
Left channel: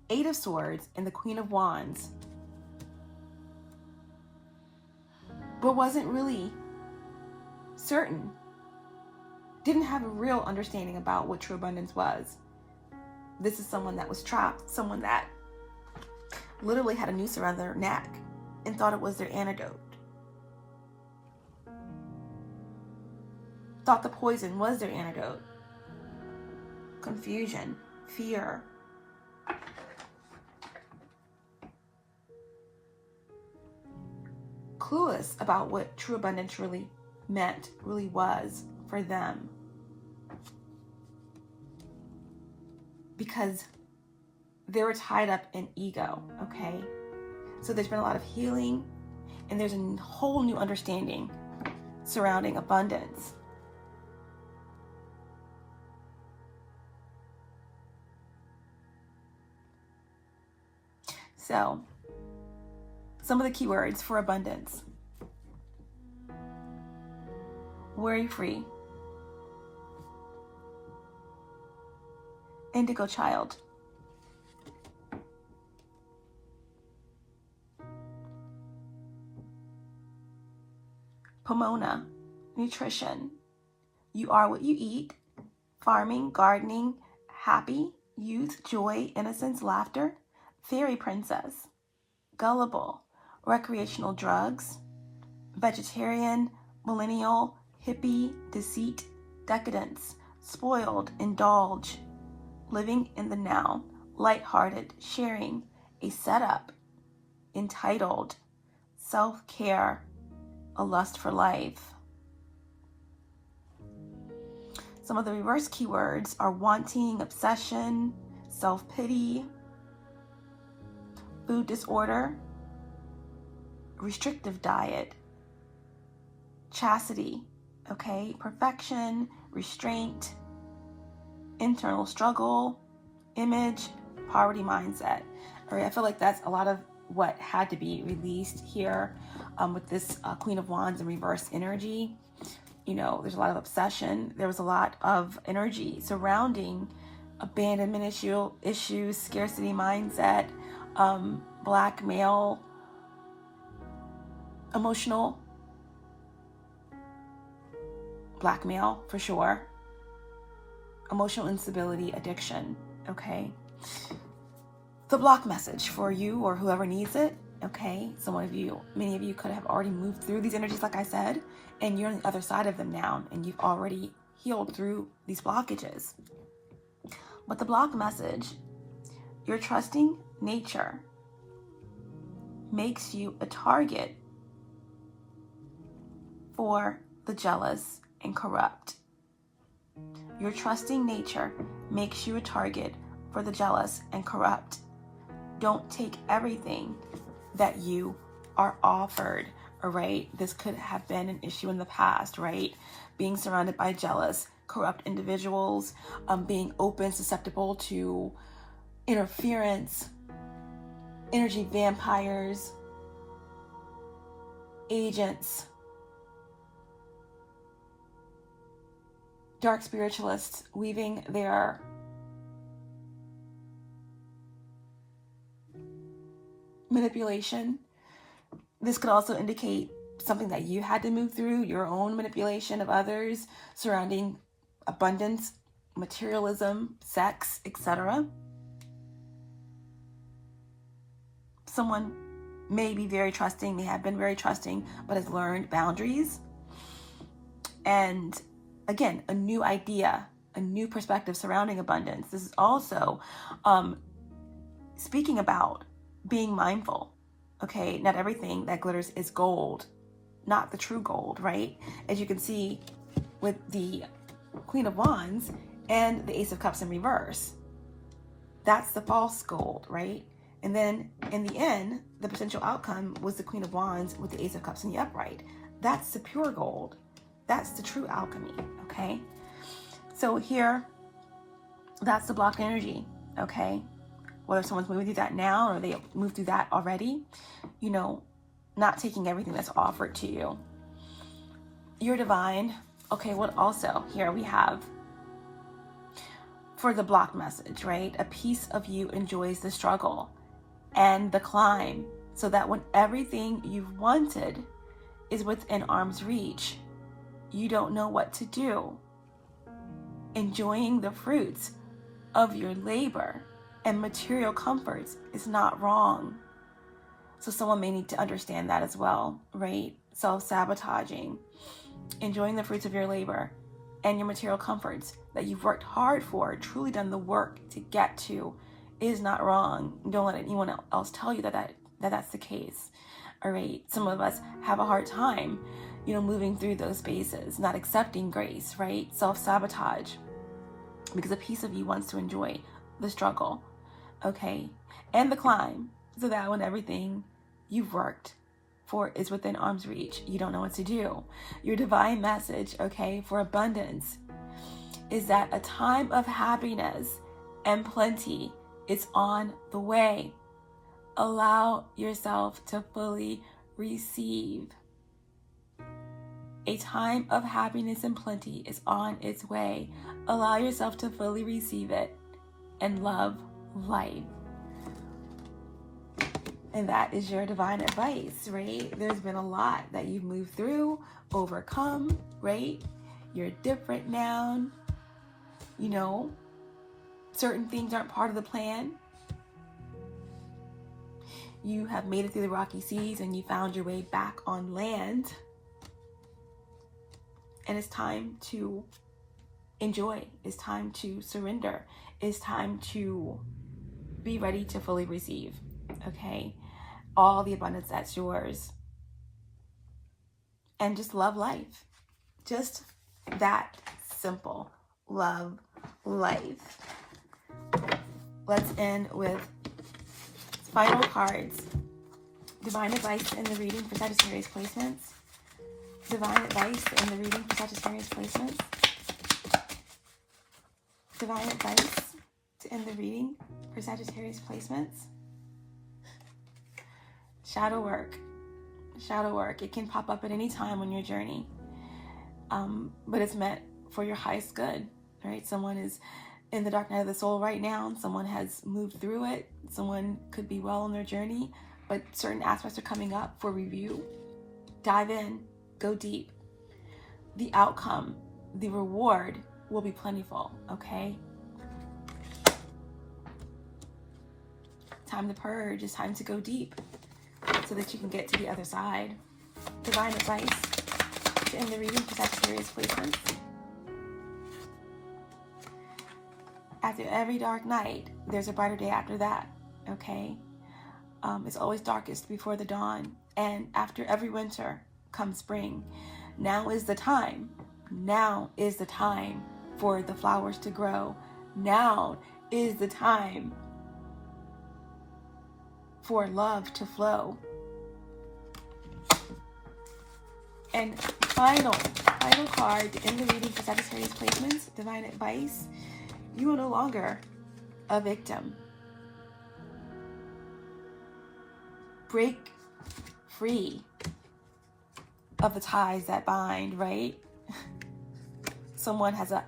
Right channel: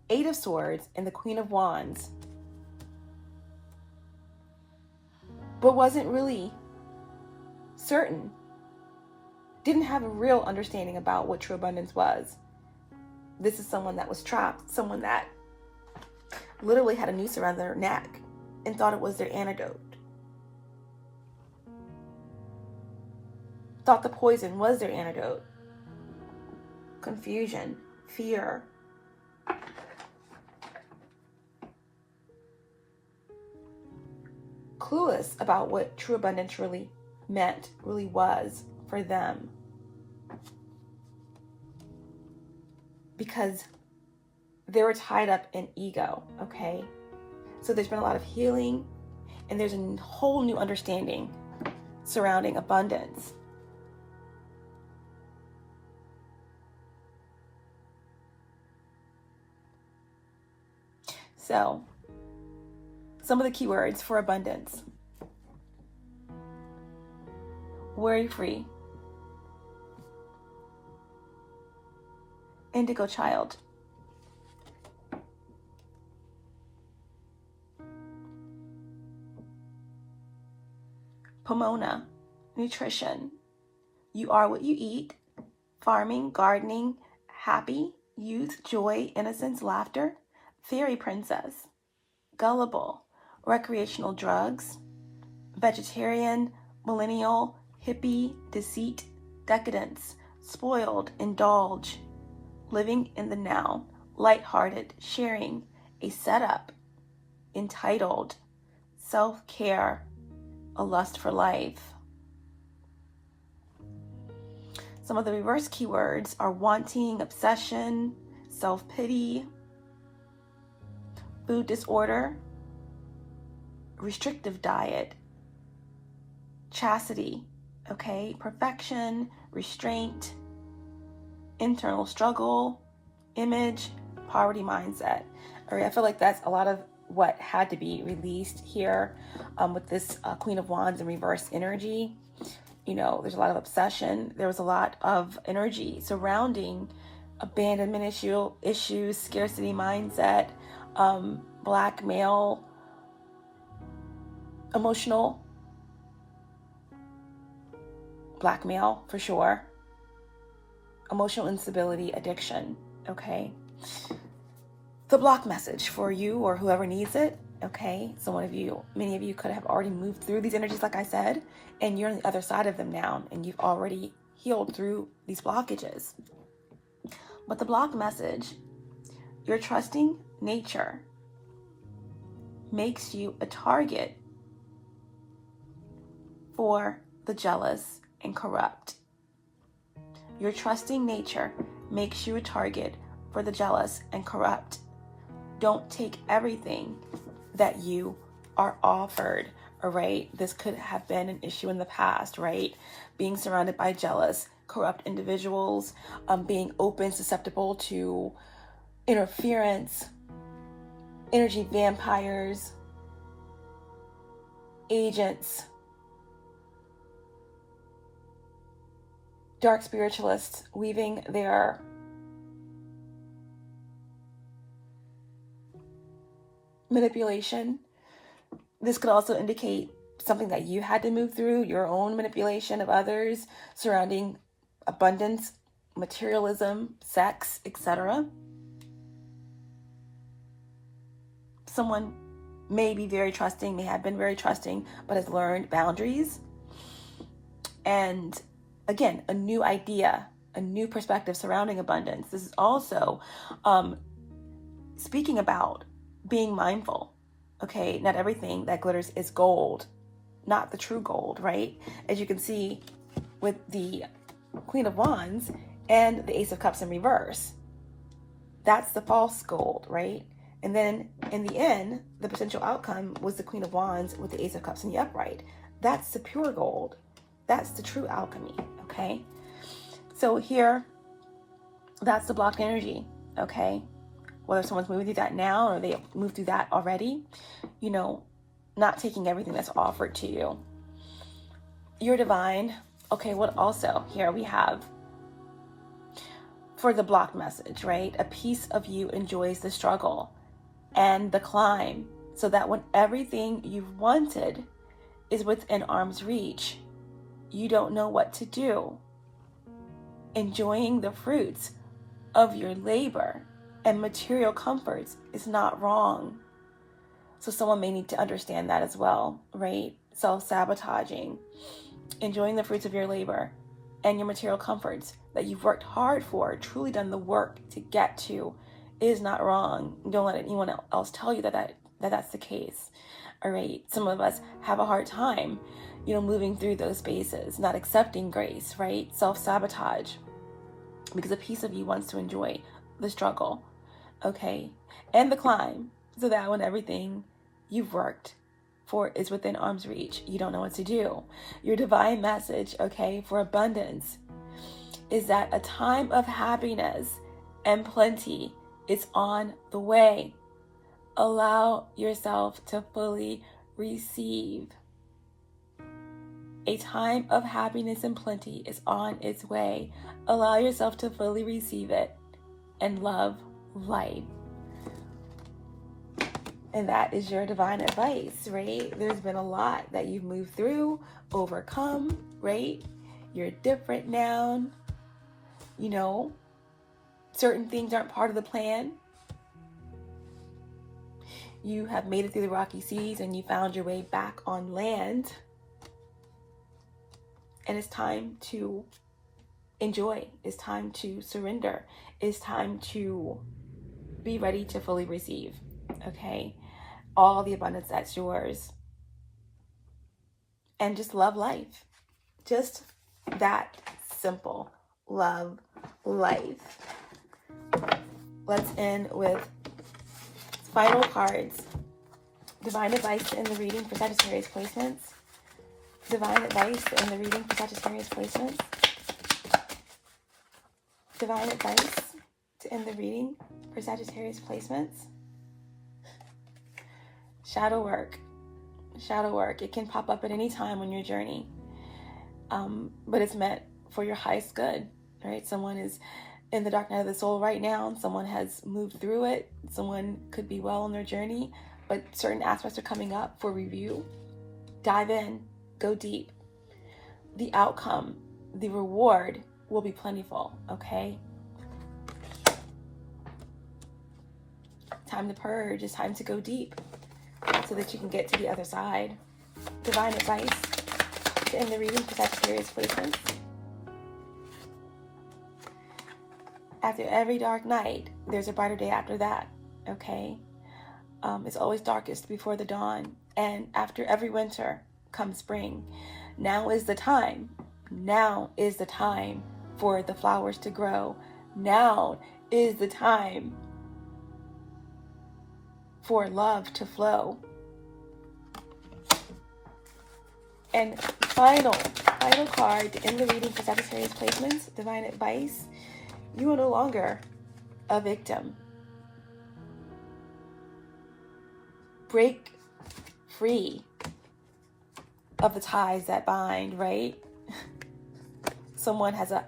Eight of Swords and the Queen of Wands, but wasn't really certain, didn't have a real understanding about what true abundance was. This is someone that was trapped, someone that literally had a noose around their neck and thought it was their antidote. Thought the poison was their antidote. Confusion, fear. Clueless about what true abundance really meant, really was for them. Because they were tied up in ego, okay? So there's been a lot of healing, and there's a whole new understanding surrounding abundance. So, some of the keywords for abundance. Worry-free. Indigo child. Pomona. Nutrition. You are what you eat. Farming, gardening, happy, youth, joy, innocence, laughter. Fairy princess. Gullible. Recreational drugs. Vegetarian, millennial, hippie, deceit, decadence, spoiled, indulge, living in the now, lighthearted, sharing, a setup, entitled, self-care, a lust for life. Some of the reverse keywords are wanting, obsession, self-pity, food disorder, restrictive diet, chastity, okay, perfection, restraint, internal struggle, image, poverty mindset. All right, I feel like that's a lot of what had to be released here with this Queen of Wands in reverse energy. You know, there's a lot of obsession. There was a lot of energy surrounding abandonment issues, scarcity mindset, blackmail, emotional blackmail for sure, emotional instability, addiction, okay? The block message for you or whoever needs it, okay? So many of you could have already moved through these energies, like I said, and you're on the other side of them now, and you've already healed through these blockages. But the block message, your trusting nature makes you a target for the jealous and corrupt. Your trusting nature makes you a target for the jealous and corrupt. Don't take everything that you are offered, all right? This could have been an issue in the past, right? Being surrounded by jealous, corrupt individuals, being open, susceptible to interference, energy vampires, agents, dark spiritualists weaving their manipulation. This could also indicate something that you had to move through, your own manipulation of others surrounding abundance, materialism, sex, etc. Someone may be very trusting, may have been very trusting, but has learned boundaries. And again, a new idea, a new perspective surrounding abundance. This is also speaking about being mindful, okay? Not everything that glitters is gold, not the true gold, right? As you can see with the Queen of Wands and the Ace of Cups in reverse, that's the false gold, right? And then in the end, the potential outcome was the Queen of Wands with the Ace of Cups in the upright. That's the pure gold. That's the true alchemy, okay? So here, that's the blocked energy, okay? Whether someone's moving through that now or they moved through that already, you know, not taking everything that's offered to you. You're divine. Okay, what also? Here we have, for the blocked message, right? A piece of you enjoys the struggle and the climb, so that when everything you've wanted is within arm's reach, you don't know what to do. Enjoying the fruits of your labor and material comforts is not wrong. So someone may need to understand that as well, right? Self-sabotaging, enjoying the fruits of your labor and your material comforts that you've worked hard for, truly done the work to get to, is not wrong. Don't let anyone else tell you that's the case. All right. Some of us have a hard time, you know, moving through those spaces, not accepting grace, right? Self-sabotage, because a piece of you wants to enjoy the struggle, okay, and the climb, so that when everything you've worked for is within arm's reach, you don't know what to do. Your divine message, okay, for abundance is that a time of happiness and plenty is on the way. Allow yourself to fully receive. A time of happiness and plenty is on its way. Allow yourself to fully receive it and love life. And that is your divine advice, right? There's been a lot that you've moved through, overcome, right? You're different now. You know, certain things aren't part of the plan. You have made it through the rocky seas and you found your way back on land. And it's time to enjoy. It's time to surrender. It's time to be ready to fully receive, okay? All the abundance that's yours. and just love life. Just that simple. Love life. Let's end with final cards. Divine advice in the reading for Sagittarius placements. Divine advice in the reading for Sagittarius placements. Divine advice to end the reading for Sagittarius placements. Shadow work. Shadow work. It can pop up at any time on your journey. But it's meant for your highest good, right? Someone is in the dark night of the soul right now. Someone has moved through it. Someone could be well on their journey, but certain aspects are coming up for review. Dive in, go deep. The outcome, the reward will be plentiful, okay? Time to purge. It's time to go deep so that you can get to the other side. Divine advice to end the reading for Sagittarius placements. After every dark night, there's a brighter day after that, okay? It's always darkest before the dawn. And after every winter comes spring. Now is the time. Now is the time for the flowers to grow. Now is the time for love to flow. And final card to end the reading for Sagittarius placements, divine advice. You are no longer a victim. Break free of the ties that bind, right? Someone has a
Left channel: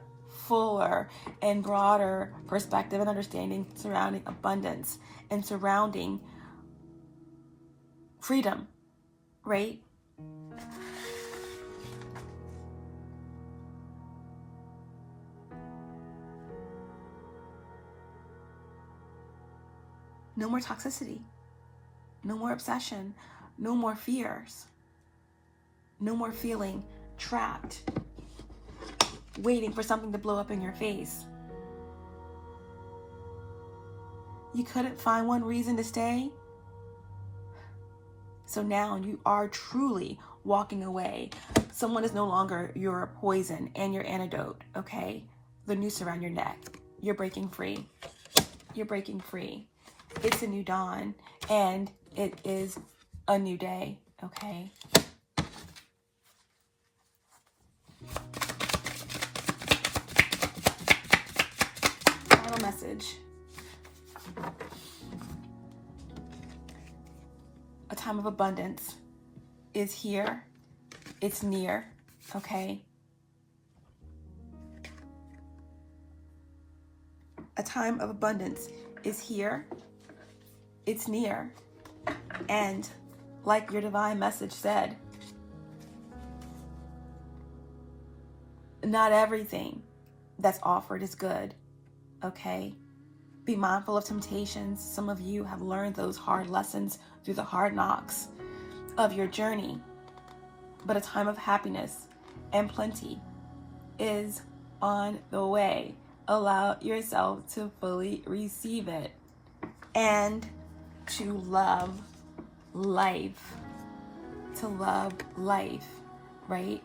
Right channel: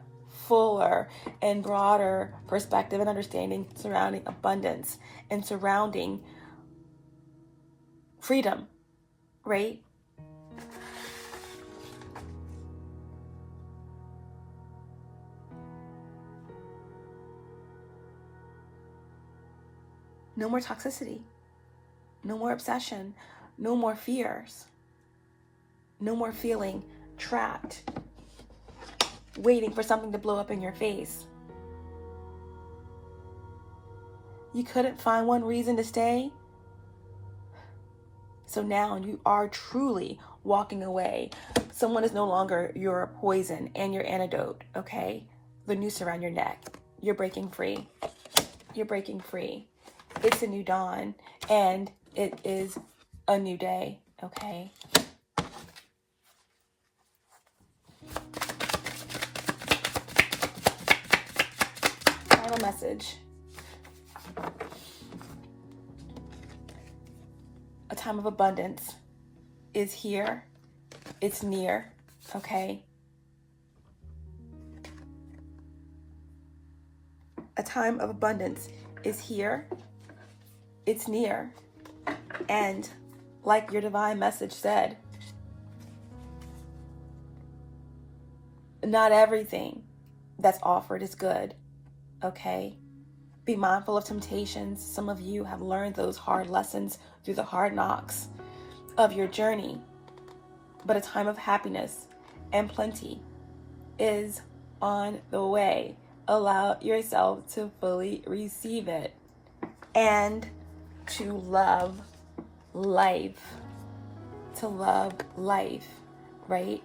fuller and broader perspective and understanding surrounding abundance and surrounding freedom, right? No more toxicity, no more obsession, no more fears, no more feeling trapped, waiting for something to blow up in your face. You couldn't find one reason to stay, so now you are truly walking away. Someone is no longer your poison and your antidote, okay? The noose around your neck. You're breaking free. You're breaking free. It's a new dawn, and it is a new day, okay? Final message. A time of abundance is here. It's near, okay? A time of abundance is here. It's near. And like your divine message said, not everything that's offered is good, okay? Be mindful of temptations. Some of you have learned those hard lessons through the hard knocks of your journey. But a time of happiness and plenty is on the way. Allow yourself to fully receive it and to love life. To love life, right?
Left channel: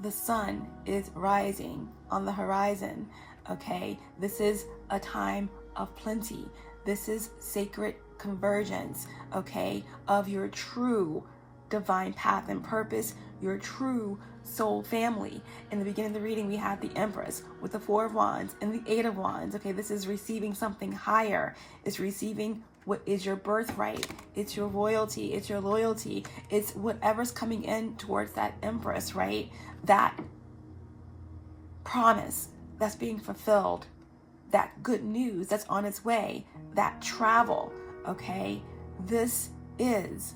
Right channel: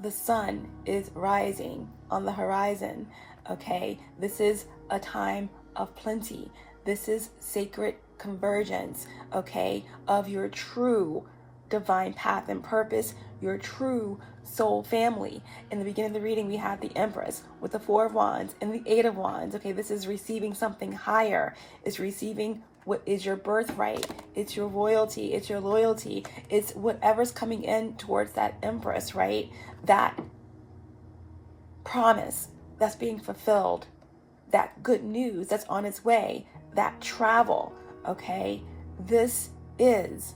The sun is rising on the horizon, okay? This is a time of plenty. This is sacred convergence, okay, of your true divine path and purpose, your true soul family. In the beginning of the reading, we had the Empress with the Four of Wands and the Eight of Wands. Okay, this is receiving something higher. It's receiving what is your birthright. It's your royalty. It's your loyalty. It's whatever's coming in towards that Empress, right? That promise that's being fulfilled, that good news that's on its way, that travel, okay? This is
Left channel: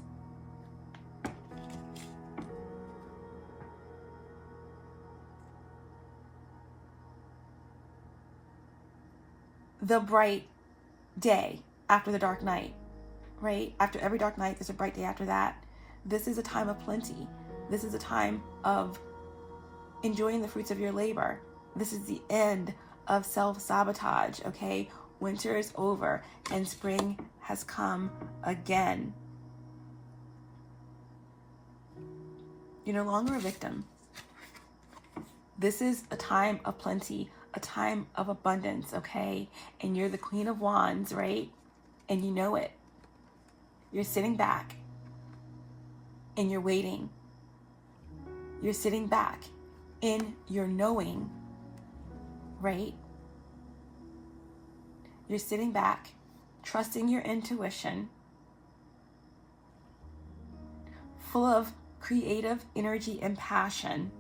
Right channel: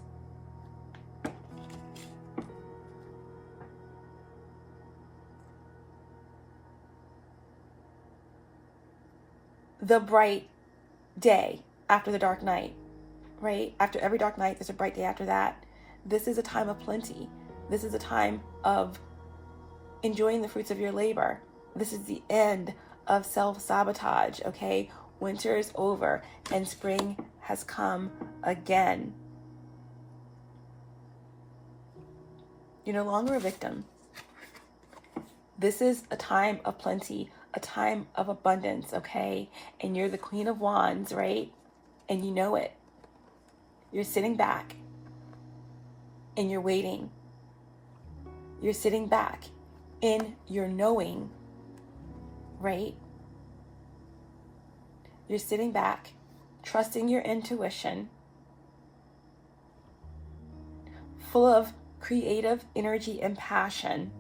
the bright day after the dark night, right? After every dark night, there's a bright day after that. This is a time of plenty. This is a time of enjoying the fruits of your labor. This is the end of self-sabotage, okay? Winter is over and spring has come again. You're no longer a victim. This is a time of plenty, a time of abundance, okay? And you're the Queen of Wands, right? And you know it. You're sitting back and you're waiting. You're sitting back in your knowing, right? You're sitting back, trusting your intuition, full of creative energy and passion,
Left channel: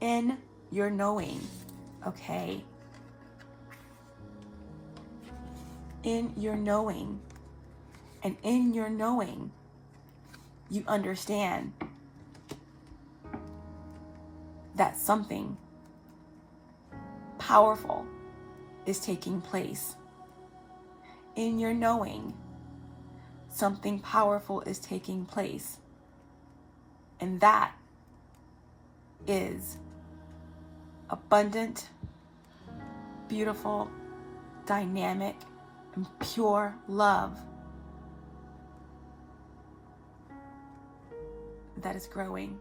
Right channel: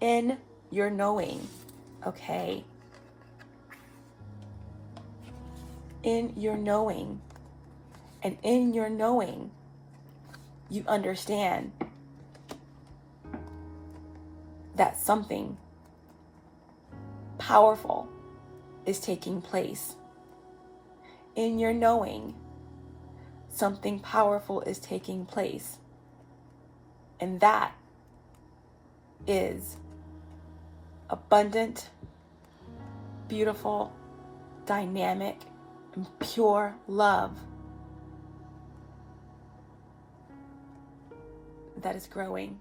in your knowing, okay? In your knowing. And in your knowing, you understand that something powerful is taking place. In your knowing, something powerful is taking place. And that is abundant, beautiful, dynamic, and pure love that is growing